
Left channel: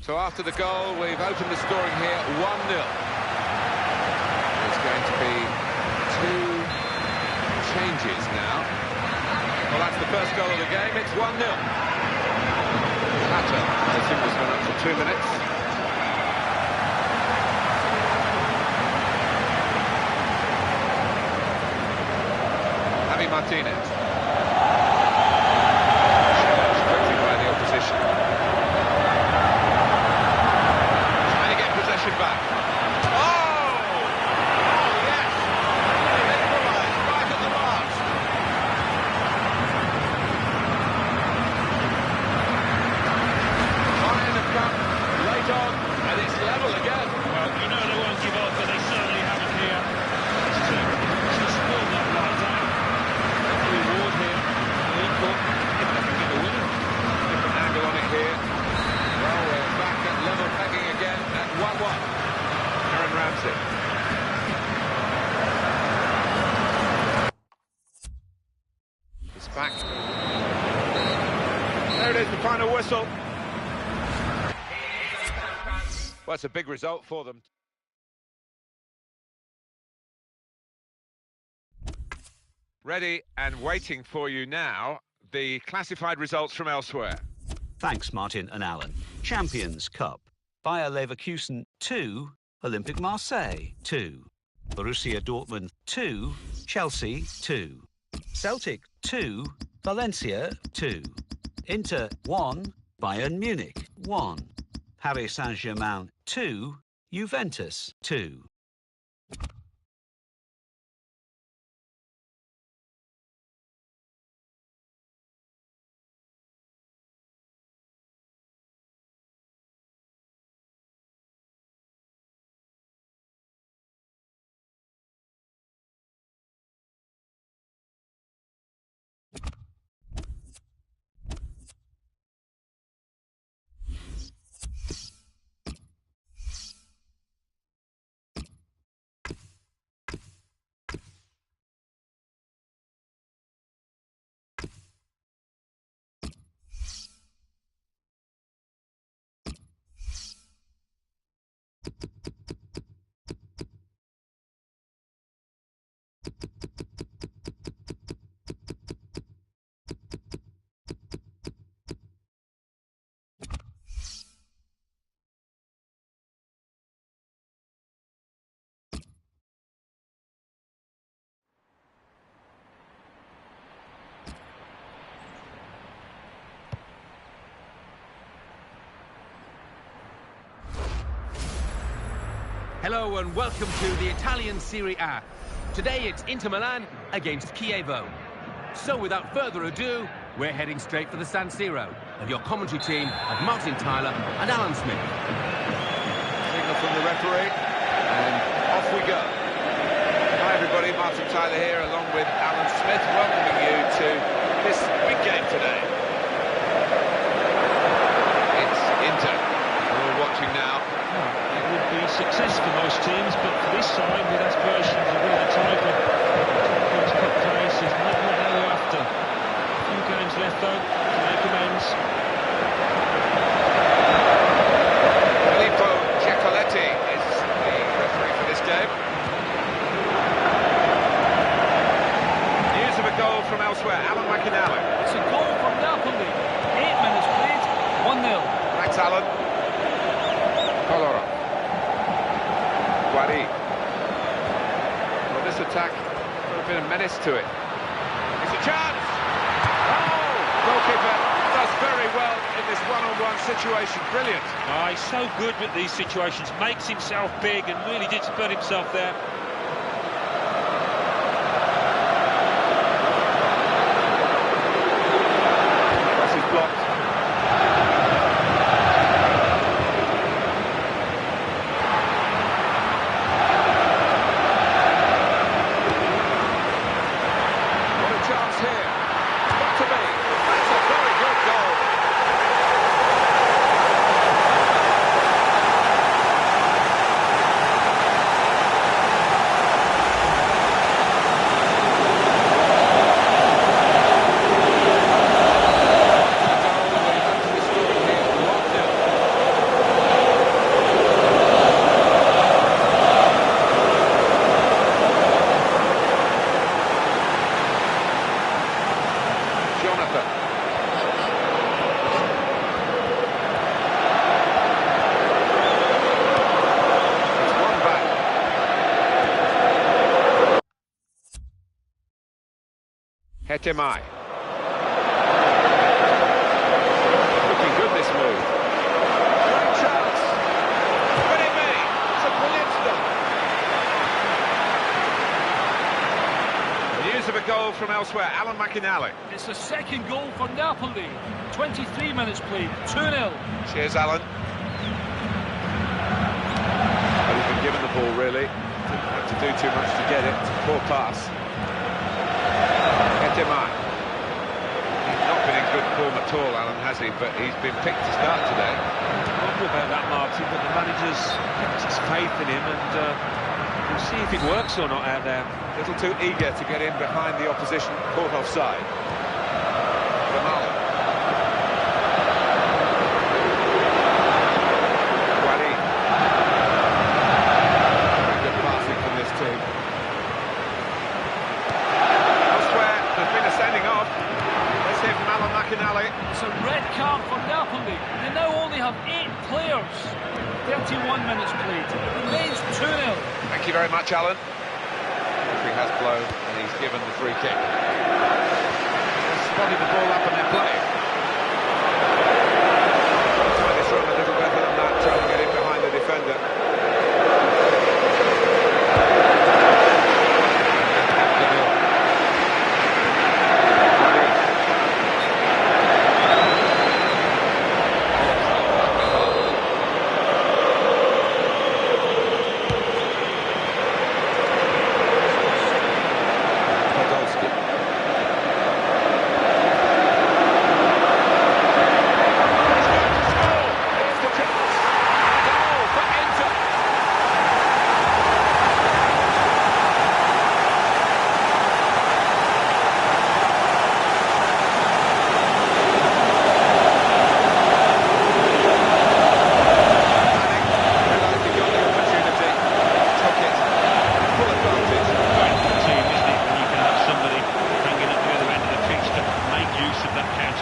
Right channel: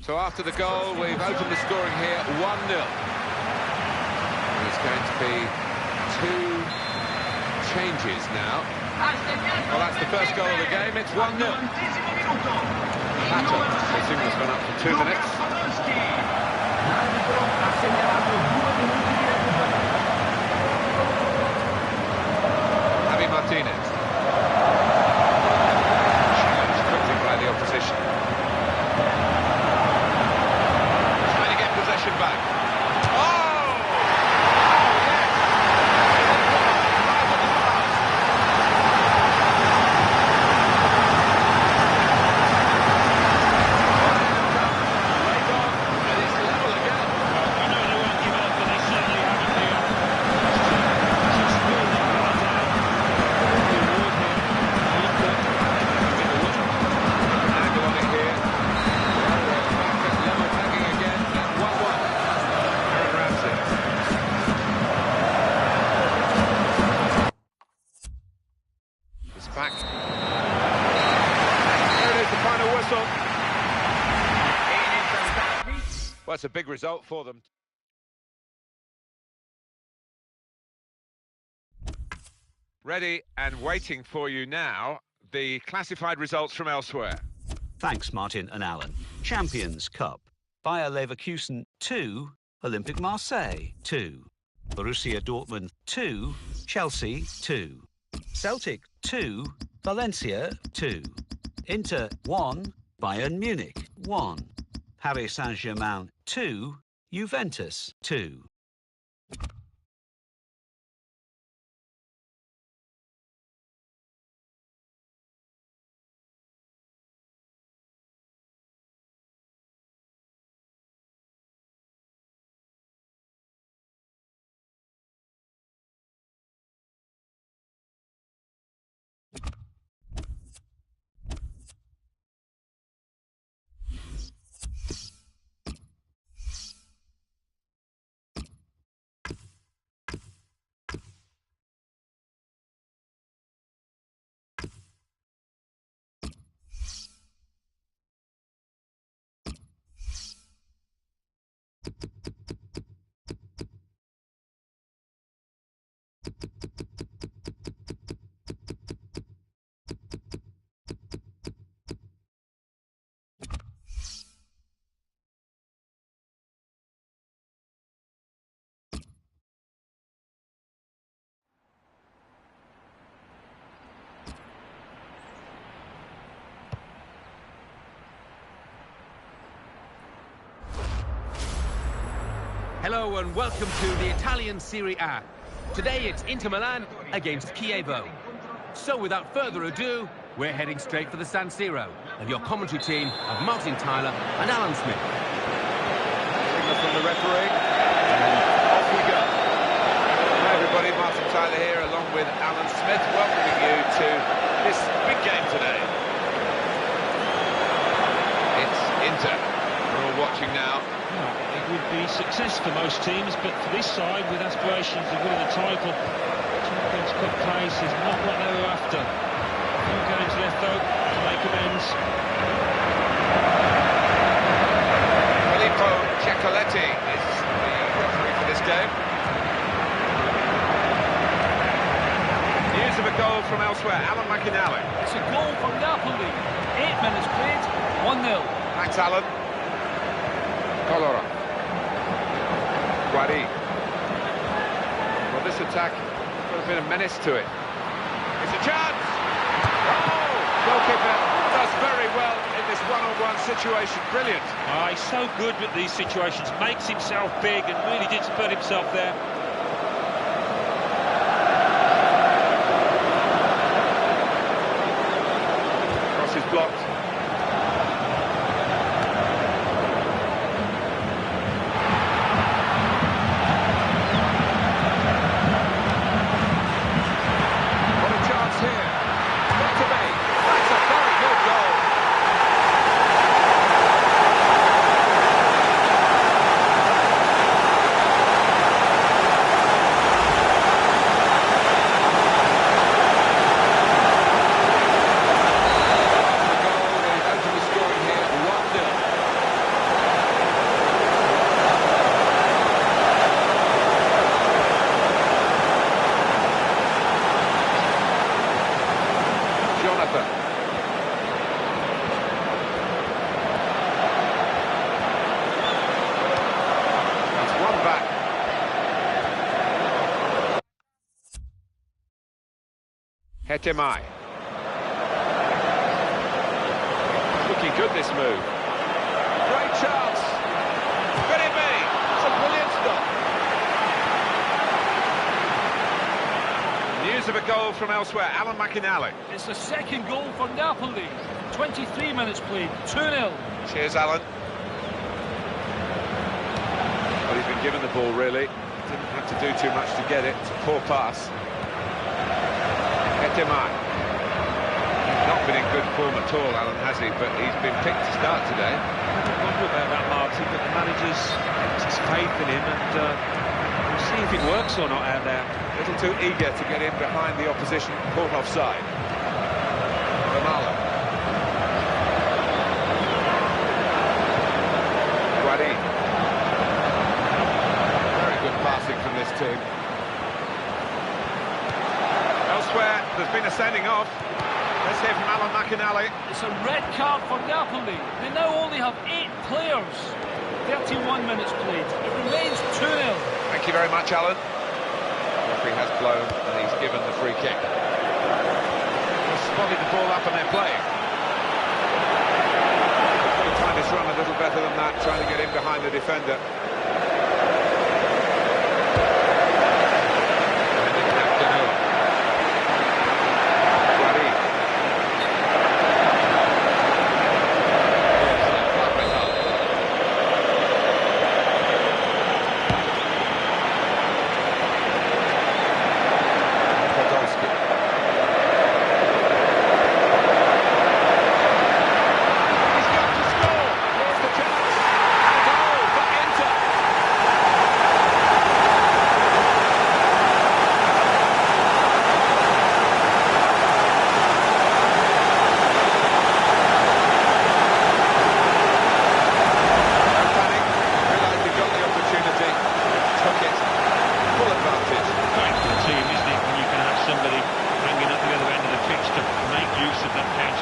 So after the goal, we've opened the scoring here, 1-0. There's going to be 2 changes now. Well, that's the first goal of the game, it's 1-0. Pato, the signal's gone up for 2 minutes. Javi Martinez. Challenged quickly by the opposition. Back. Oh! Oh, yes! They equalised right at the last. Bayern have come late on, and it's level again. Well, you know they won't give up, but they certainly haven't here. Just will not lie down. The reward here, equal, if they can get a winner. Different angle on it here. Well, we're back at level pegging again at 1-1. Ramsey. It's back. There it is, the final whistle. Well, it's a big result for them. Ready and waiting for you now, the classified results from elsewhere. Thanks, Martin and Alan. Champions Cup. Bayer Leverkusen 2, Olympique Marseille 2, Borussia Dortmund 2, Chelsea 2, Celtic 2, Valencia 2, Inter 1, Bayern Munich 1, Paris Saint-Germain 2, Juventus 2. Hello and welcome to the Italian Serie A. Today it's Inter Milan against Chievo. So without further ado, we're heading straight for the San Siro of your commentary team of Martin Tyler and Alan Smith. Signal from the referee, and off we go. Hi everybody, Martin Tyler here along with Alan Smith, welcoming you to this big game today. It's Inter. We're all watching now. Well, it would be success for most teams, but for this side, with aspirations of winning the title, Champions Cup place is not what they were after. A few games left, though, to make amends. Filippo Giacoletti is the referee for this game. News of a goal from elsewhere, Alan McInally. It's a goal from Napoli. 8 minutes played, 1-0. Thanks, Alan. Colora. Guari. Well, this attack got a bit of menace to it. It's a chance! Oh! Goalkeeper does very well in this one-on-one situation. Brilliant. He's so good with these situations, makes himself big and really did put himself there. Cross is blocked. Jonathan. It's one back. Hetemai. Looking good, this move. Great chance. Could it be? It's a brilliant stop. News of a goal from elsewhere, Alan McInally. It's the second goal for Napoli. 23 minutes played, 2-0. Cheers, Alan. Well, he's been given the ball, really. Didn't have to do too much to get it. It's a poor pass. Hetemai. He's not been in good form at all, Alan, has he? But he's been picked to start today. I don't wonder about that, Martin, but the manager's kept his faith in him, and we'll see if it works or not out there. A little too eager to get in behind the opposition, caught offside. Vermaelen. Guari. Very good passing from this team. Elsewhere, there's been a sending off. Let's hear from Alan McInally. It's a red card for Napoli. They now only have 8 players. 31 minutes played. It remains 2-0. Thank you very much, Alan. The referee has blown and he's given the free kick. They've spotted the ball up and they're playing. Got to time this run a little better than that, trying to get in behind the defender.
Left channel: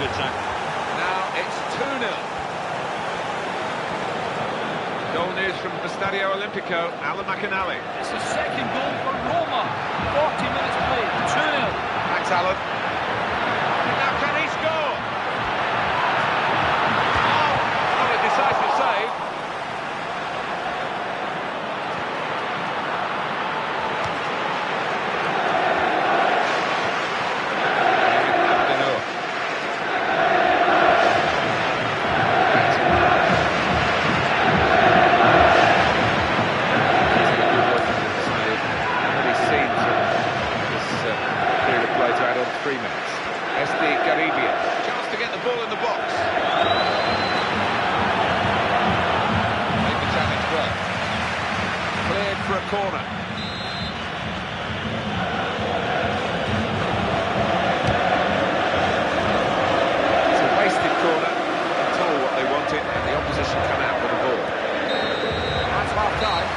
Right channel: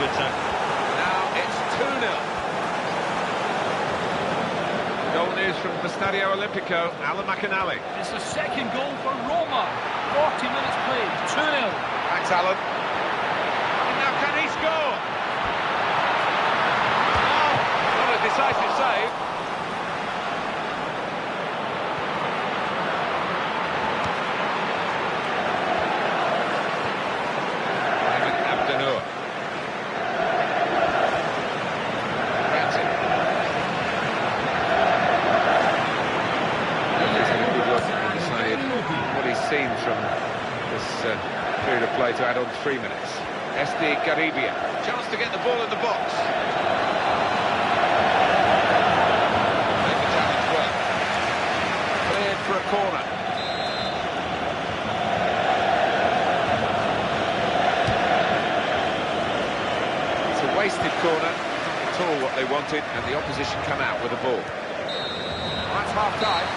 counter-attack. Now it's 2-0. Goal news from the Stadio Olimpico, Alan McInally. It's the second goal for Roma. 40 minutes played, 2-0. Thanks, Alan. And now can he score? Oh, not a decisive save. period of play to add on 3 minutes. SD Garibia, chance to get the ball in the box. Make the challenge work. Cleared for a corner. It's a wasted corner, not at all what they wanted, and the opposition come out with the ball. That's half-time,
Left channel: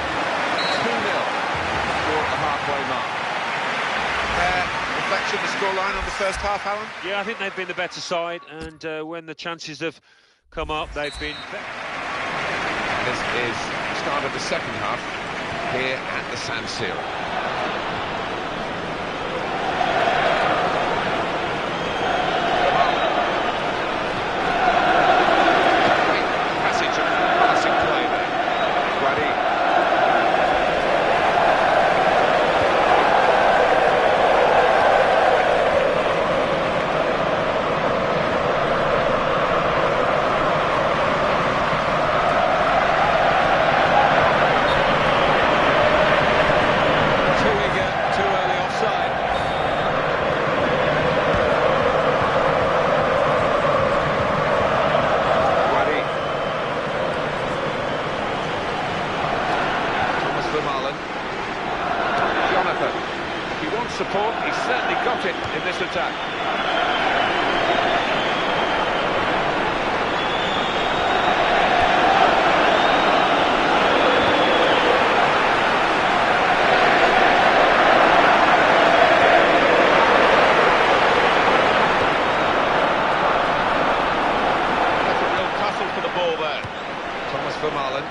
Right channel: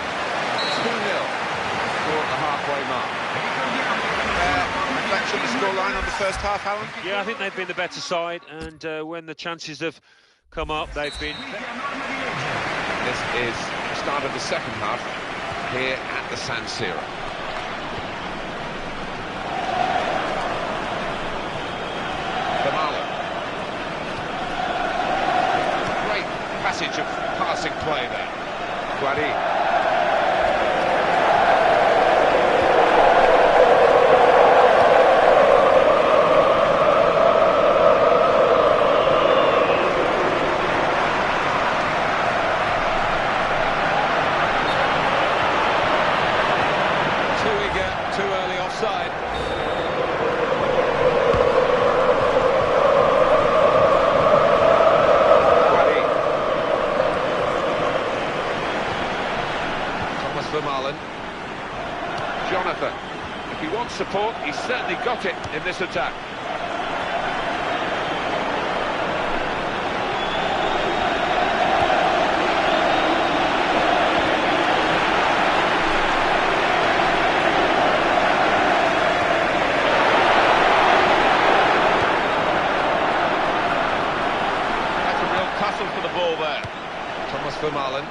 2-0, score at the halfway mark. Reflection, the scoreline on the first half, Alan? Yeah, I think they've been the better side, and when the chances have come up, they've been... This is the start of the second half here at the San Siro. Great passage of passing play there. Guari. Too early offside. Guari. Thomas Vermaelen. Jonathan. If he wants support, he's certainly got it in this attack. Tussle for the ball there. Thomas Vermaelen.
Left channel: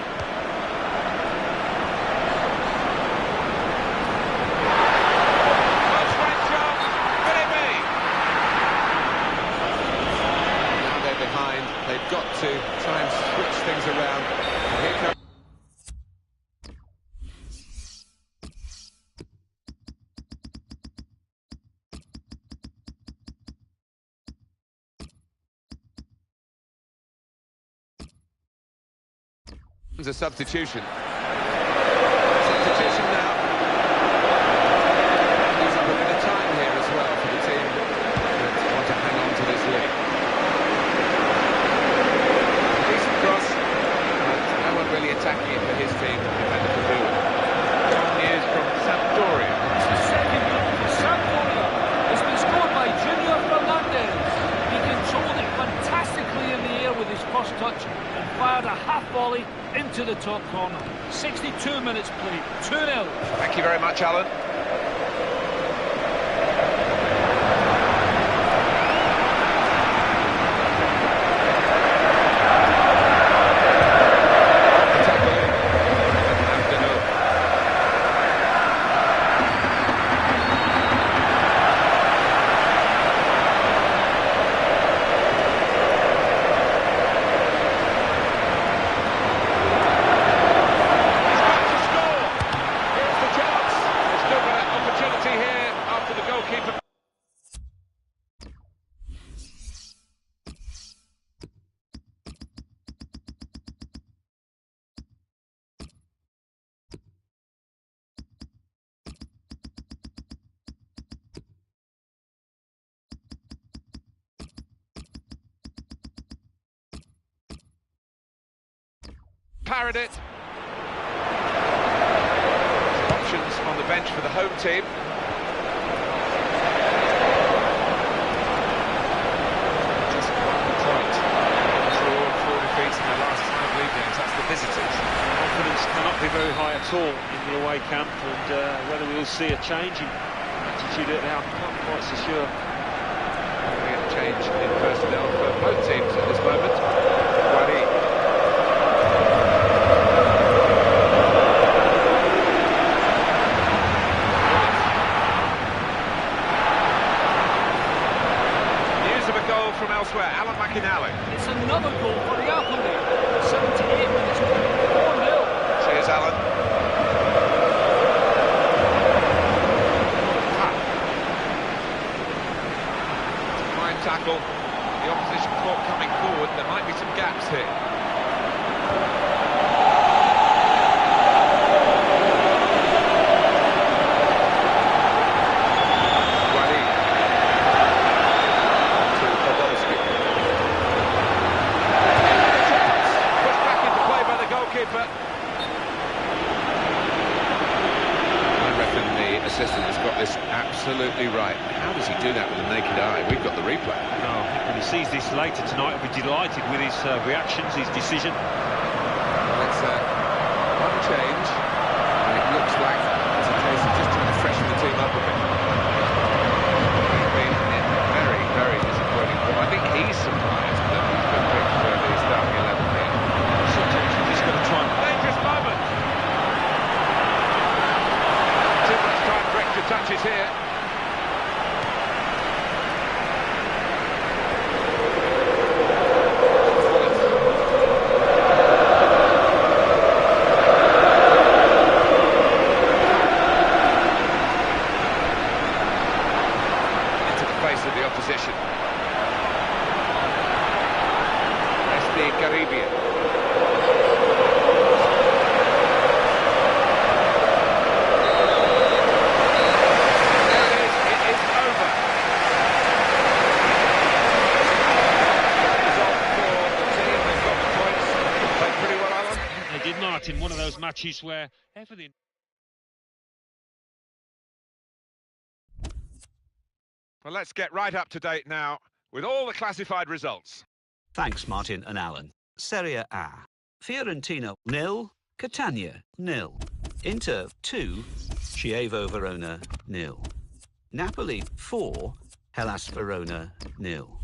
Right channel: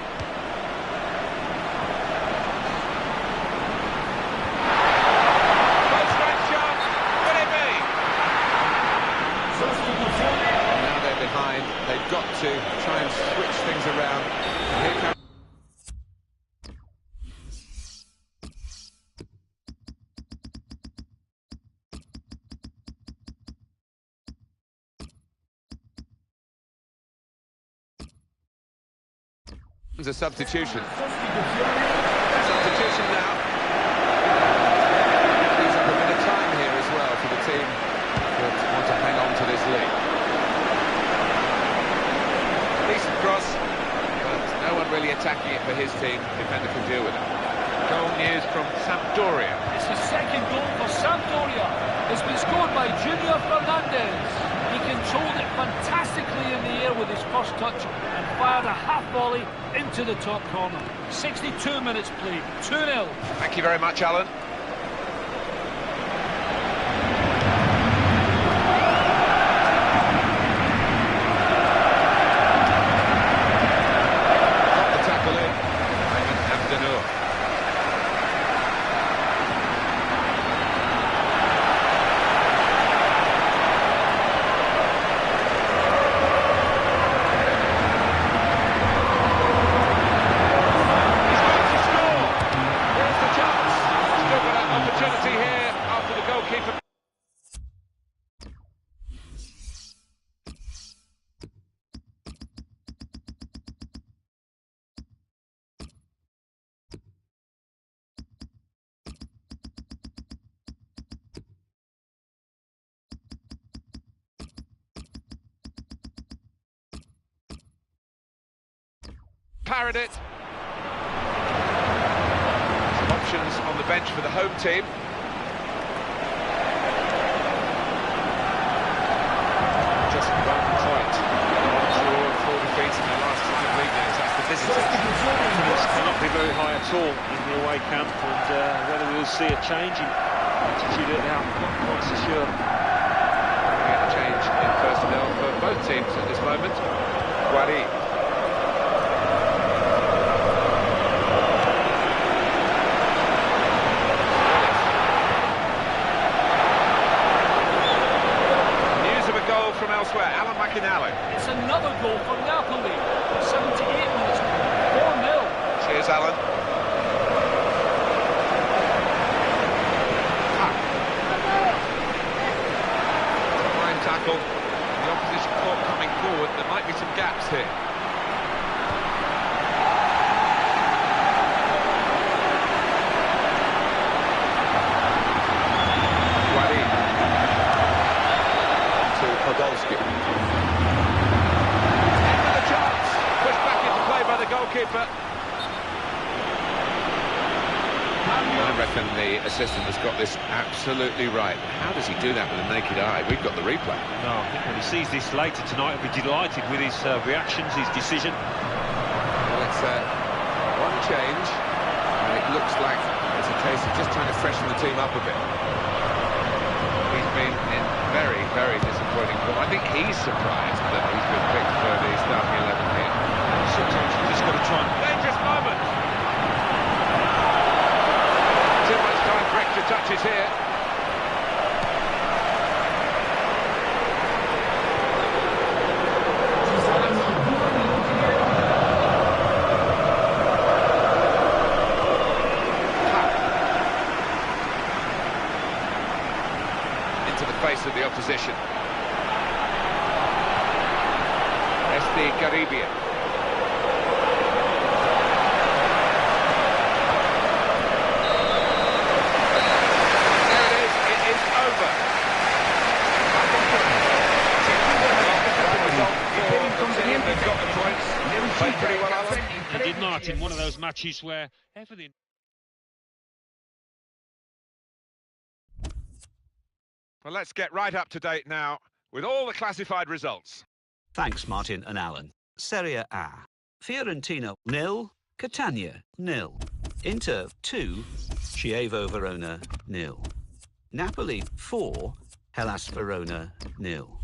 Close range shot. Could it be? Now they're behind. They've got to try and switch things around. And here comes... a substitution. Substitution now. Use up a bit of time here as well for the team that want to hang on to this lead. Decent cross, but no one really attacking it for his team. Defender can deal with it. Goal news from Sampdoria. It's the second goal for Sampdoria. It's been scored by Junior Fernandez. He controlled it fantastically in the air with his first touch and fired a half volley into the top corner. 62 minutes played, 2-0. Thank you very much, Alan. Got the tackle in. Abdenur. Opportunity here after the goalkeeper. Parried it. Options on the bench for the home team. Just 1 point. 1 draw and 4 defeats in their last 5 league games. That's the visitors. Confidence cannot be very high at all in the away camp, and whether we'll see a change in attitude at now, I'm not quite so sure. We get a change in personnel for both teams at this moment. Guari. Goal from elsewhere, Alan McInally. It's another goal for Napoli. 78 minutes, 4-0. Cheers, Alan. It's a fine tackle. The opposition court coming forward. There might be some gaps here. Nathan, the assistant, has got this absolutely right. How does he do that with a naked eye? We've got the replay. No, I think when he sees this later tonight, he'll be delighted with his reactions, his decision. Well, it's one change, and it looks like it's a case of just trying to freshen the team up a bit. He's been in very, very disappointing form. I think he's surprised that he's been picked for the starting 11 here. Sometimes you just got to try and... Dangerous moment! Too much time for extra touches here. Into the face of the opposition. Caribbean. They did not in one of those matches where everything... Well, let's get right up to date now with all the classified results. Thanks, Martin and Alan. Serie A. Fiorentina 0, Catania 0. Inter 2, Chievo Verona 0. Napoli 4, Hellas Verona 0.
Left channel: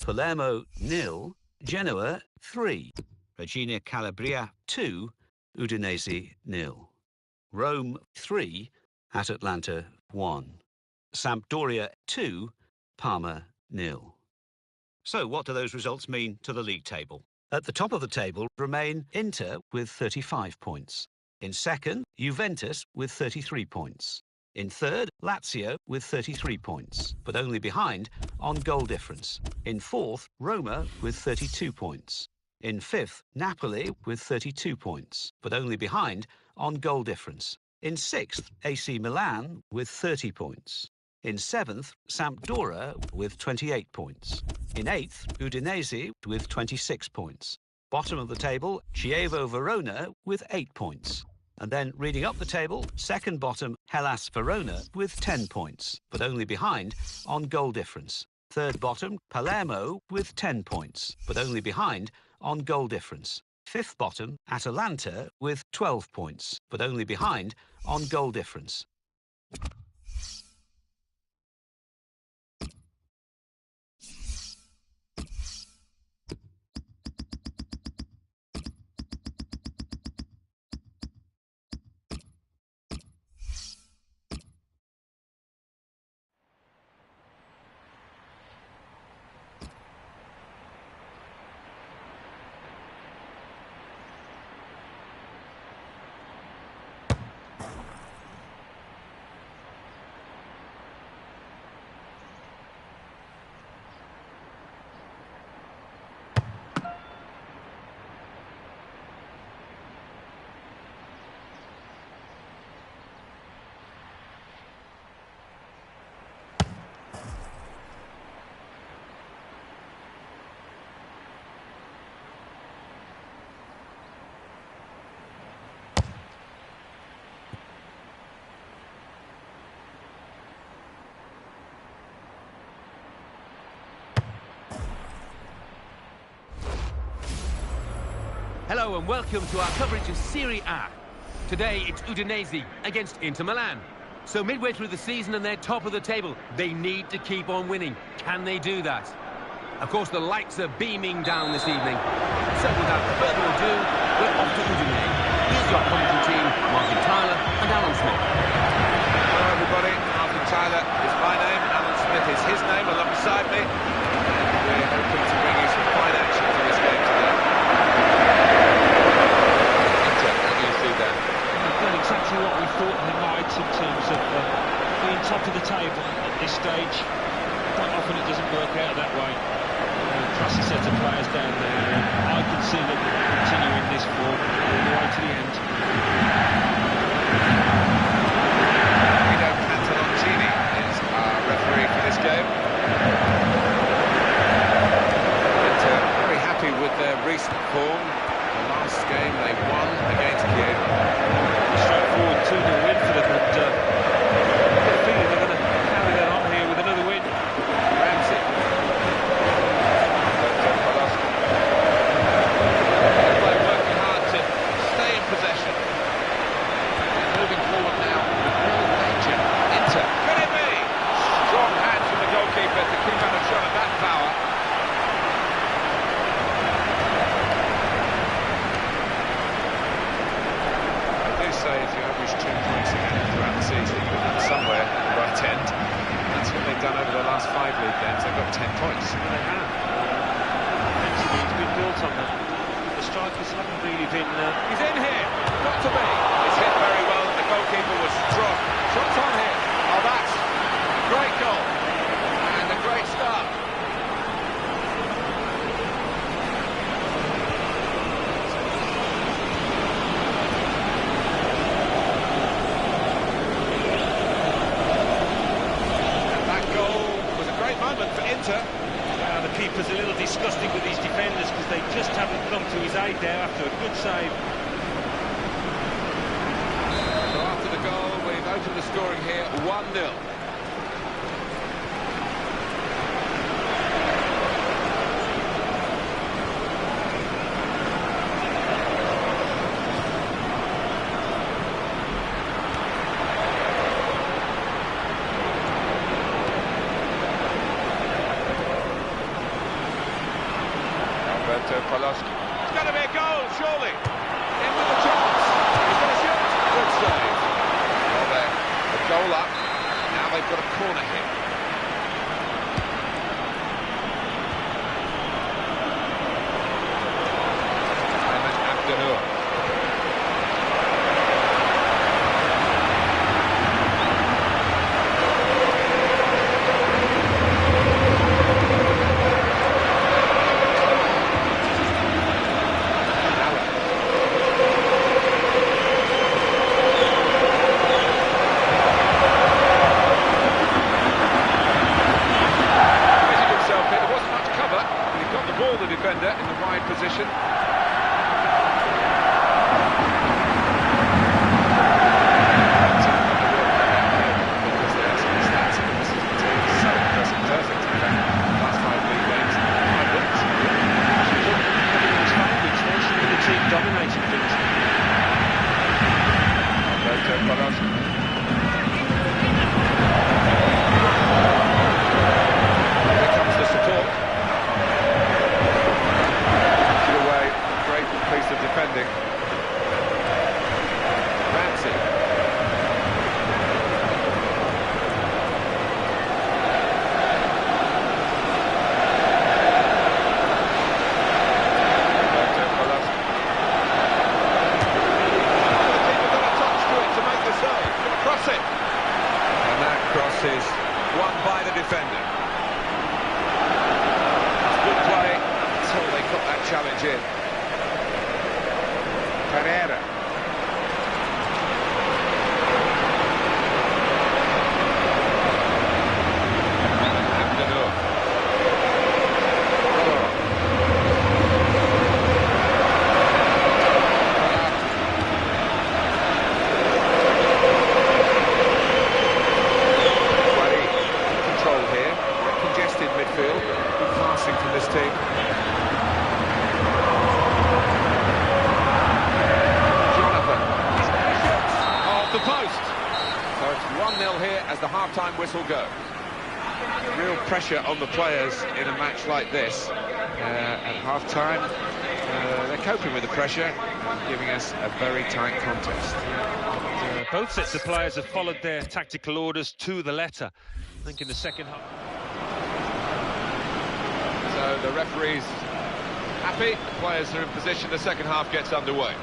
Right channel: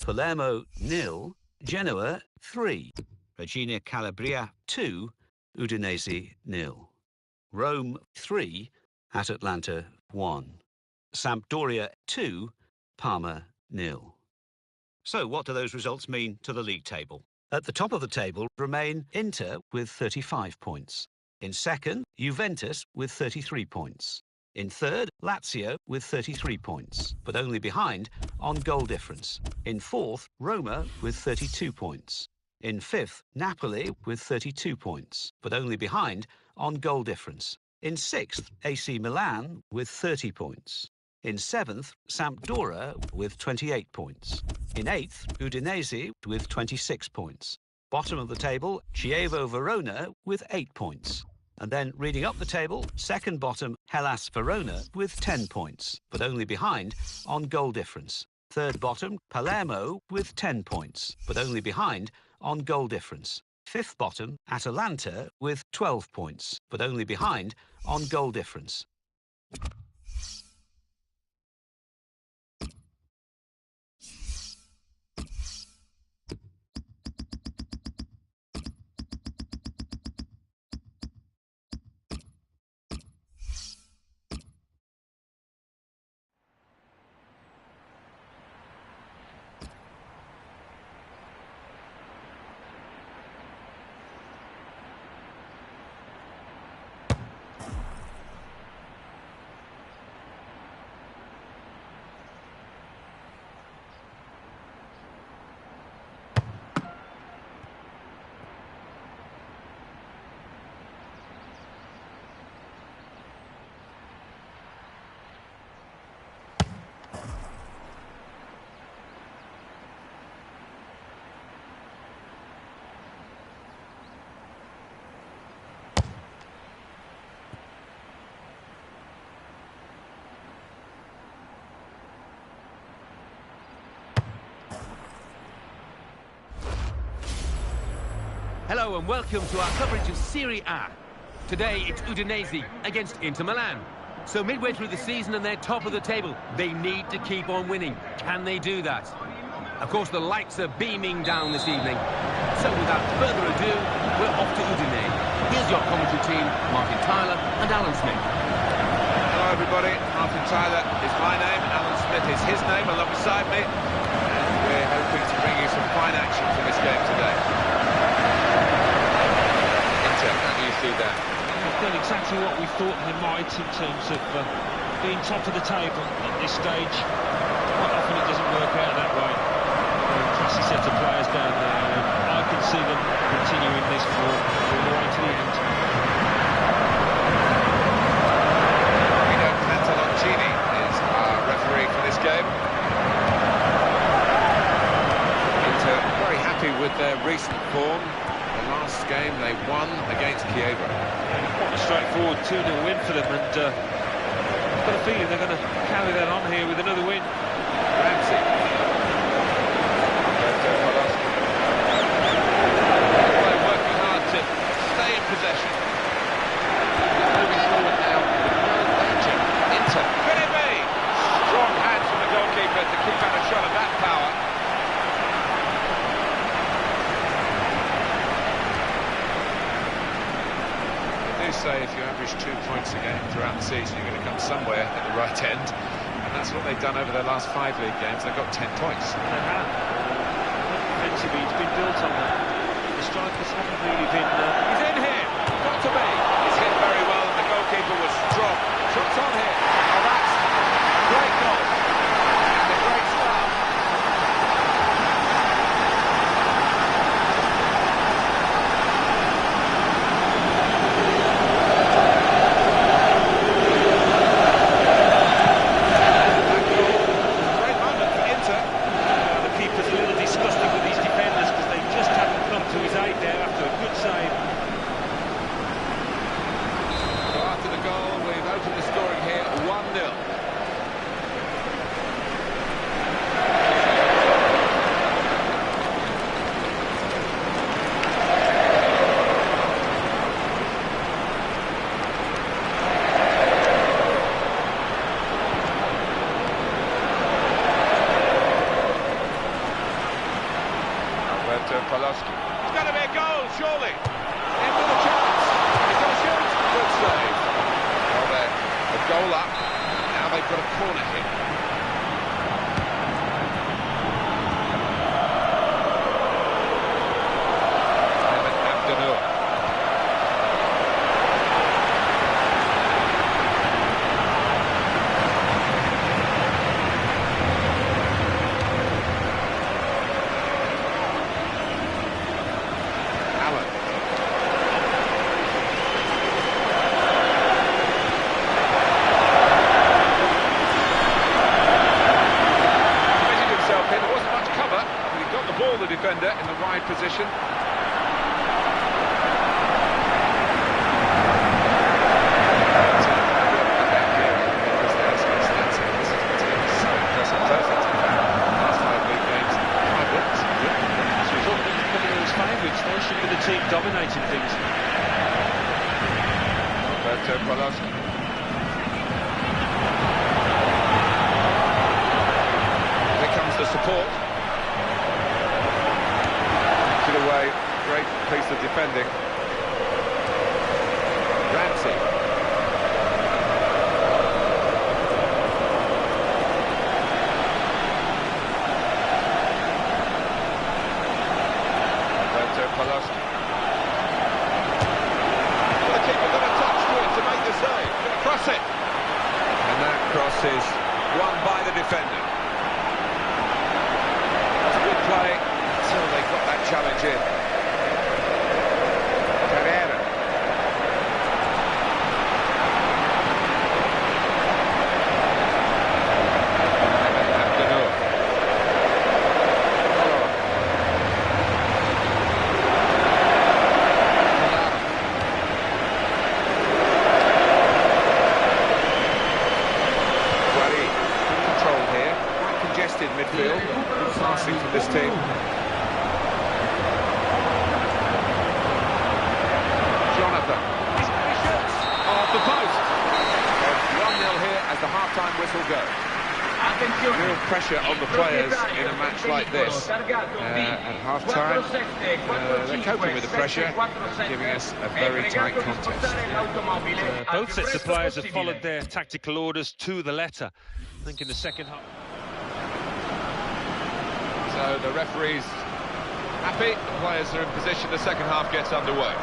Palermo 0, Genoa 3. Regina Calabria 2, Udinese 0. Rome 3, at Atlanta 1. Sampdoria 2, Parma 0. So what do those results mean to the league table? At the top of the table remain Inter with 35 points. In second, Juventus with 33 points. In third, Lazio with 33 points, but only behind on goal difference. In fourth, Roma with 32 points. In fifth, Napoli with 32 points, but only behind on goal difference. In sixth, AC Milan with 30 points. In seventh, Sampdoria with 28 points. In eighth, Udinese with 26 points. Bottom of the table, Chievo Verona with 8 points. And then reading up the table, second bottom, Hellas Verona with 10 points, but only behind on goal difference. Third bottom, Palermo with 10 points, but only behind on goal difference. Fifth bottom, Atalanta with 12 points, but only behind on goal difference. Hello and welcome to our coverage of Serie A. Today it's Udinese against Inter Milan. So midway through the season and they're top of the table, they need to keep on winning. Can they do that? Of course, the lights are beaming down this evening. So without further ado, we're off to Udinese. Here's your commentary team, Martin Tyler and Alan Smith. Hello everybody, Martin Tyler is my name, Alan Smith is his name alongside me, and we're hoping to bring you some fine action from this game today. How do you see that? They've done exactly what we thought they might in terms of being top of the table at this stage. Quite often it doesn't work out that way. Classy set of players down there, and I can see them continuing this form all the way to the end. Guido Pantaloncini is our referee for this game. Inter very happy with their recent form. The last game they won against Chievo. A straightforward 2-0 win for them, and feeling they're going to carry that on here with another win. Ramsey. Working hard to stay in possession. They're moving forward now with real danger. Inter. Could it be? Strong hands from the goalkeeper to keep out a shot of that power. They do say if you average 2 points a game throughout the season, you're going to come somewhere at the right end. And that's what they've done over their last 5 league games. They've got 10 points. Well, they have. Defensively, it's been built on that. The strikers haven't really been... He's in here. Got to be. It's hit very well, and the goalkeeper was strong. Shots on here. Oh, that's a great goal. And a great start. That goal was a great moment for Inter. The keeper's a little disgusting with these defenders because they just haven't come to his aid there after a good save. So after the goal, we've opened the scoring here, 1-0. Poloski. It's going to be a goal, surely. In with a chance. He's going to shoot. Good save. Well, they're a goal up. Now they've got a corner hit. Ayman Abdenour. The defender in the wide position. Because there's some stats in this is the team so impressive, perfect in fact. Last 5 league games, 5 wins. She was up in his favourites, they should be the team dominating things. Alberto Poloski. Here comes the support. Away, great piece of defending. Ramsey. Alberto Poloski. The keeper got a touch to it to make the save. Going to cross it. And that cross is won by the defender. That's good play. Until they got that challenge in. Carrera. Ayman Abdenour. Guari. Good control here. Quite congested midfield, but good passing from this team. The post. So it's 1-0 here as the half-time whistle goes. Real pressure on the players in a match like this. At half-time, they're coping with the pressure and giving us a very tight contest. And, both sets of players have followed their tactical orders to the letter. I think in the second half. So the referee's happy, the players are in position, the second half gets underway.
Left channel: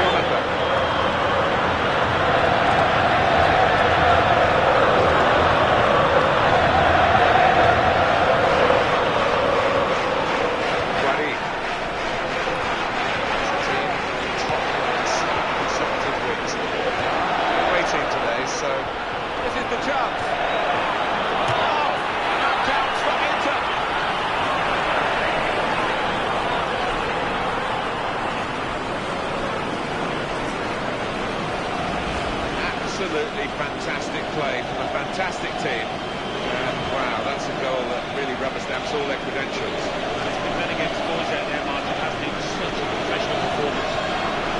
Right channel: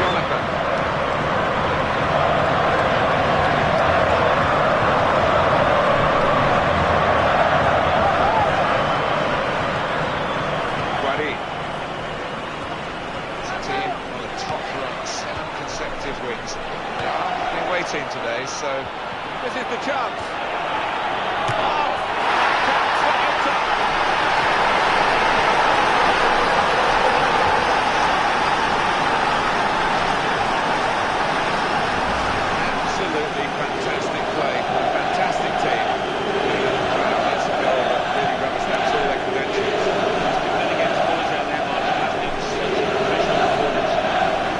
Jonathan. Guari. It's a team on the top run, 7 consecutive wins. They are away team today, so this is the chance. Oh, and that counts for Inter. absolutely fantastic play from a fantastic team. And wow, that's a goal that really rubber stamps all their credentials. There's been many games boys out there, Martin, hasn't it? Such a professional performance.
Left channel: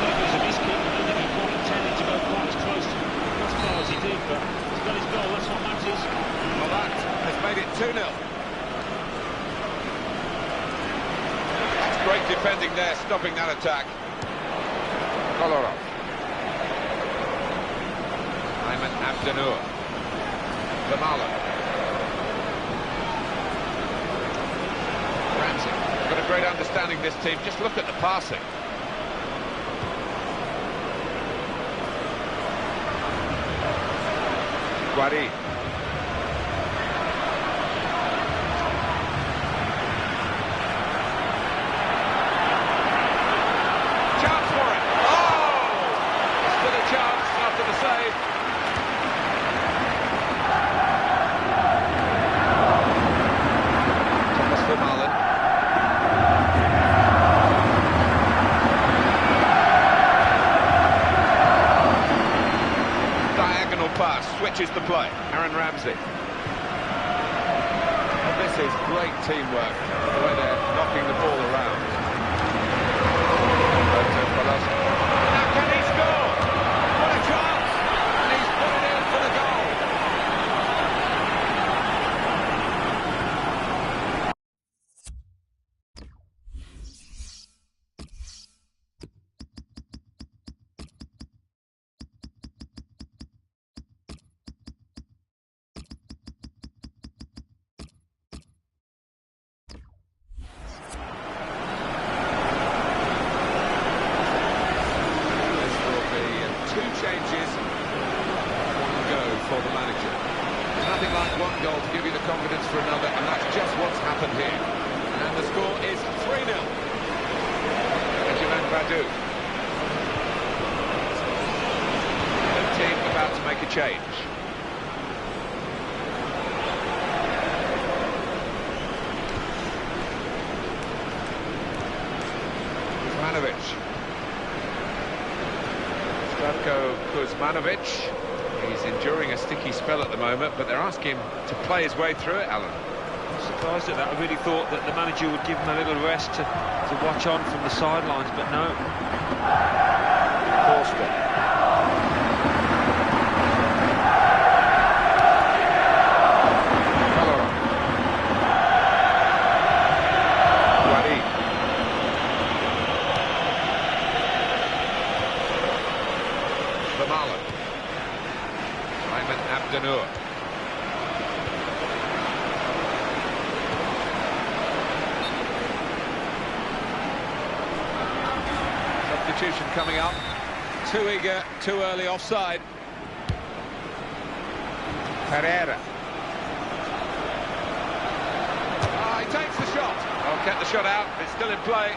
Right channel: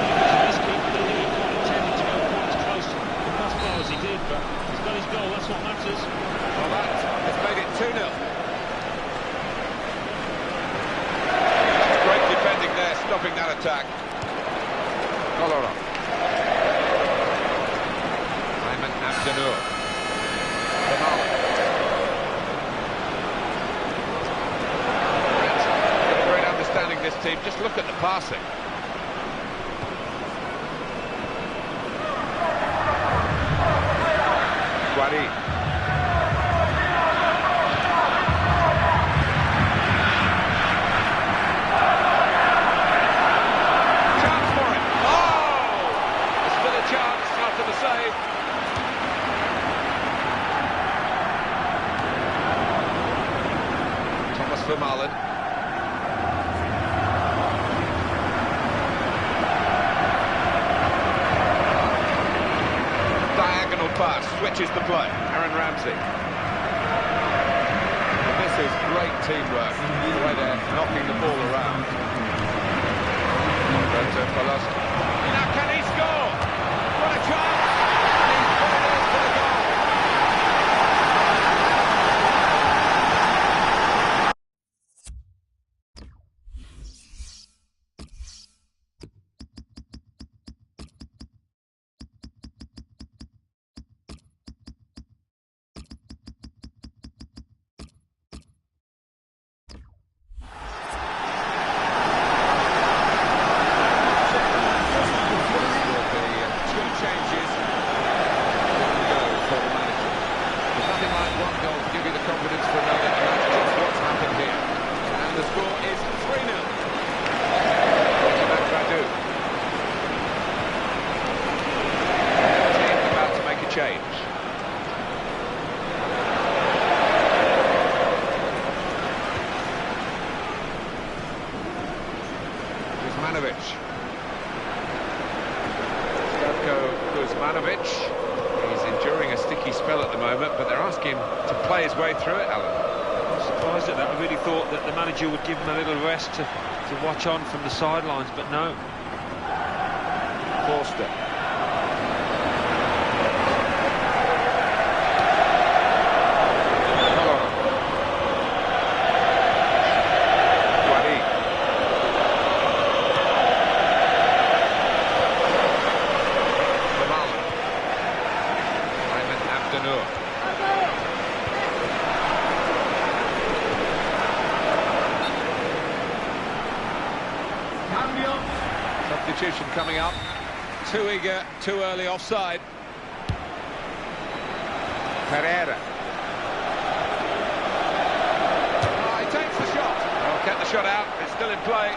If it was a miss kick, I don't think he quite intended to go quite as close to the crossbar as he did, but he's got his goal, that's what matters. Well, that has made it 2-0. That's great defending there, stopping that attack. Kolarov. Ayman Abdenur. Vermaelen. Ramsey. Got a great understanding this team. Just look at the passing. Guari. Chance for it. Oh! There's still a chance after the save. Thomas Vermaelen. Diagonal pass, switches the play. Aaron Ramsey. Well, this is great teamwork, the way they're knocking the ball around. Now can he score? What a chance! And he's put it in for the goal. Changes, one go for the manager. There's nothing like one goal to give you the confidence for another, and that's just what's happened here. And the score is 3-0. Benjamin Badu. And the team about to make a change. Kuzmanovic. Kuzmanovic, he's enduring a sticky spell at the moment, but they're asking him to play his way through it, Alan. I'm surprised at that. I really thought that the manager would give him a little rest to watch on from the sidelines, but no. Forster. Kolarov. Guari. Vermaelen. Ayman Abdenur. Substitution coming up. Too eager, too early offside. Pereira. He takes the shot. Oh, kept the shot out. It's still in play.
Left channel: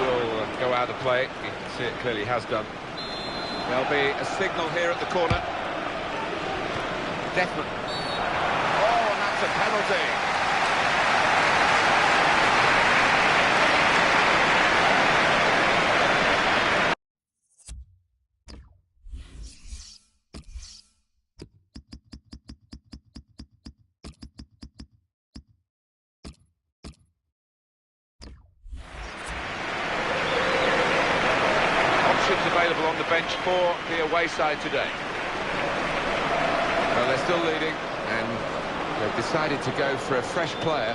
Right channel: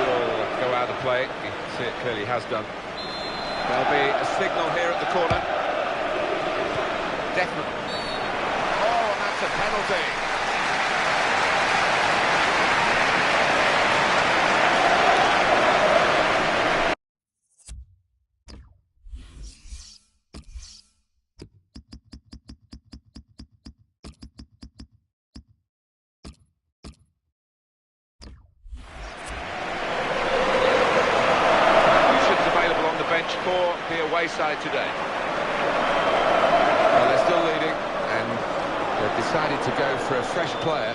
Will go out of play. You can see it clearly has done. There'll be a signal here at the corner. Definitely. Oh, and that's a penalty. Available on the bench for the away side today. Well, they're still leading, and they've decided to go for a fresh player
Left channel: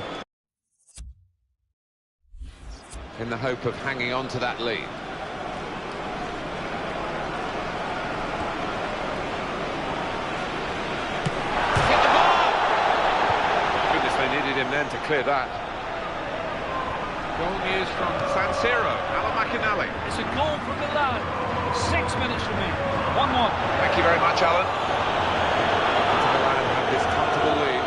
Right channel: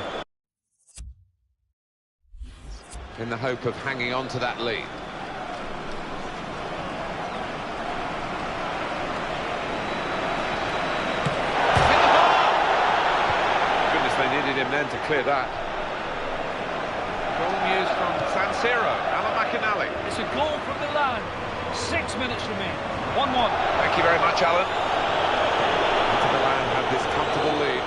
in the hope of hanging on to that lead. Hit the ball! Goodness, they needed him then to clear that. Goal news from San Siro. Alan McInally. It's a goal from Milan. 6 minutes remain. 1-1. Thank you very much, Alan. Inter Milan have this comfortable lead.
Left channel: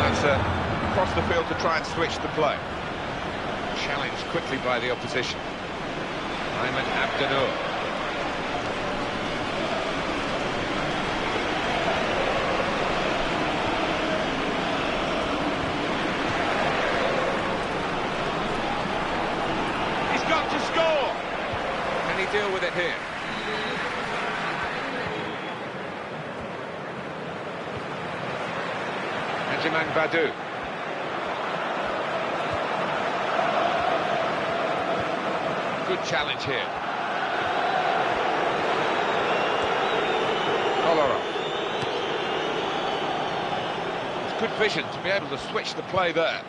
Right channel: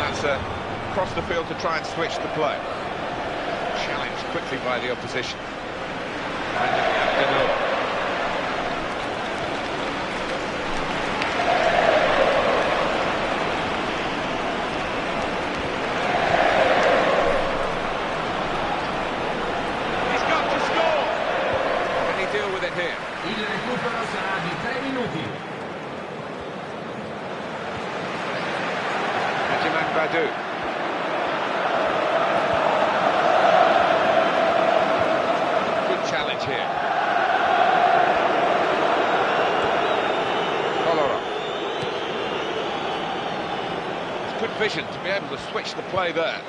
That's across the field to try and switch the play. Challenged quickly by the opposition. Ayman Abdenur. Deal bit here. Benjamin Badou. Good challenge here. Kolarov. It's good vision to be able to switch the play there.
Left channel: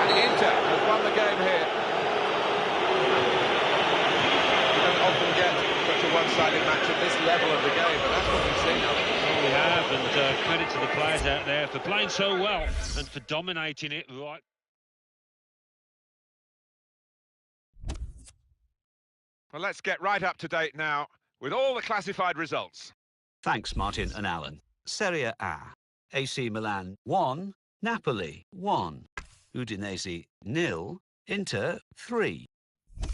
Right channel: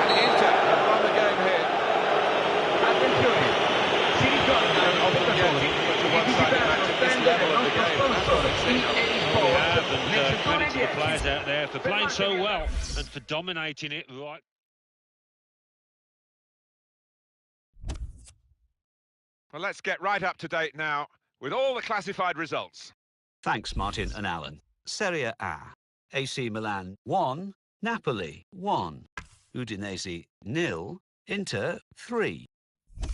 And Inter have won the game here. You don't often get such a one-sided match at this level of the game, but that's what we've seen. Well, we have, and credit to the players out there for playing so well and for dominating it right. Well, let's get right up to date now with all the classified results. Thanks, Martin and Alan. Serie A. AC Milan 1, Napoli 1, Udinese 0, Inter 3.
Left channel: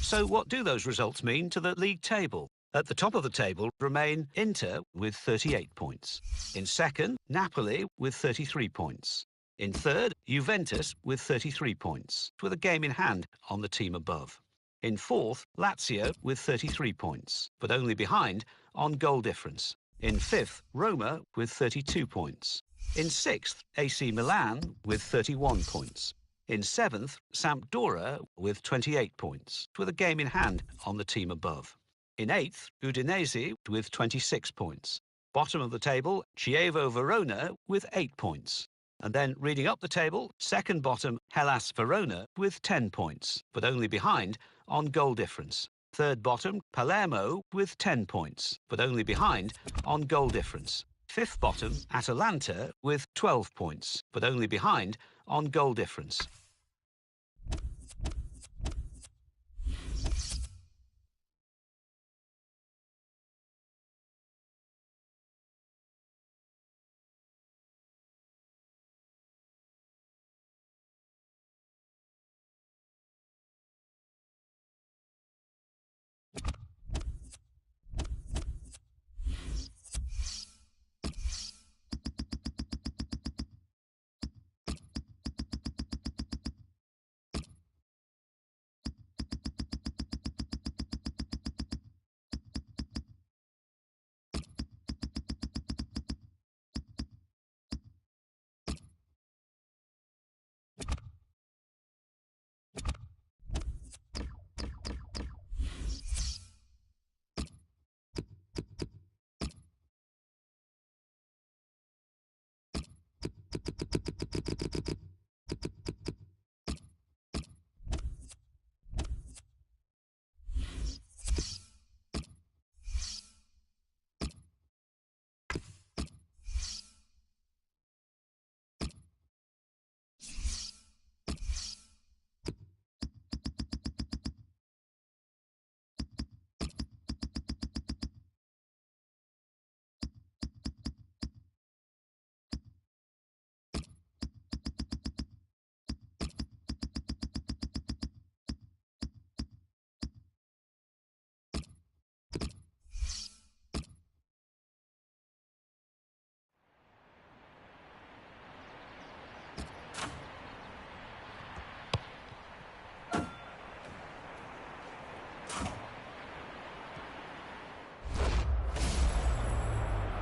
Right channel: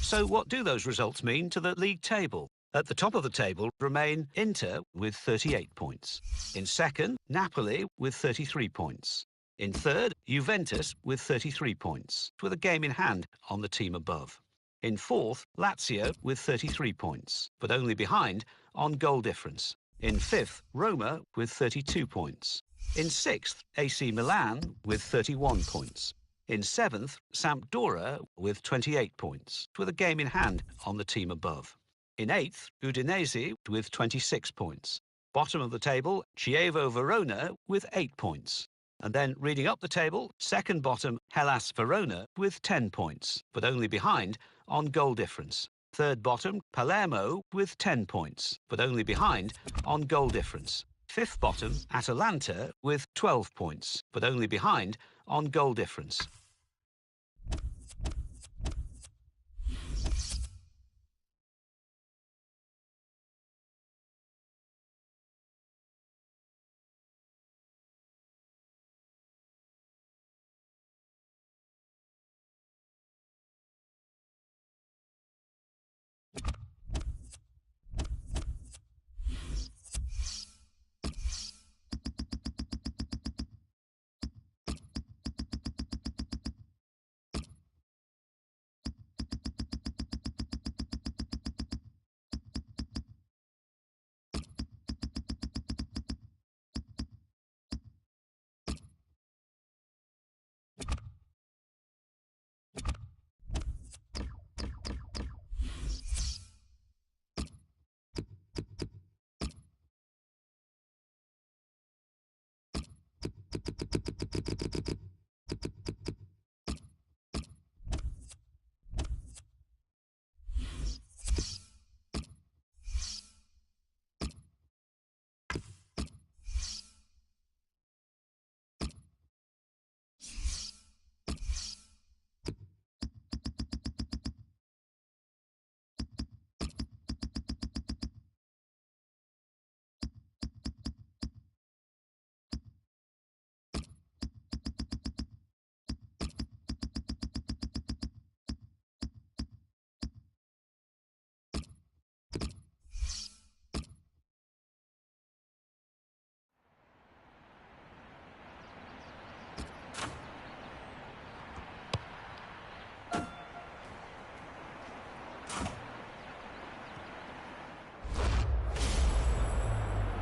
So what do those results mean to the league table? At the top of the table remain Inter with 38 points. In second, Napoli with 33 points. In third, Juventus with 33 points, with a game in hand on the team above. In fourth, Lazio with 33 points, but only behind on goal difference. In fifth, Roma with 32 points. In sixth, AC Milan with 31 points. In seventh, Sampdoria with 28 points, with a game in hand on the team above. In eighth, Udinese with 26 points. Bottom of the table, Chievo Verona with 8 points. And then reading up the table, second bottom, Hellas Verona with 10 points, but only behind on goal difference. Third bottom, Palermo with 10 points, but only behind on goal difference. Fifth bottom, Atalanta with 12 points, but only behind on goal difference.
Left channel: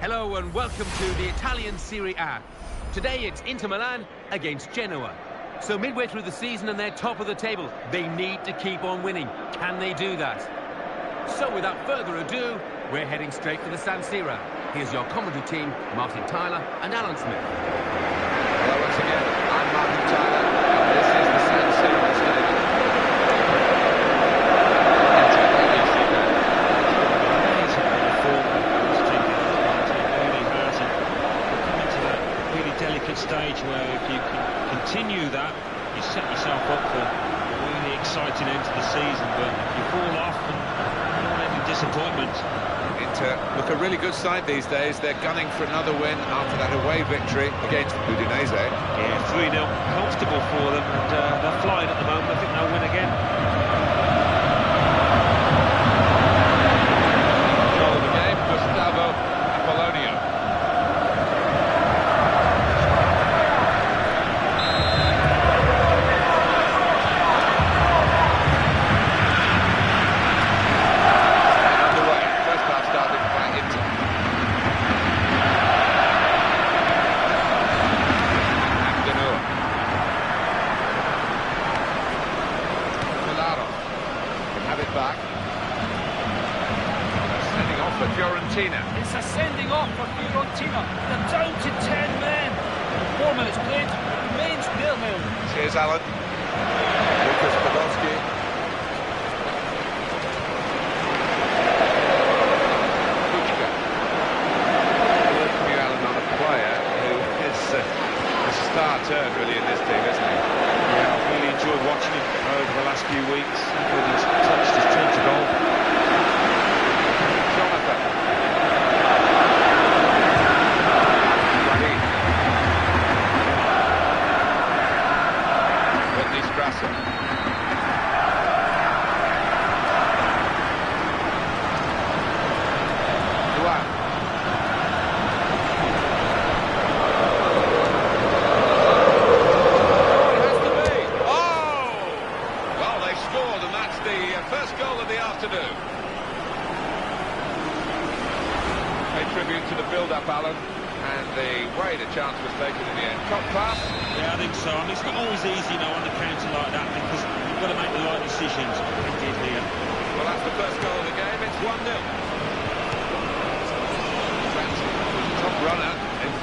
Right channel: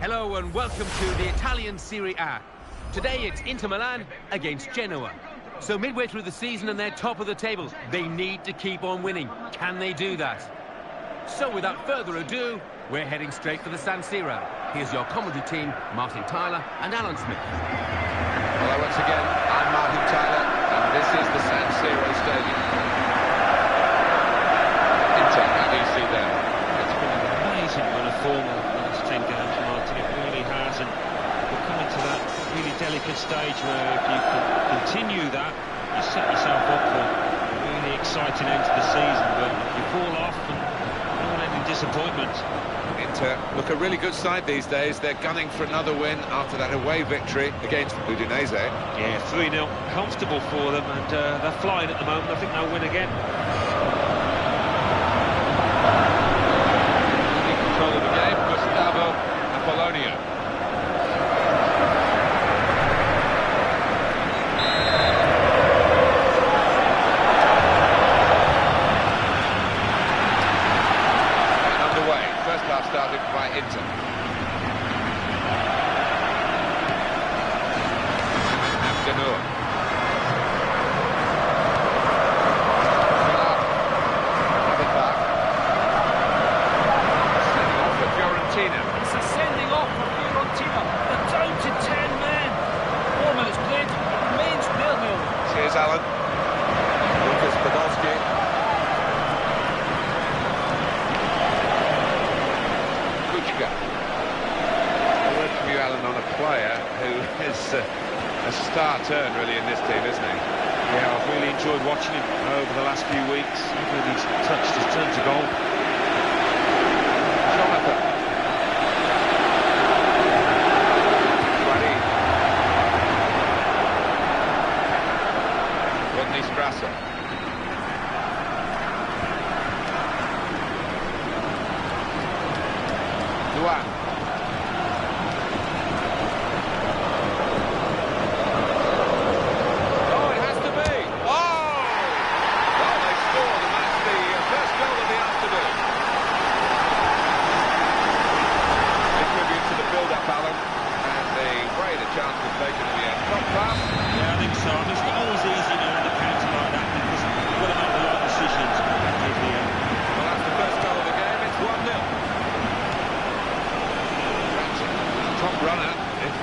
Hello and welcome to the Italian Serie A. Today it's Inter Milan against Genoa. So midway through the season and they're top of the table, they need to keep on winning. Can they do that? So without further ado, we're heading straight for the San Siro. Here's your commentary team, Martin Tyler and Alan Smith. Hello once again, I'm Martin Tyler, and this is the San Siro Stadium. Inter, how do you see that? It's been an amazing run of form in this 10 games, Martin. It really has, and we're coming to that really delicate stage where if you can continue that, you set yourself up for a really exciting end to the season. But if you fall off, and you don't want any disappointment. Inter look a really good side these days. They're gunning for another win after that away victory against Udinese. Yeah, 3-0, comfortable for them, and they're flying at the moment. I think they'll win again. In control of the game, Gustavo Apollonio. Inter. Abdenur. Milano can have it back. Sending off for Fiorentina. It's a sending off for Fiorentina. They're down to 10 men. 4 minutes played. It remains 0-0. Cheers, Alan. Lucas Podolski. Kuchka. A word from you, Alan, on a player who is a star turn, really, in this team, isn't he? Yeah, I've really enjoyed watching him over the last few weeks. When he's touched his turn to goal. Jonathan. Guarin. Whitney Strasser. Luan. Oh, it has to be. Oh! Well, they scored, and that's the first goal of the afternoon. A tribute to the build-up, Alan, and the way the chance was taken in the end. Top pass. Yeah, I think so. I mean, it's not always easy, on a counter like that because you've got to make the right decisions. And did here. Well, that's the first goal of the game. It's 1-0. Ramsey was a top runner. If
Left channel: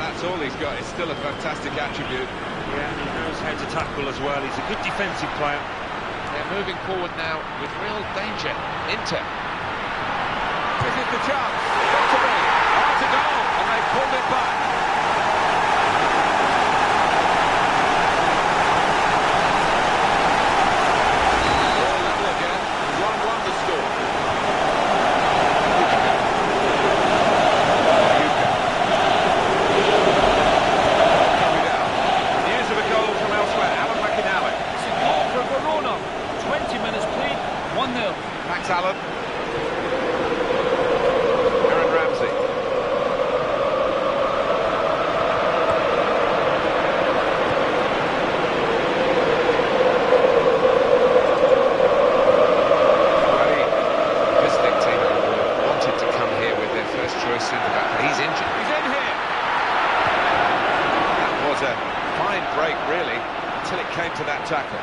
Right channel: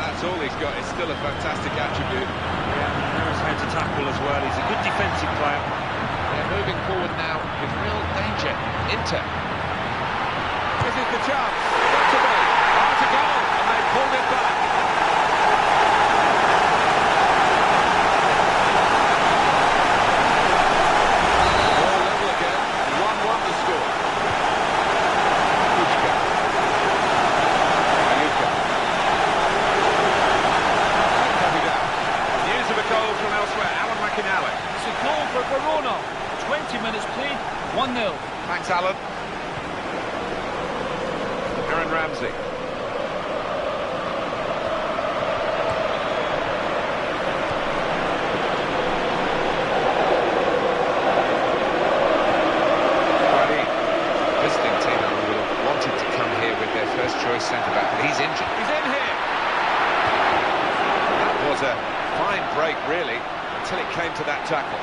that's all he's got, it's still a fantastic attribute. Yeah, and he knows how to tackle as well. He's a good defensive player. They're moving forward now with real danger. Inter. This is the chance. Got to be. Oh, it's a goal, and they pulled it back. We're all level again. 1-1 the score. Kuchka. Mayuka. Copied out. News of a goal from elsewhere. Alan McInally. It's a goal for Verona. 20 minutes played, 1-0. Thanks, Alan. Aaron Ramsey. Guarin. The visiting team would have wanted to come here with their first choice centre-back, but he's injured. He's in here! That was a fine break, really, until it came to that tackle.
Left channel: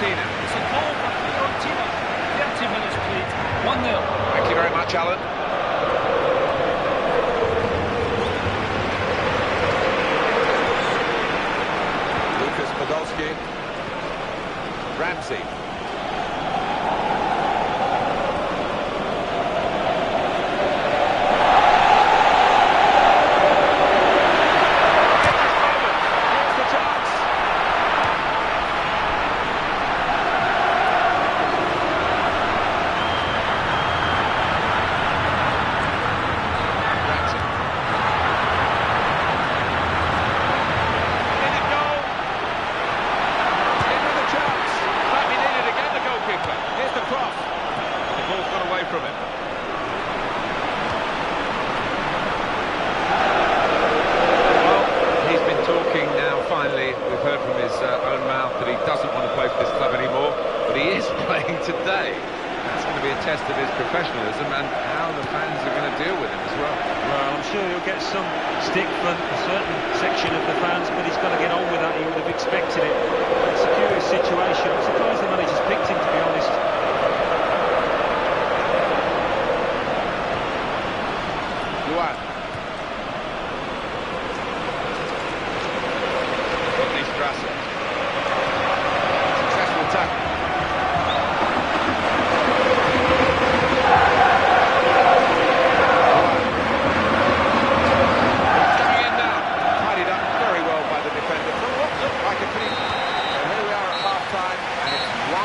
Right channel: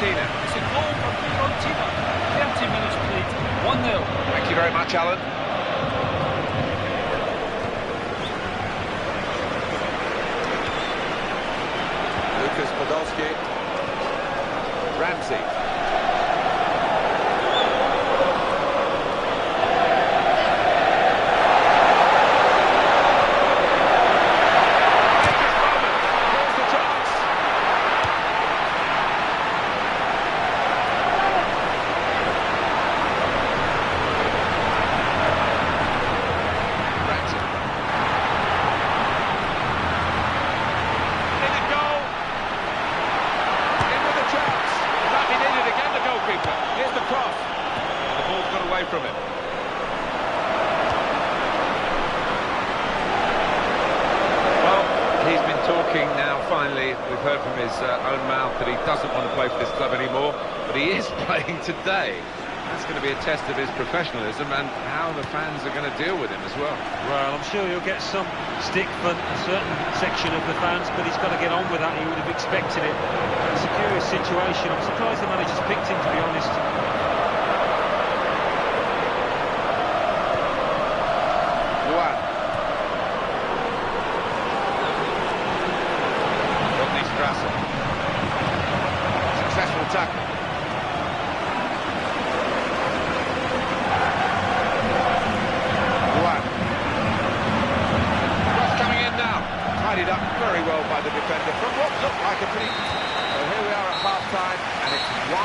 It's a goal for Fiorentina. 30 minutes played, 1-0. Thank you very much, Alan. Lucas Podolski. Ramsey. Here's the cross. And the ball's got away from him. Well, he's been talking now, finally. We've heard from his own mouth that he doesn't want to play for this club anymore, but he is playing today. That's going to be a test of his professionalism and how the fans are going to deal with him as well. Well, I'm sure he'll get some stick from a certain section of the fans, but he's got to get on with that. He would have expected it. It's a curious situation. I'm surprised the manager's picked him, to be honest. Luan. Whitney Strasser. Successful tackle. Luan. It's coming in now. Tidied up very well by the defender from what looked like a pretty... So here we are at half-time, and it's 1-1.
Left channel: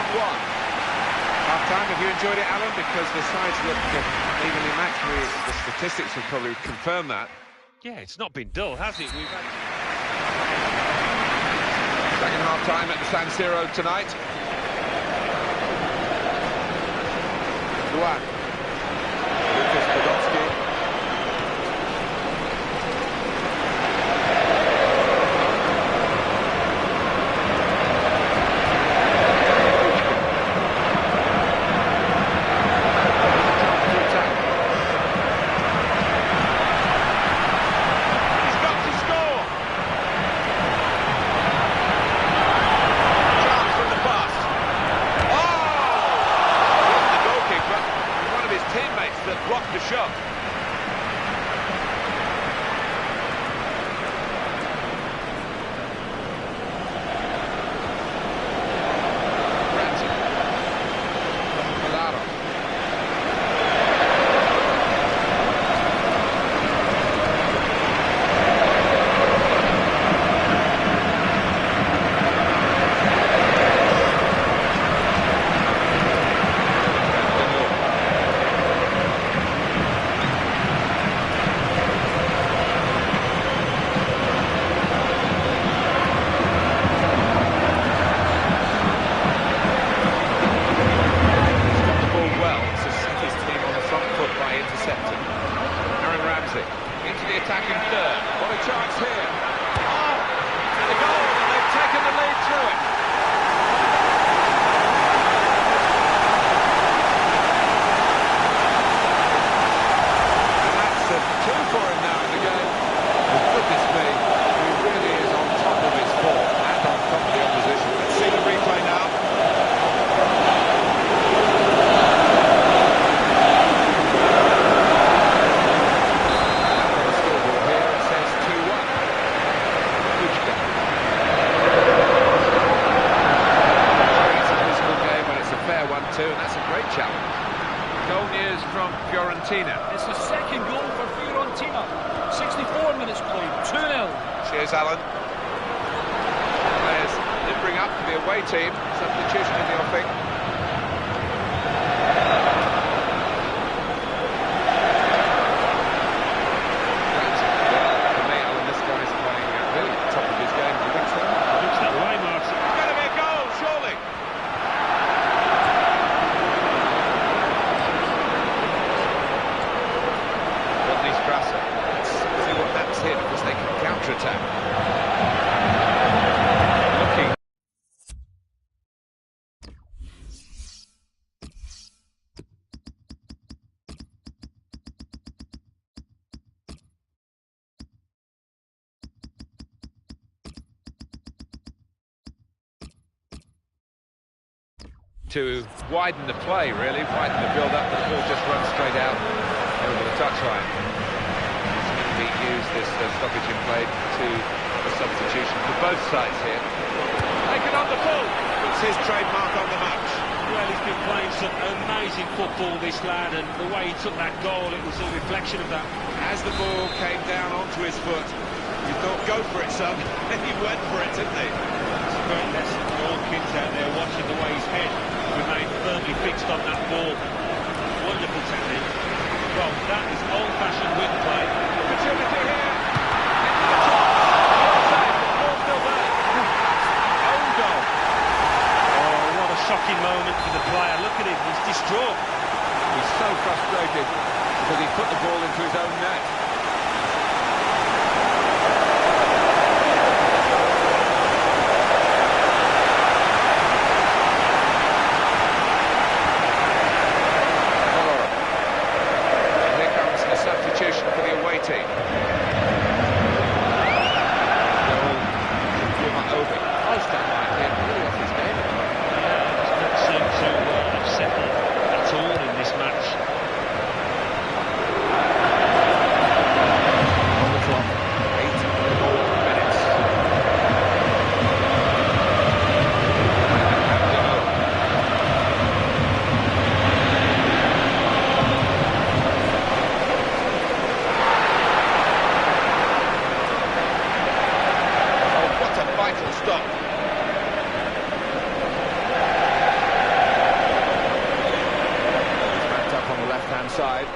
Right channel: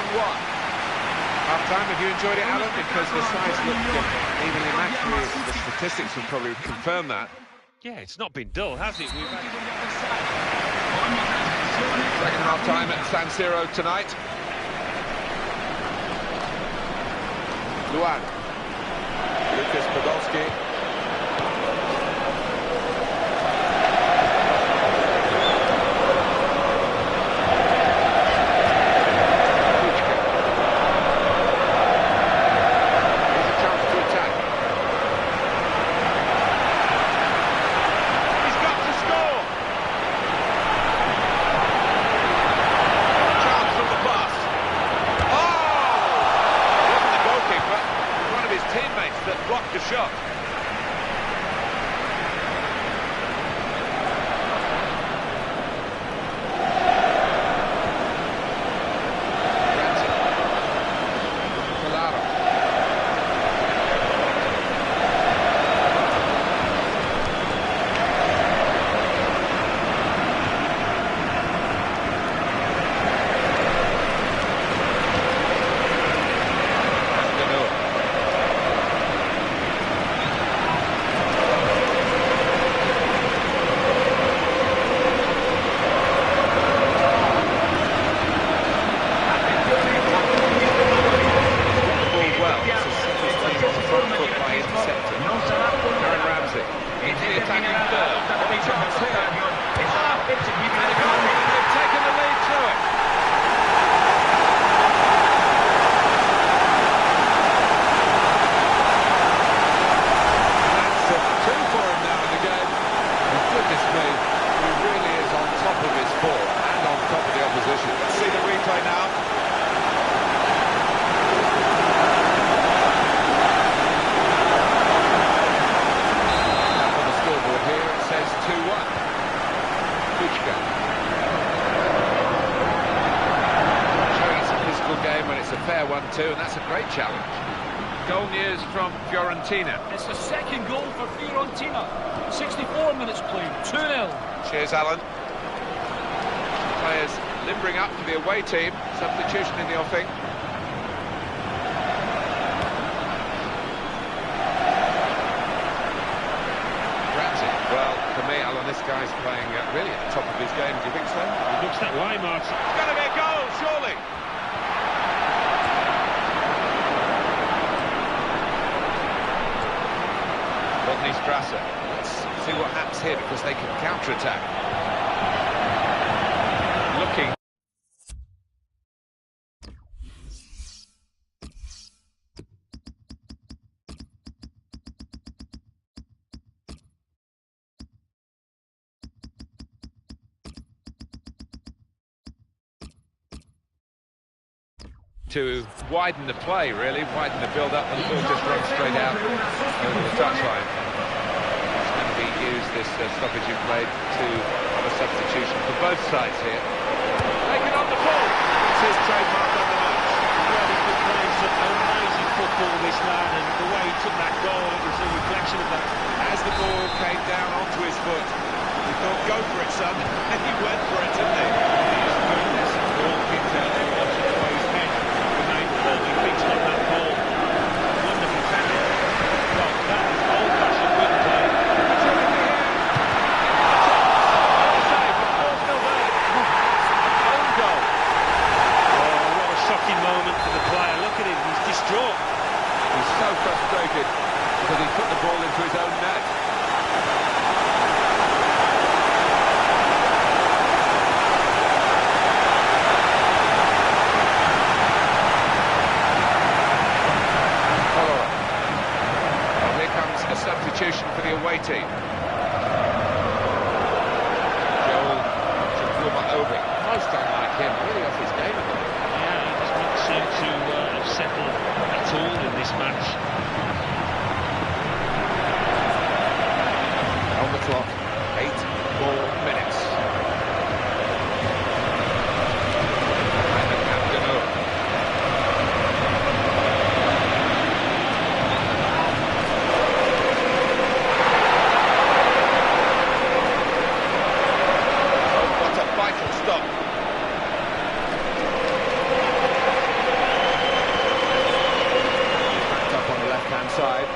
Half-time, have you enjoyed it, Alan? Because the sides look evenly matched. The statistics will probably confirm that. Yeah, it's not been dull, has it? We've had... Second half-time at the San Siro tonight. Luan. Lucas Podolski. Teammates that blocked the shot. Ransom. Colaro. Into the attacking third. What a chance here. Oh, and a goal, and they've taken the lead through it. And that's a 2 for him now in the game. Well, goodness me, he really is on top of his form and on top of the opposition. Let's see the replay now. Fair 1-2, and that's a great challenge. Goal news from Fiorentina. It's the second goal for Fiorentina. 64 minutes played, 2-0. Cheers, Alan. Players limbering up for the away team. Substitution in the offing. Ramsey. Well, for me, Alan, this guy's playing really at the top of his game. Do you think so? It looks that way, Martin. It's going to be a goal, surely. Strasser. Let's see what happens here, because they can counter-attack. Looking. To widen the play, really, widen the build-up, but the ball just runs straight out over the touchline. Use this stoppage in play to have a substitution for both sides here. Taken on the ball. It's his trademark on the match. Well, he's been playing some amazing football, this lad, and the way he took that goal, it was a reflection of that. As the ball came down onto his foot, he thought, go for it, son, and he went for it, didn't he? It's a great lesson for all kids out there watching the way his head remained firmly fixed on that ball. Wonderful technique. Well, that is old-fashioned wing play. Opportunity here. Into the chance. Well saved, but the ball's still there. That's an own goal. Oh, what a shocking moment for the player. Look at him, he's distraught. He's so frustrated because he put the ball into his own net. A substitution for the away team. Goal to Obi. Most unlike him, really off his game at the moment. Yeah, he does not seem to have settled at all in this match. On the clock, 8 more minutes. Vital stop. He's backed up on the left-hand side.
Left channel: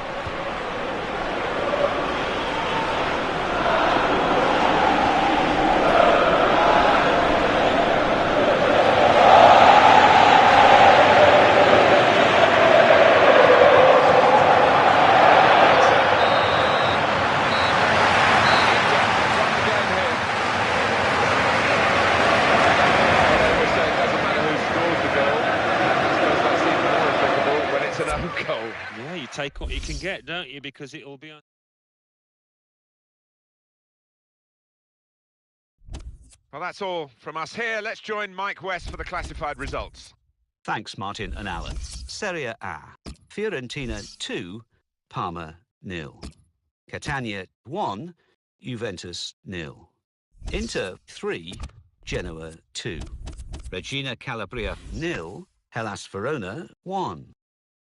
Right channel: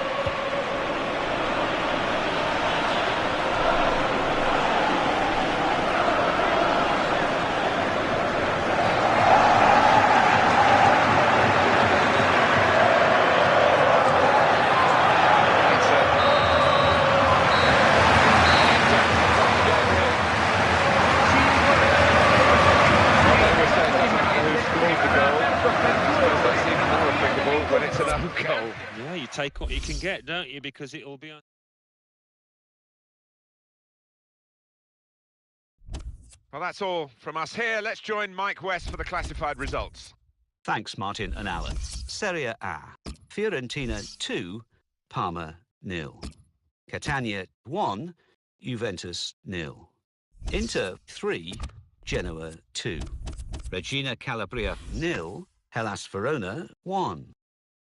It's an own goal. Yeah, you take what you can get, don't you? Because it'll be on. Well, that's all from us here. Let's join Mike West for the classified results. Thanks, Martin and Alan. Serie A. Fiorentina 2, Parma 0. Catania 1, Juventus 0. Inter 3, Genoa 2. Regina Calabria 0, Hellas Verona 1.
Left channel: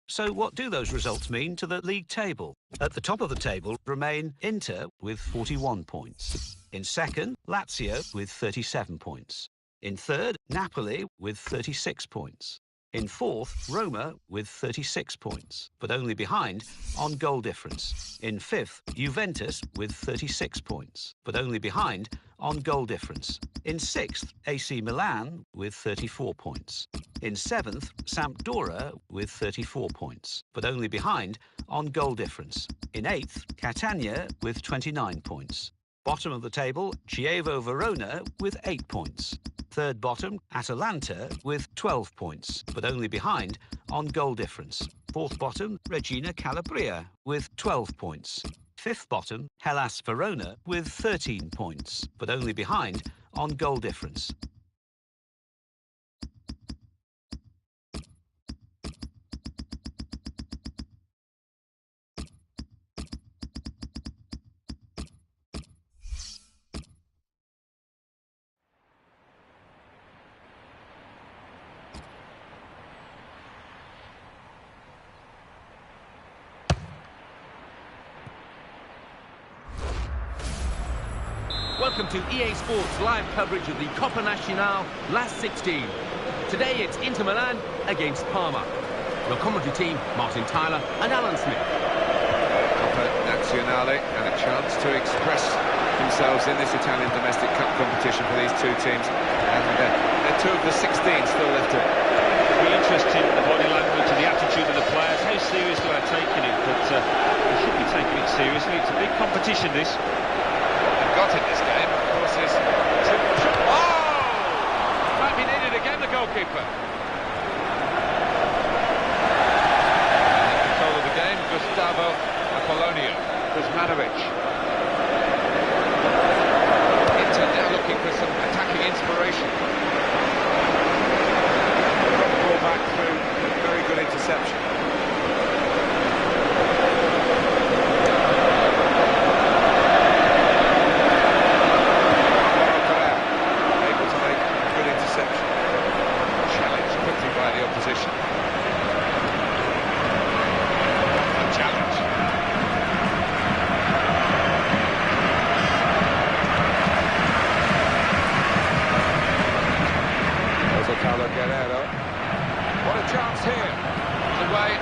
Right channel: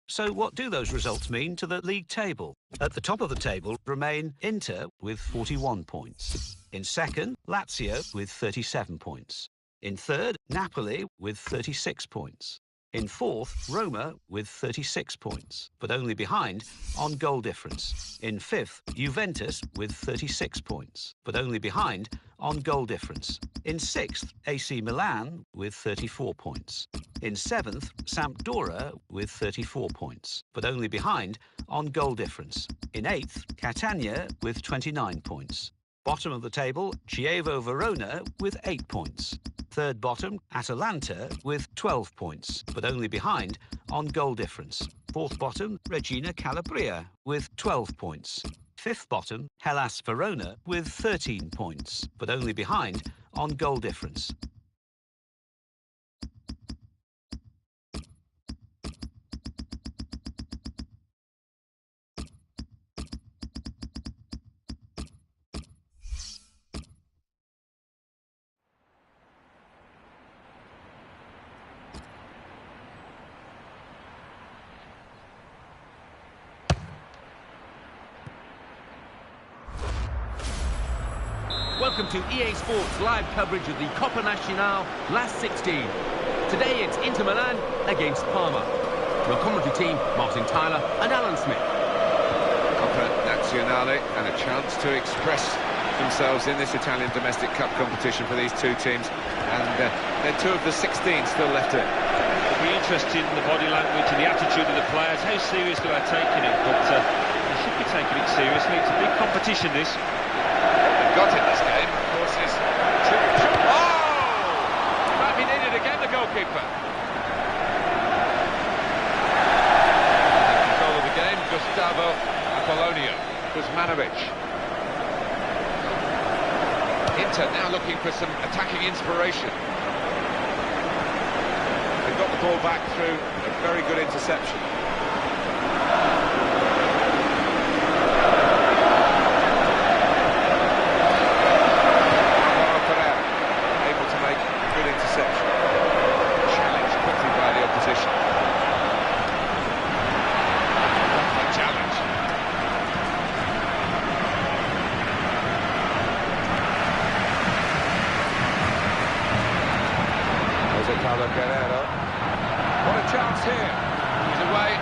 So what do those results mean to the league table? At the top of the table remain Inter with 41 points. In second, Lazio with 37 points. In third, Napoli with 36 points. In fourth, Roma with 36 points, but only behind on goal difference. In fifth, Juventus with 36 points, but only behind on goal difference. In sixth, AC Milan with 34 points. In seventh, Sampdoria with 34 points, but only behind on goal difference. In eighth, Catania with 29 points. Bottom of the table, Chievo Verona with 8 points. Third bottom, Atalanta with 12 points, but only behind on goal difference. Fourth bottom, Regina Calabria with 12 points. Fifth bottom, Hellas Verona with 13 points, but only behind on goal difference. Welcome to EA Sports live coverage of the Coppa Nacional last 16. Today it's Inter Milan against Parma. Your commentary team, Martin Tyler and Alan Smith. Coppa Nazionale, and a chance to express themselves in this Italian domestic cup competition for these two teams. And they're two of the 16 still left to it. It'll be interesting, the body language and the attitude of the players. How seriously are they taking it? But they should be taking it seriously. It's a big competition, this. Got in this game, of course, is oh! Might be needed again, the goalkeeper. And in control of the game, Gustavo Apollonio. Kuzmanovic. Inter now looking for some attacking inspiration. They've got the ball back through a very good interception. Interception. Challenged quickly by the opposition. A challenge. Jose Carlos Guerrero. What a chance here. He's away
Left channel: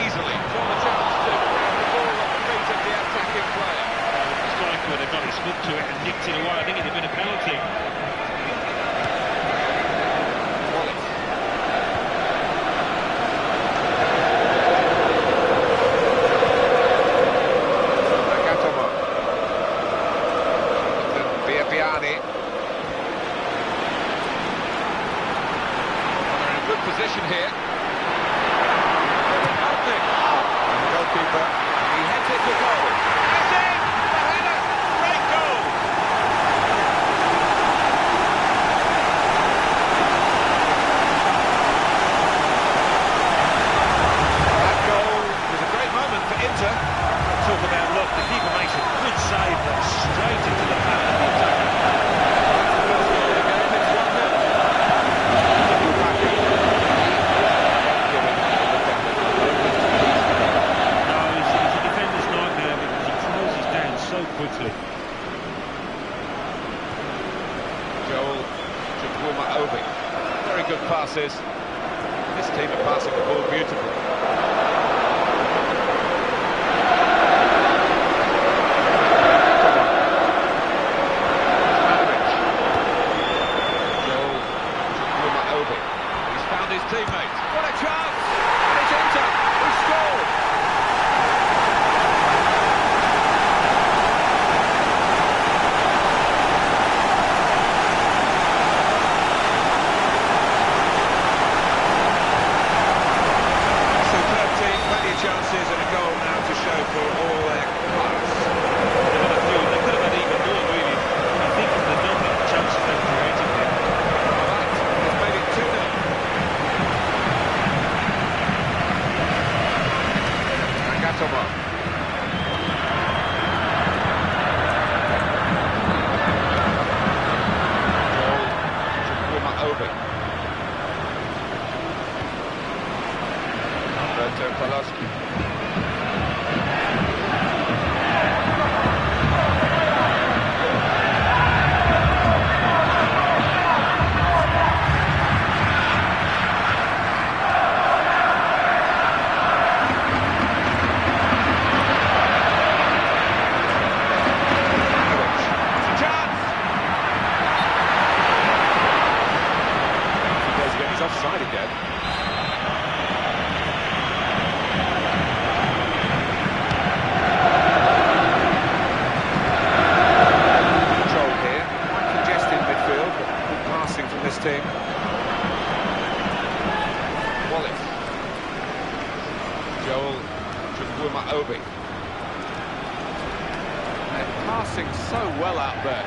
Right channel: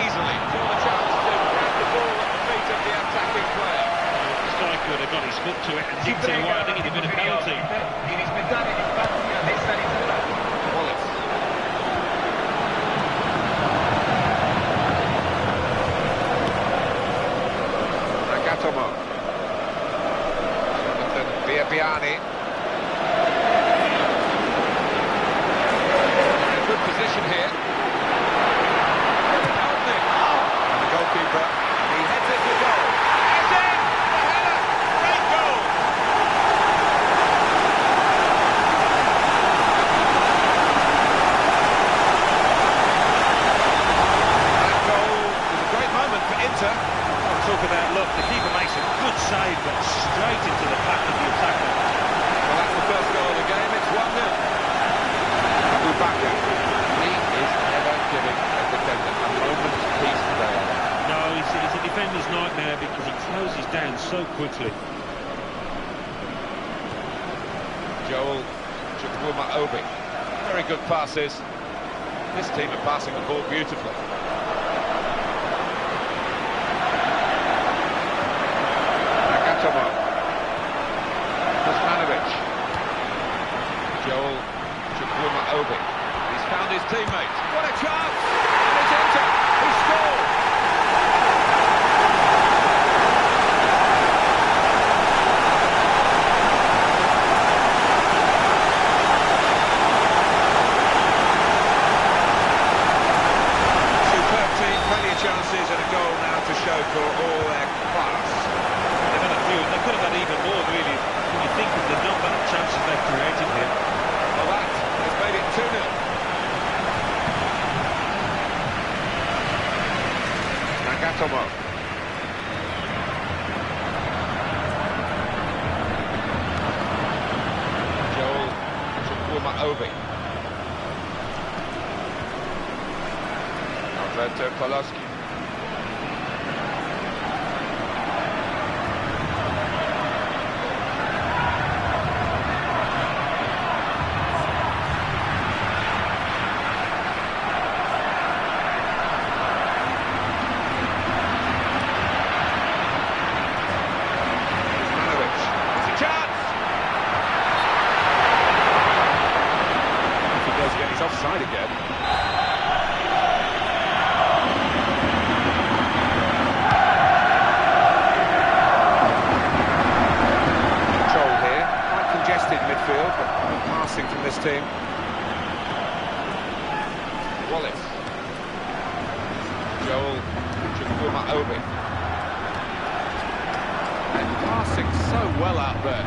easily. Saw the chance to grab the ball at the feet of the attacking player. The striker would have got his foot to it and nicked it away. I think it'd have been a penalty. Biani. They're in a good position here. And the goalkeeper, he heads it to goal. And it's in! The header! Great goal! That goal was a great moment for Inter. Talk about luck, the keeper makes a good save, but straight into the path of the attacker. Well, that's the first goal of the game, it's 1-0. Bubaka, he is never giving a defender a moment's peace today. No, he's a defender's nightmare because he closes down so quickly. Joel Chukwuma-Obi, very good passes. This team are passing the ball beautifully. He's found his teammates. What a chance! And it's Inter who scored! Superb team, plenty of chances and a goal now to show for all their class. They've had a few, and they could have had even more, really, when you think of the number of chances they've created here. Well, that has made it 2-0. Nagatomo. Joel Chukwuma-Obi. Alberto Poloski. He's offside again. Control here, quite congested midfield, but good passing from this team. Wallace. Joel Chukwuma-Obi. And passing so well out there.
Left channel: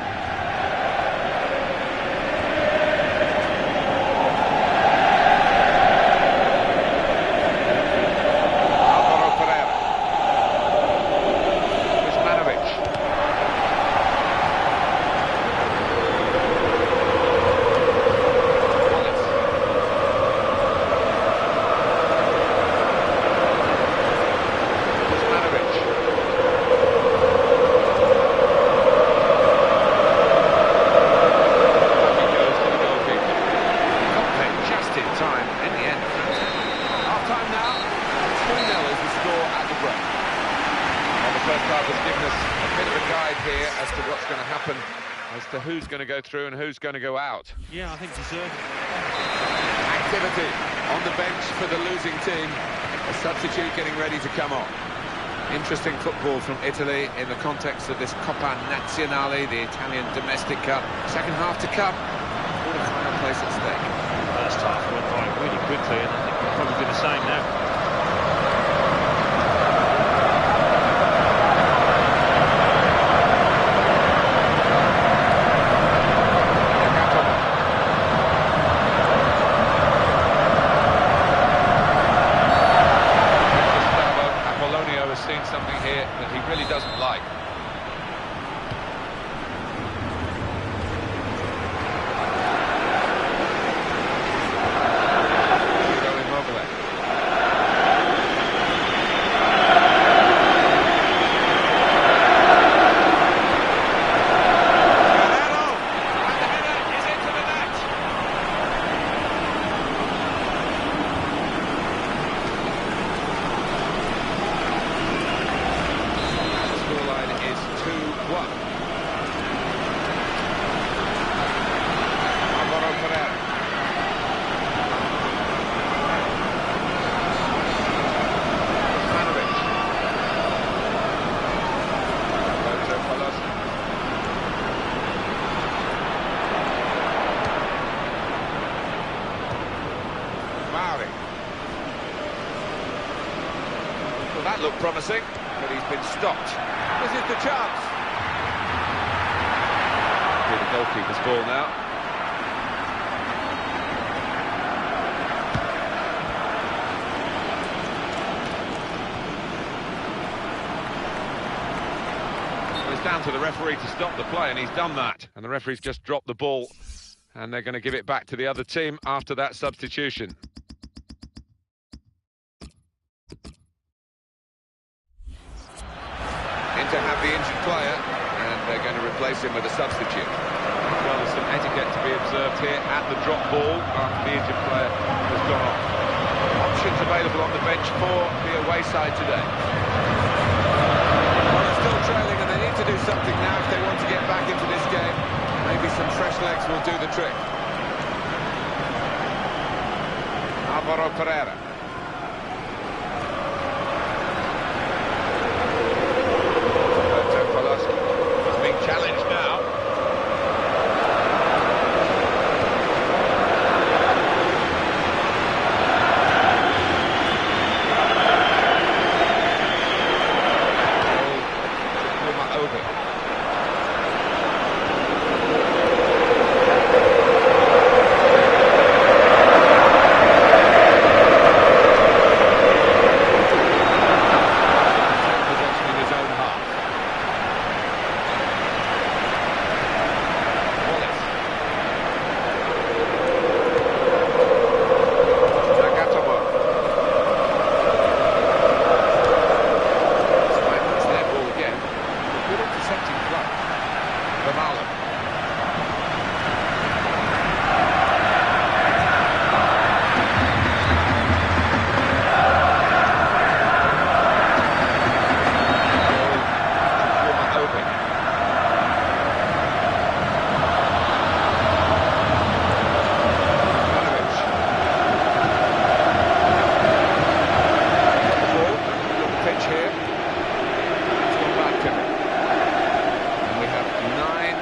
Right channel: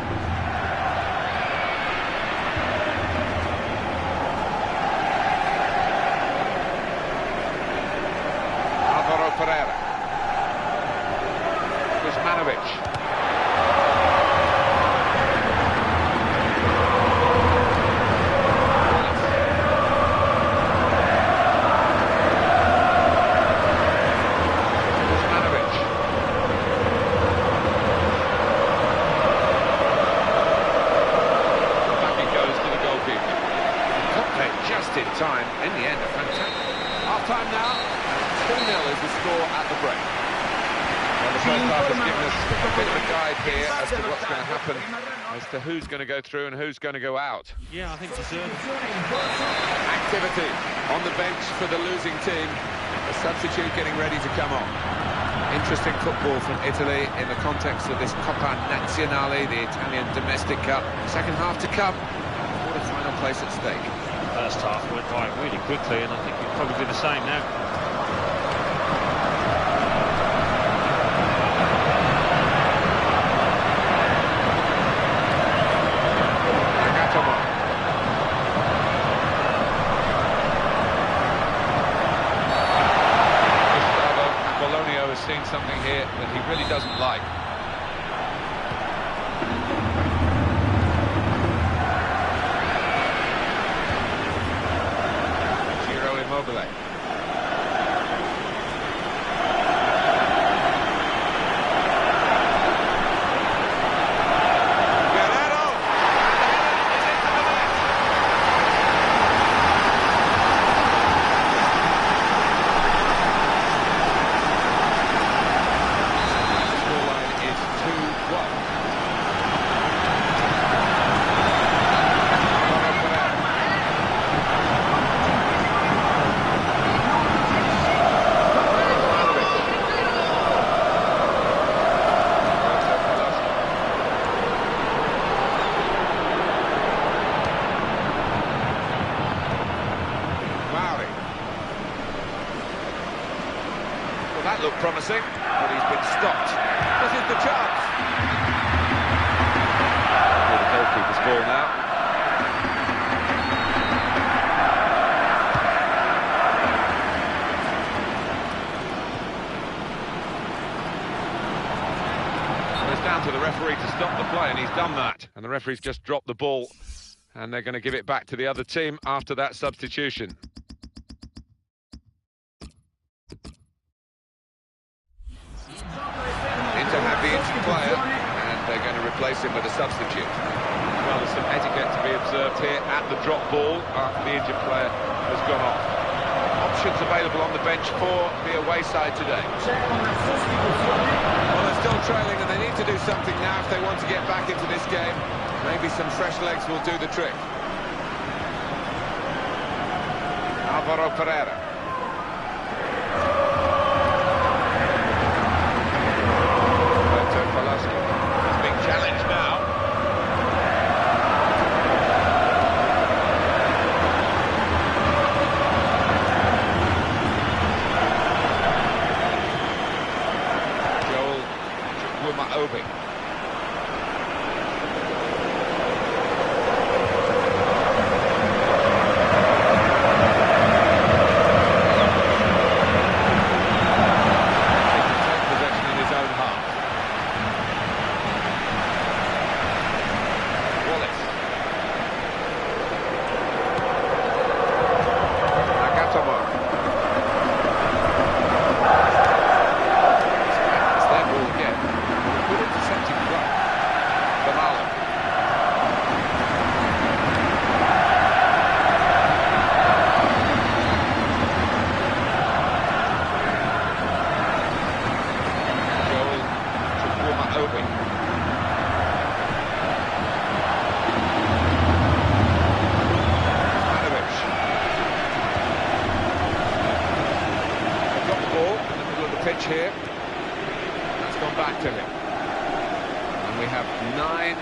Time in the end, fantastic. Half-time now, 2-0 is the score at the break. Well, the first half has given us a bit of a guide here as to what's going to happen, as to who's going to go through and who's going to go out. Yeah, I think deserved. Activity on the bench for the losing team. A substitute getting ready to come on. Interesting football from Italy in the context of this Coppa Nazionale, the Italian domestic cup. Second half to come. Quarter-final place at stake. First half went by really quickly, and I think it'll probably be the same now. Nagatomo. Gustavo Apollonio has seen something here that he really doesn't like. Well, that looked promising, but he's been stopped. This is the chance. Here's the goalkeeper's ball now. Well, it's down to the referee to stop the play, and he's done that. And the referee's just dropped the ball, and they're going to give it back to the other team after that substitution. To have the injured player, and they're going to replace him with a substitute. Well, there's some etiquette to be observed here at the drop ball after the injured player has gone off. Options available on the bench for the away side today. Well, they're still trailing, and they need to do something now if they want to get back into this game. Maybe some fresh legs will do the trick. Alvaro Pereira. He's being challenged now.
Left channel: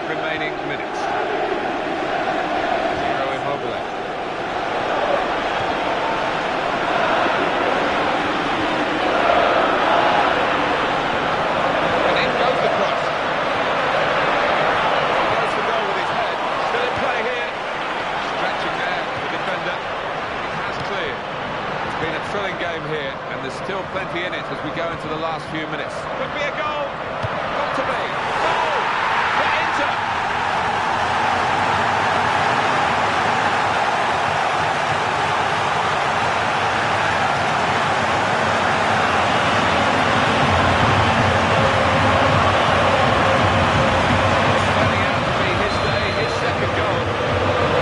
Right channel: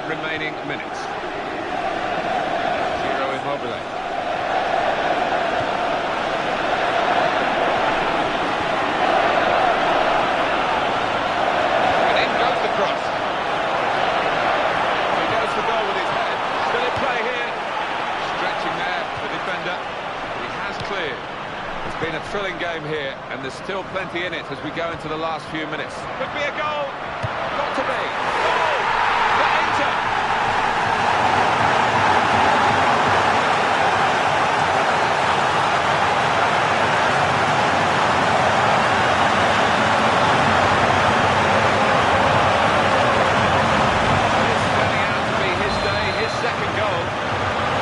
remaining minutes. Zero Immobile. And in goes the cross. He goes for goal with his head. Still in play here. Stretching there, the defender. He has cleared. It's been a thrilling game here, and there's still plenty in it as we go into the last few minutes. Could be a goal. Got to be. Goal for Inter. It's turning out to be his day, his second goal.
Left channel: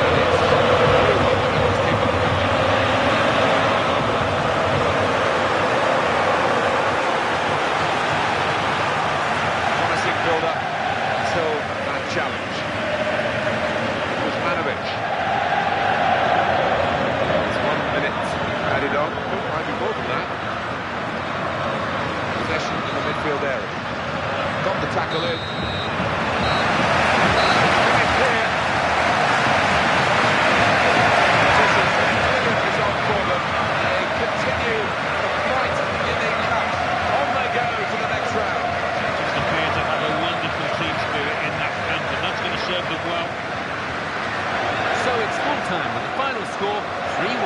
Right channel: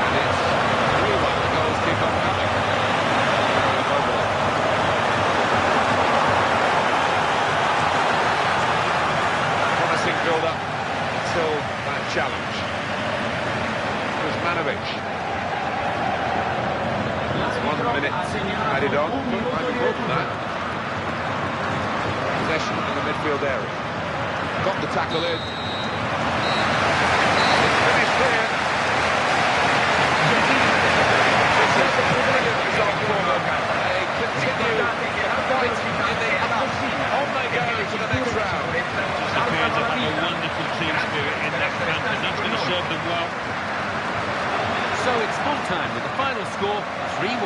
And it's through one. The goals keep on coming. Immobile. Promising build-up until that challenge. Kuzmanovic. It's 1 minute added on. Might be more than that. Possession in the midfield area. Got the tackle in. It's finished here. This is a brilliant result for them. They continue the fight in the cup. On they go to the next round. Just appear to have a wonderful team spirit in that camp, and that's going to serve them well. So it's full time with the final score 3-1.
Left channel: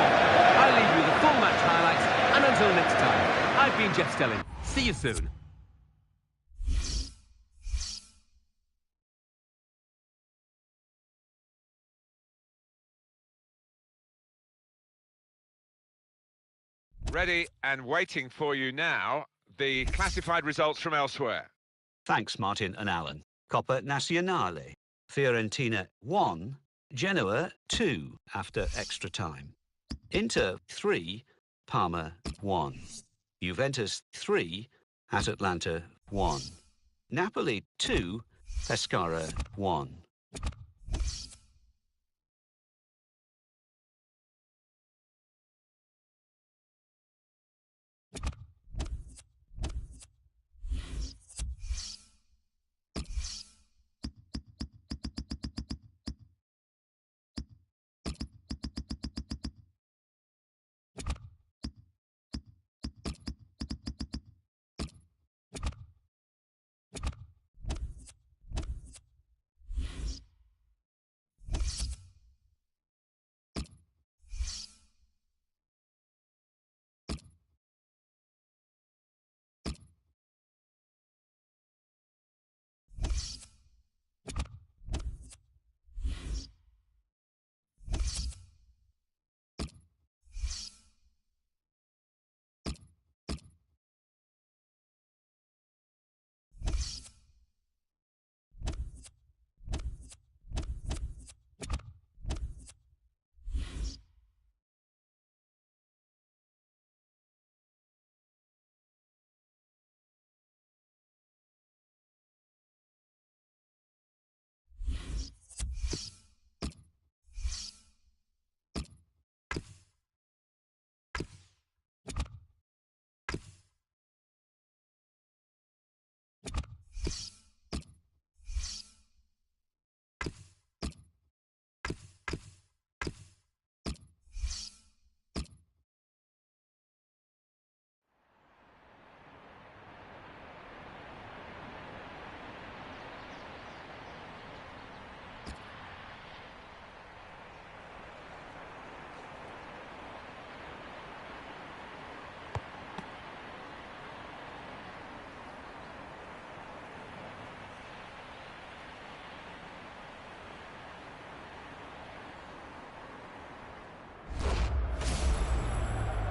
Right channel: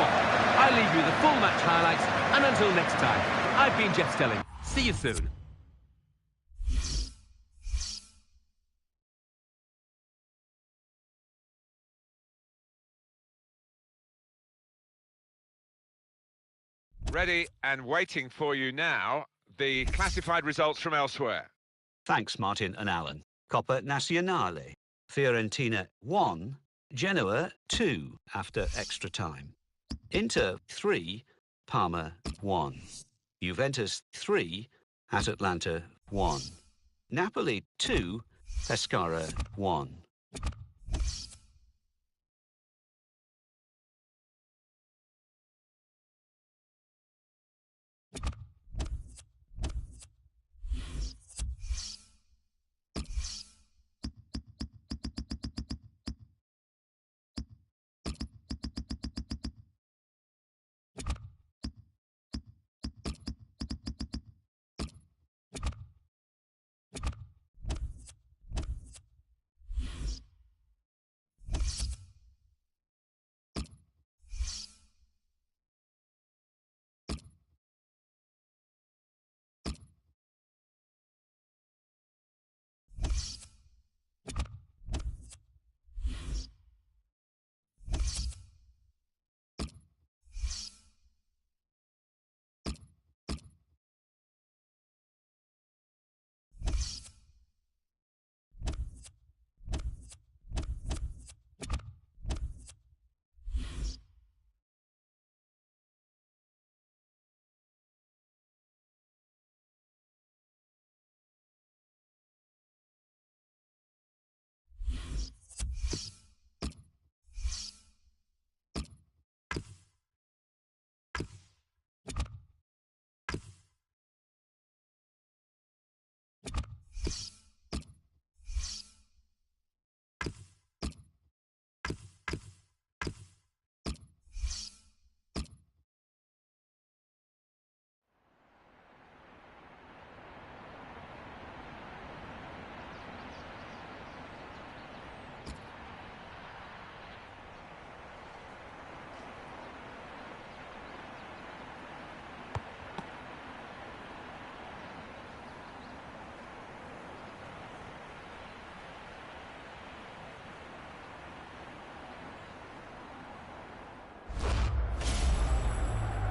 I leave you the full match highlights, and until next time, I've been Jeff Stelling. See you soon. Ready and waiting for you now, the classified results from elsewhere. Thanks, Martin and Alan. Coppa Nazionale. Fiorentina 1, Genoa 2 after extra time. Inter 3, Parma 1. Juventus 3, at Atlanta 1. Napoli 2, Pescara 1.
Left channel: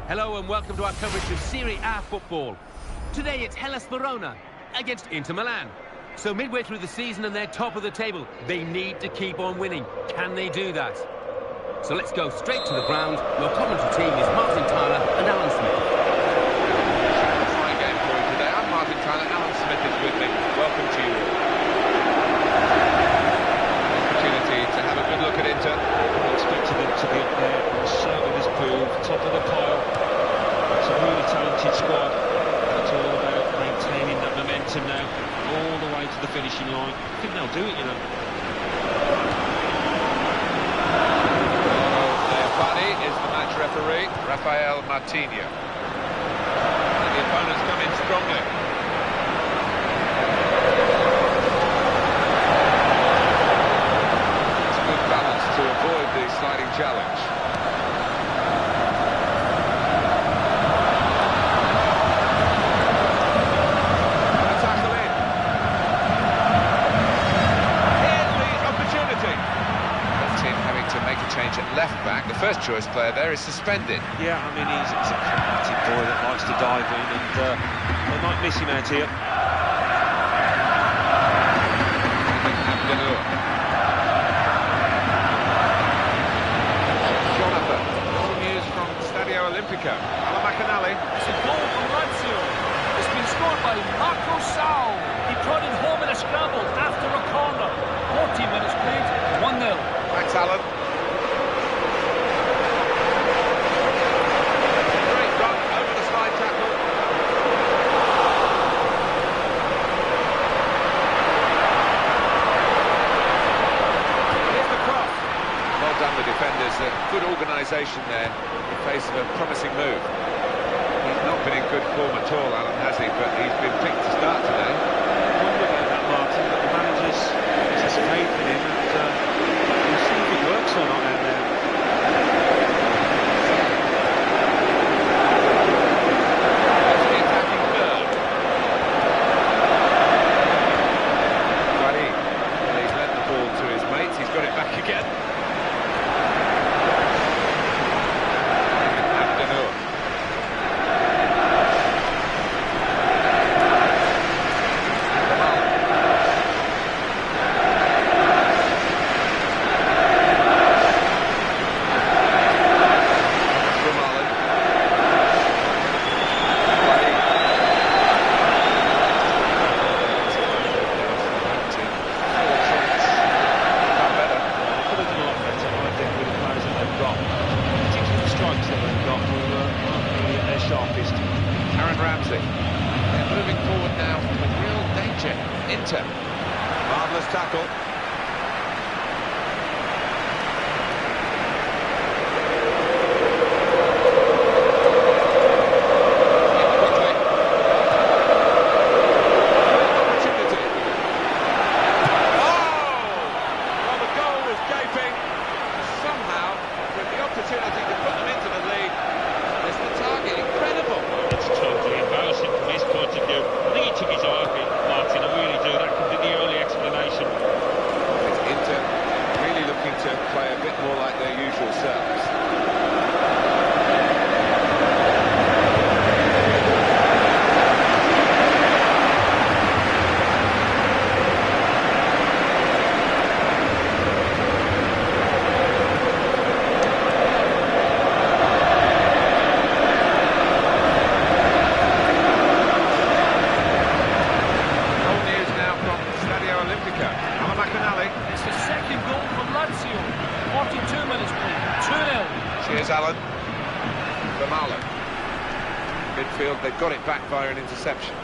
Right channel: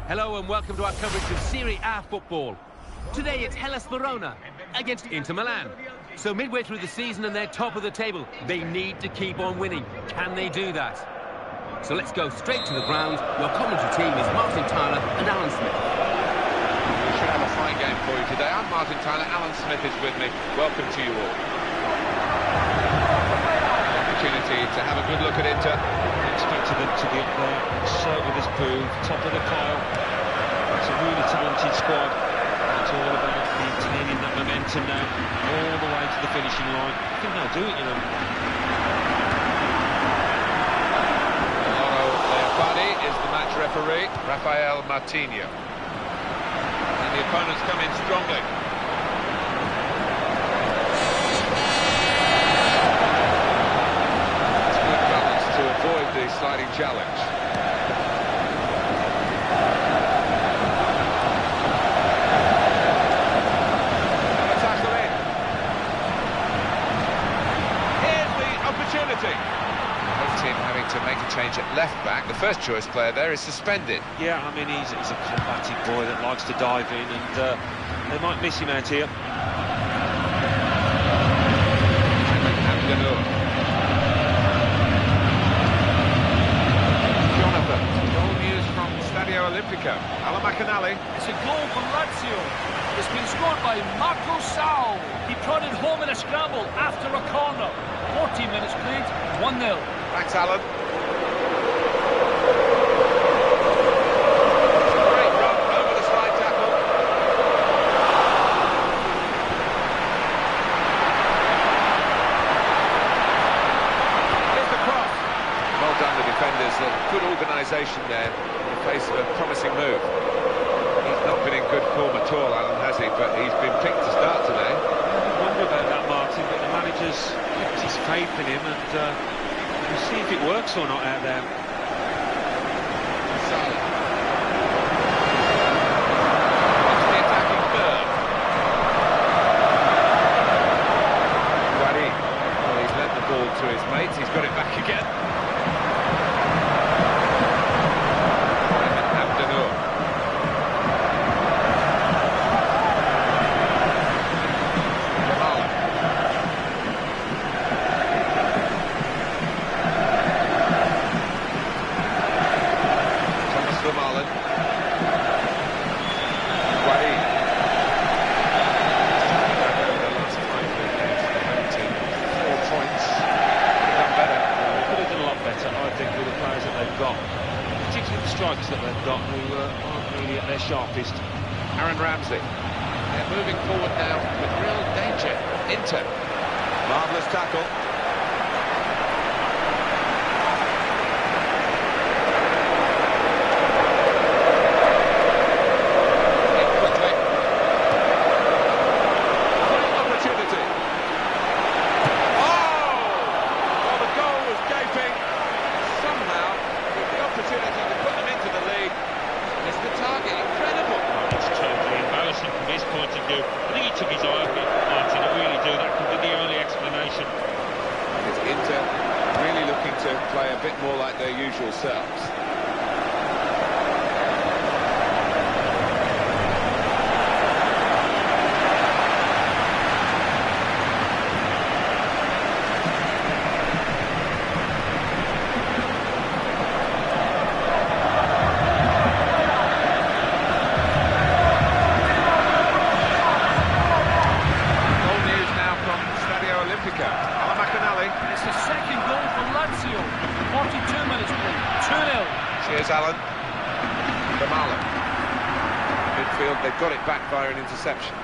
Hello and welcome to our coverage of Serie A football. Today it's Hellas Verona against Inter Milan. So midway through the season and they're top of the table, they need to keep on winning. Can they do that? So let's go straight to the ground. Your commentary team is Martin Tyler and Alan Smith. We should have a fine game for you today. I'm Martin Tyler, Alan Smith is with me. Welcome to you all. Opportunity to have a good look at Inter. Expected them to be up there, and so it has proved. Top of the pile. It's a really talented squad. It's all about maintaining that momentum now all the way to the finishing line. I think they'll do it, you know. Leopardi is the match referee, Rafael Martinho. And the opponents come in strongly. It's good balance to avoid the sliding challenge. And a tackle in. Here's the opportunity. Team having to make a change at left-back. The first choice player there is suspended. Yeah, I mean, he's a combative boy that likes to dive in, and they might miss him out here. Jonathan, goal news from Stadio Olimpico. aleXan. It's a goal from Lazio. It's been scored by Marco Sau. He prodded home in a scramble after a corner. 14 minutes played, 1-0. Thanks, Alan. It's a great run over the slide tackle. Here's the cross. Well done, the defenders. Good organisation there in the face of a promising move. He's not been in good form at all, Alan, has he? But he's been picked to start today. I wonder about that, Martin, but the manager's got his faith in him, and we'll see if it works or not out there. Onto the attacking third. Guarin. Well, he's lent the ball to his mates. He's got it back again. They're moving forward now with real danger. Inter. Marvellous tackle. In quickly. Great opportunity. Oh! Well, the goal was gaping. Somehow, with the opportunity to put them into the lead, missed the target. Incredible. It's totally embarrassing from his point of view. I think he took his eye off it, Martin. I really do. That could be the only explanation. And it's Inter really looking to play a bit more like their usual selves. aleXan. It's the second goal for Lazio. 42 minutes played, 2-0. Cheers, Alan. Vermaelen. Midfield, they've got it back via an interception.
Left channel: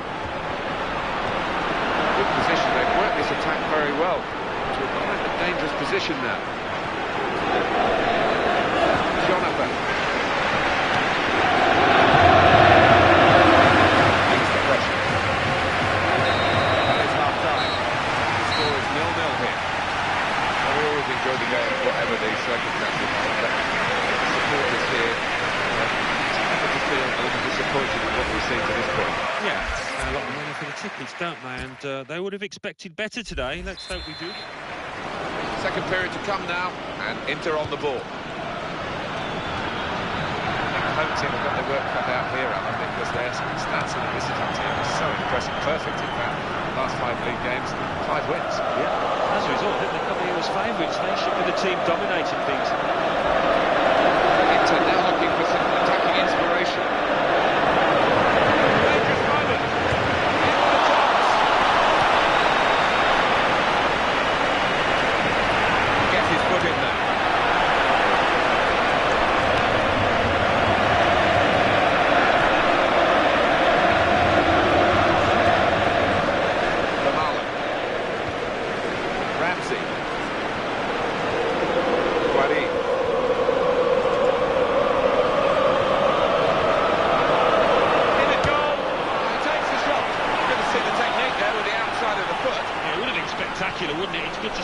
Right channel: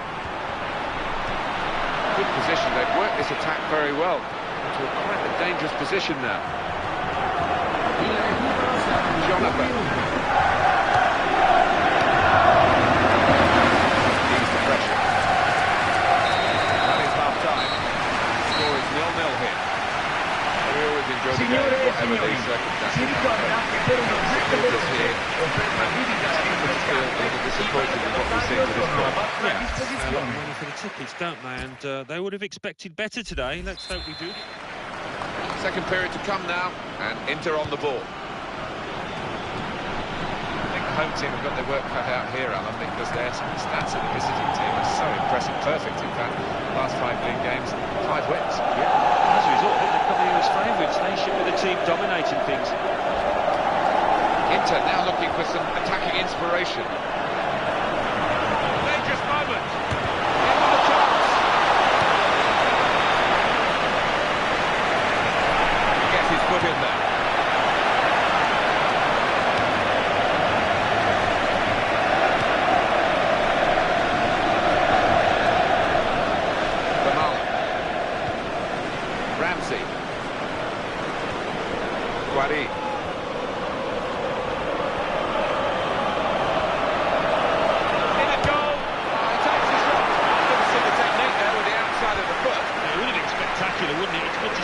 Good position, they've worked this attack very well to quite a dangerous position now. Jonathan. Ease the pressure. That is half-time. The score is 0-0 here. We always enjoy the game, whatever the circumstances are. But supporters here to feel a little disappointed with what we've seen to this point. Yeah, a lot of money for the tickets, don't they? And they would have expected better today. Let's hope we do. Second period to come now, and Inter on the ball. I think the home team have got their work cut out here, Alan, because their stats of the visiting team are so impressive. Perfect, in fact. Last 5 league games, 5 wins. Yeah, as a result, I think they come here as favourites. They should be the team dominating things. Inter now looking for some attacking inspiration. Dangerous moment. In with a chance. Gets his foot in there.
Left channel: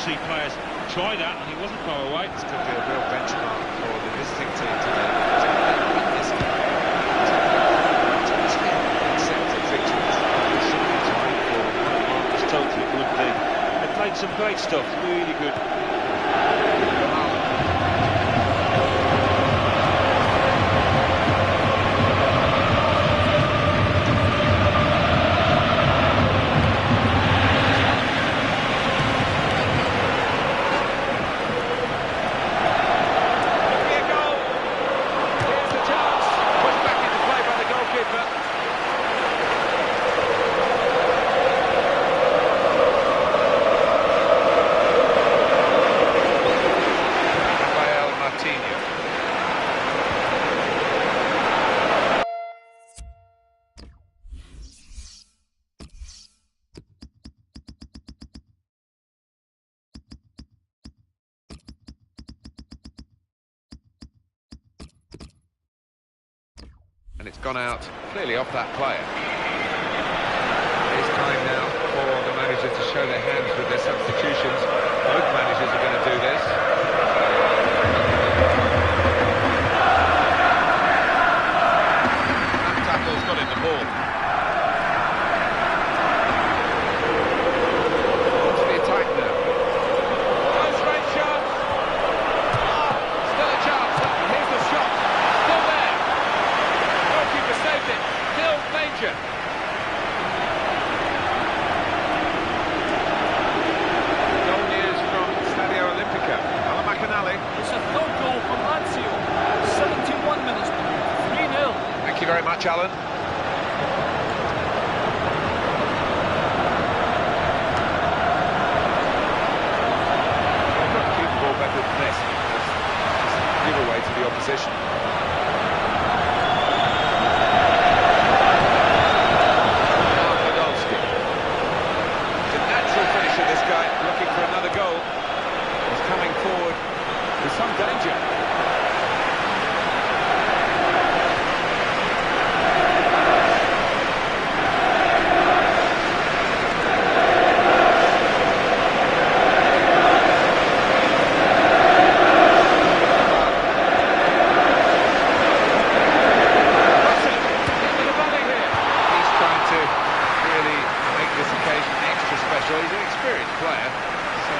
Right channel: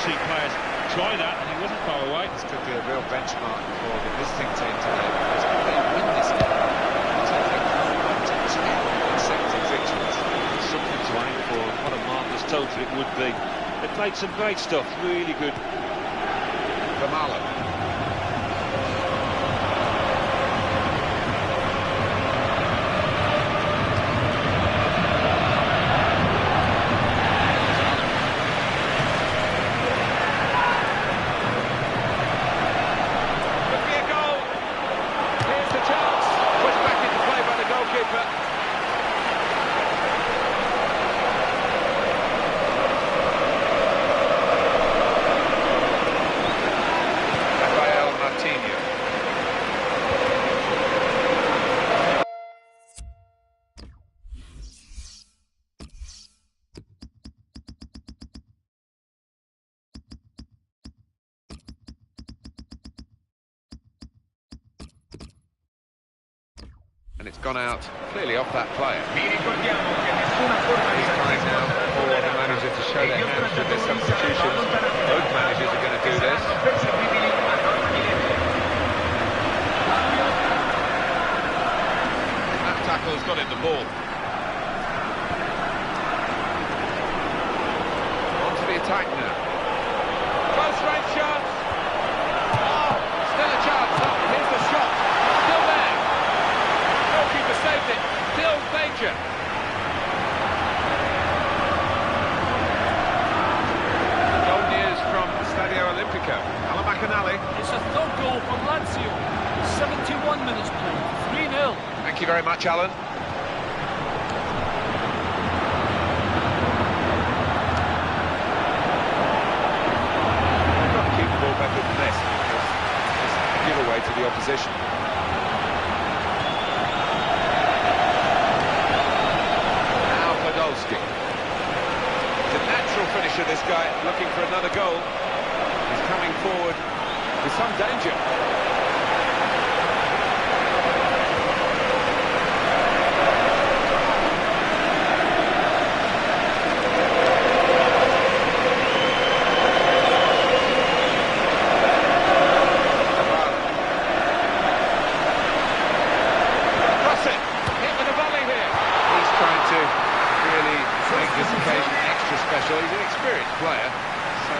see players try that, and he wasn't far away. This could be a real benchmark for the visiting team today, because if they win this game, they'll take their to 10 consecutive victories. It's something to aim for. What a marvellous total it would be. They played some great stuff, really good. From Allen. And it's gone out clearly off that player. It's time now for the manager to show their hands with their substitutions. Both managers are going to do this. That tackle's got in the ball. On to the attack now. Close range shots. Oh, still a chance. Here's the shot. Still there. Goalkeeper saved it. Still danger. Goal news from Stadio Olimpico. aleXan. It's a third goal from Lazio. 71 minutes played. 3-0. Thank you very much, Alan. They've got to keep the ball better than this, because it's a giveaway to the opposition. He's a natural finisher, this guy, looking for another goal. He's coming forward with some danger. Crossing, hit with a volley here. He's trying to really make this occasion extra special. He's an experienced player, so...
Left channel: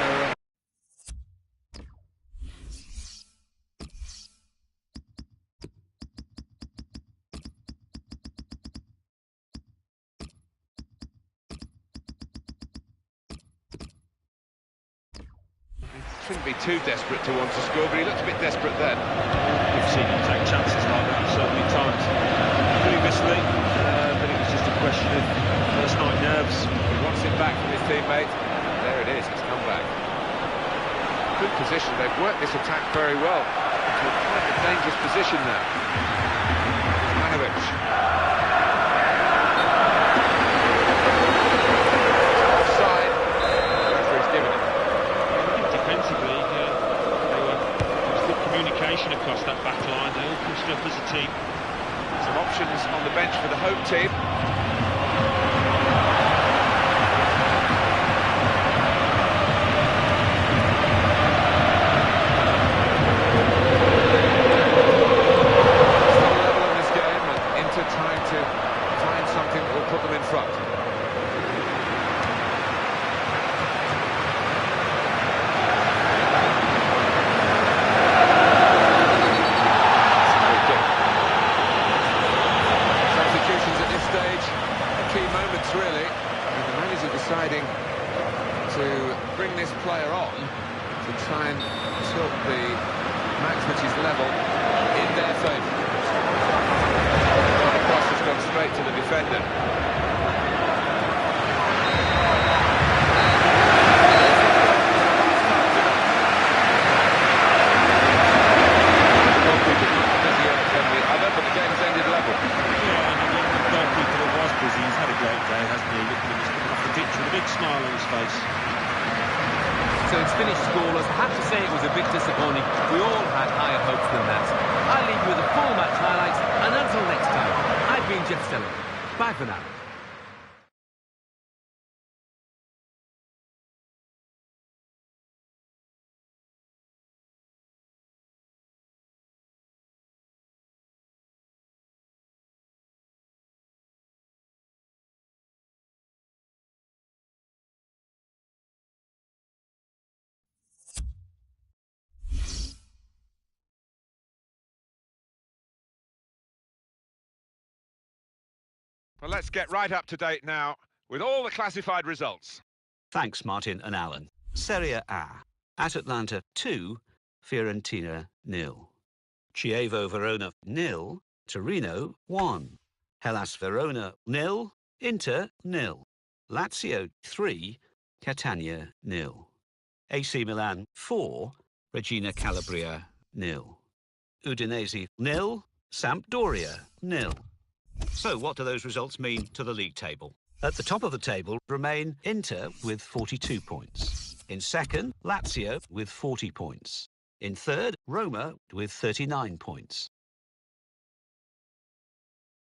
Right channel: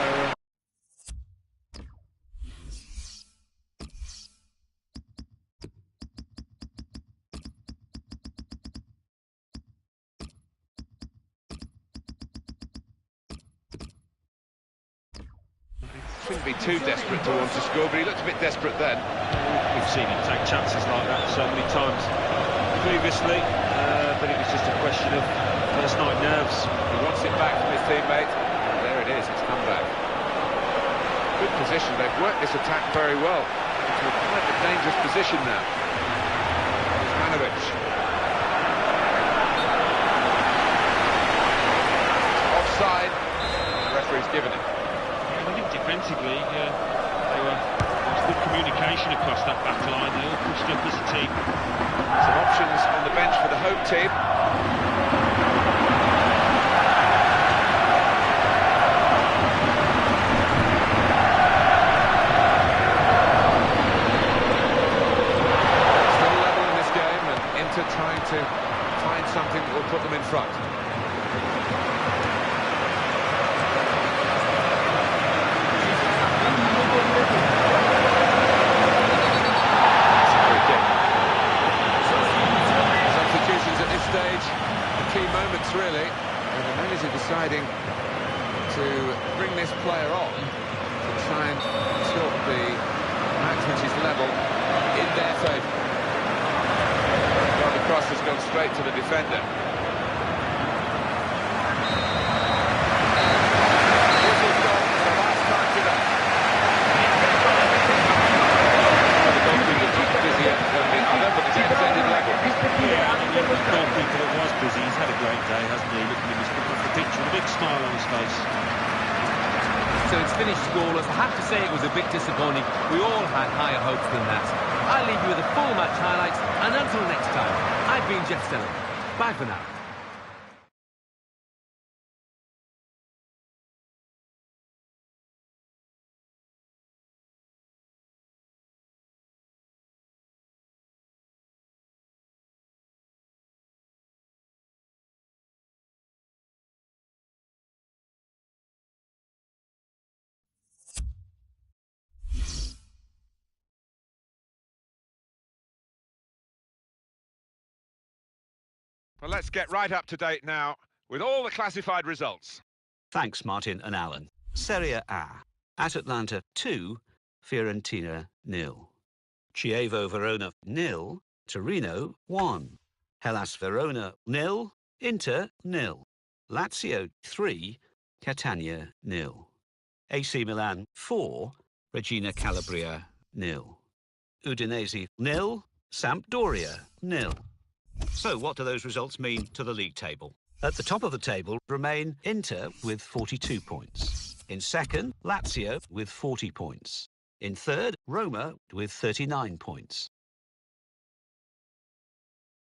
He shouldn't be too desperate to want to score, but he looked a bit desperate then. We've seen him take chances like that so many times previously, but it was just a question of first night nerves. He wants it back from his teammate. There it is, it's come back. Good position, they've worked this attack very well into a quite a dangerous position now. Manovic. Offside. The referee's given it. Defensively, there was good communication across that back line. They all pushed up as a team. Some options on the bench for the home team. Still level in this game, and Inter trying to find something that will put them in front. At this stage, the key moments really, and the manager deciding to bring this player on to try and tilt the match which is level in their favour. Well, the cross has gone straight to the defender. This has gone for the last time today. The goalkeeper's much busier than the other, but the game's ended level. Yeah, and the goalkeeper that was busy, he's had a great day, hasn't he? Look at him, he's coming off the pitch with a big smile on his face. So it's finished scoreless. I have to say it was a bit disappointing. We all had higher hopes than that. I'll leave you with the full match highlights, and until next time, I've been Jeff Stelling. Bye for now. Well, let's get right up to date now with all the classified results. Thanks, Martin and Alan. Serie A. At Atlanta 2, Fiorentina 0. Chievo Verona 0, Torino 1. Hellas Verona 0, Inter 0. Lazio 3, Catania 0. AC Milan 4, Regina Calabria 0. Udinese 0, Sampdoria 0. So what do those results mean to the league table? At the top of the table remain Inter with 42 points. In second, Lazio with 40 points. In third, Roma with 39 points.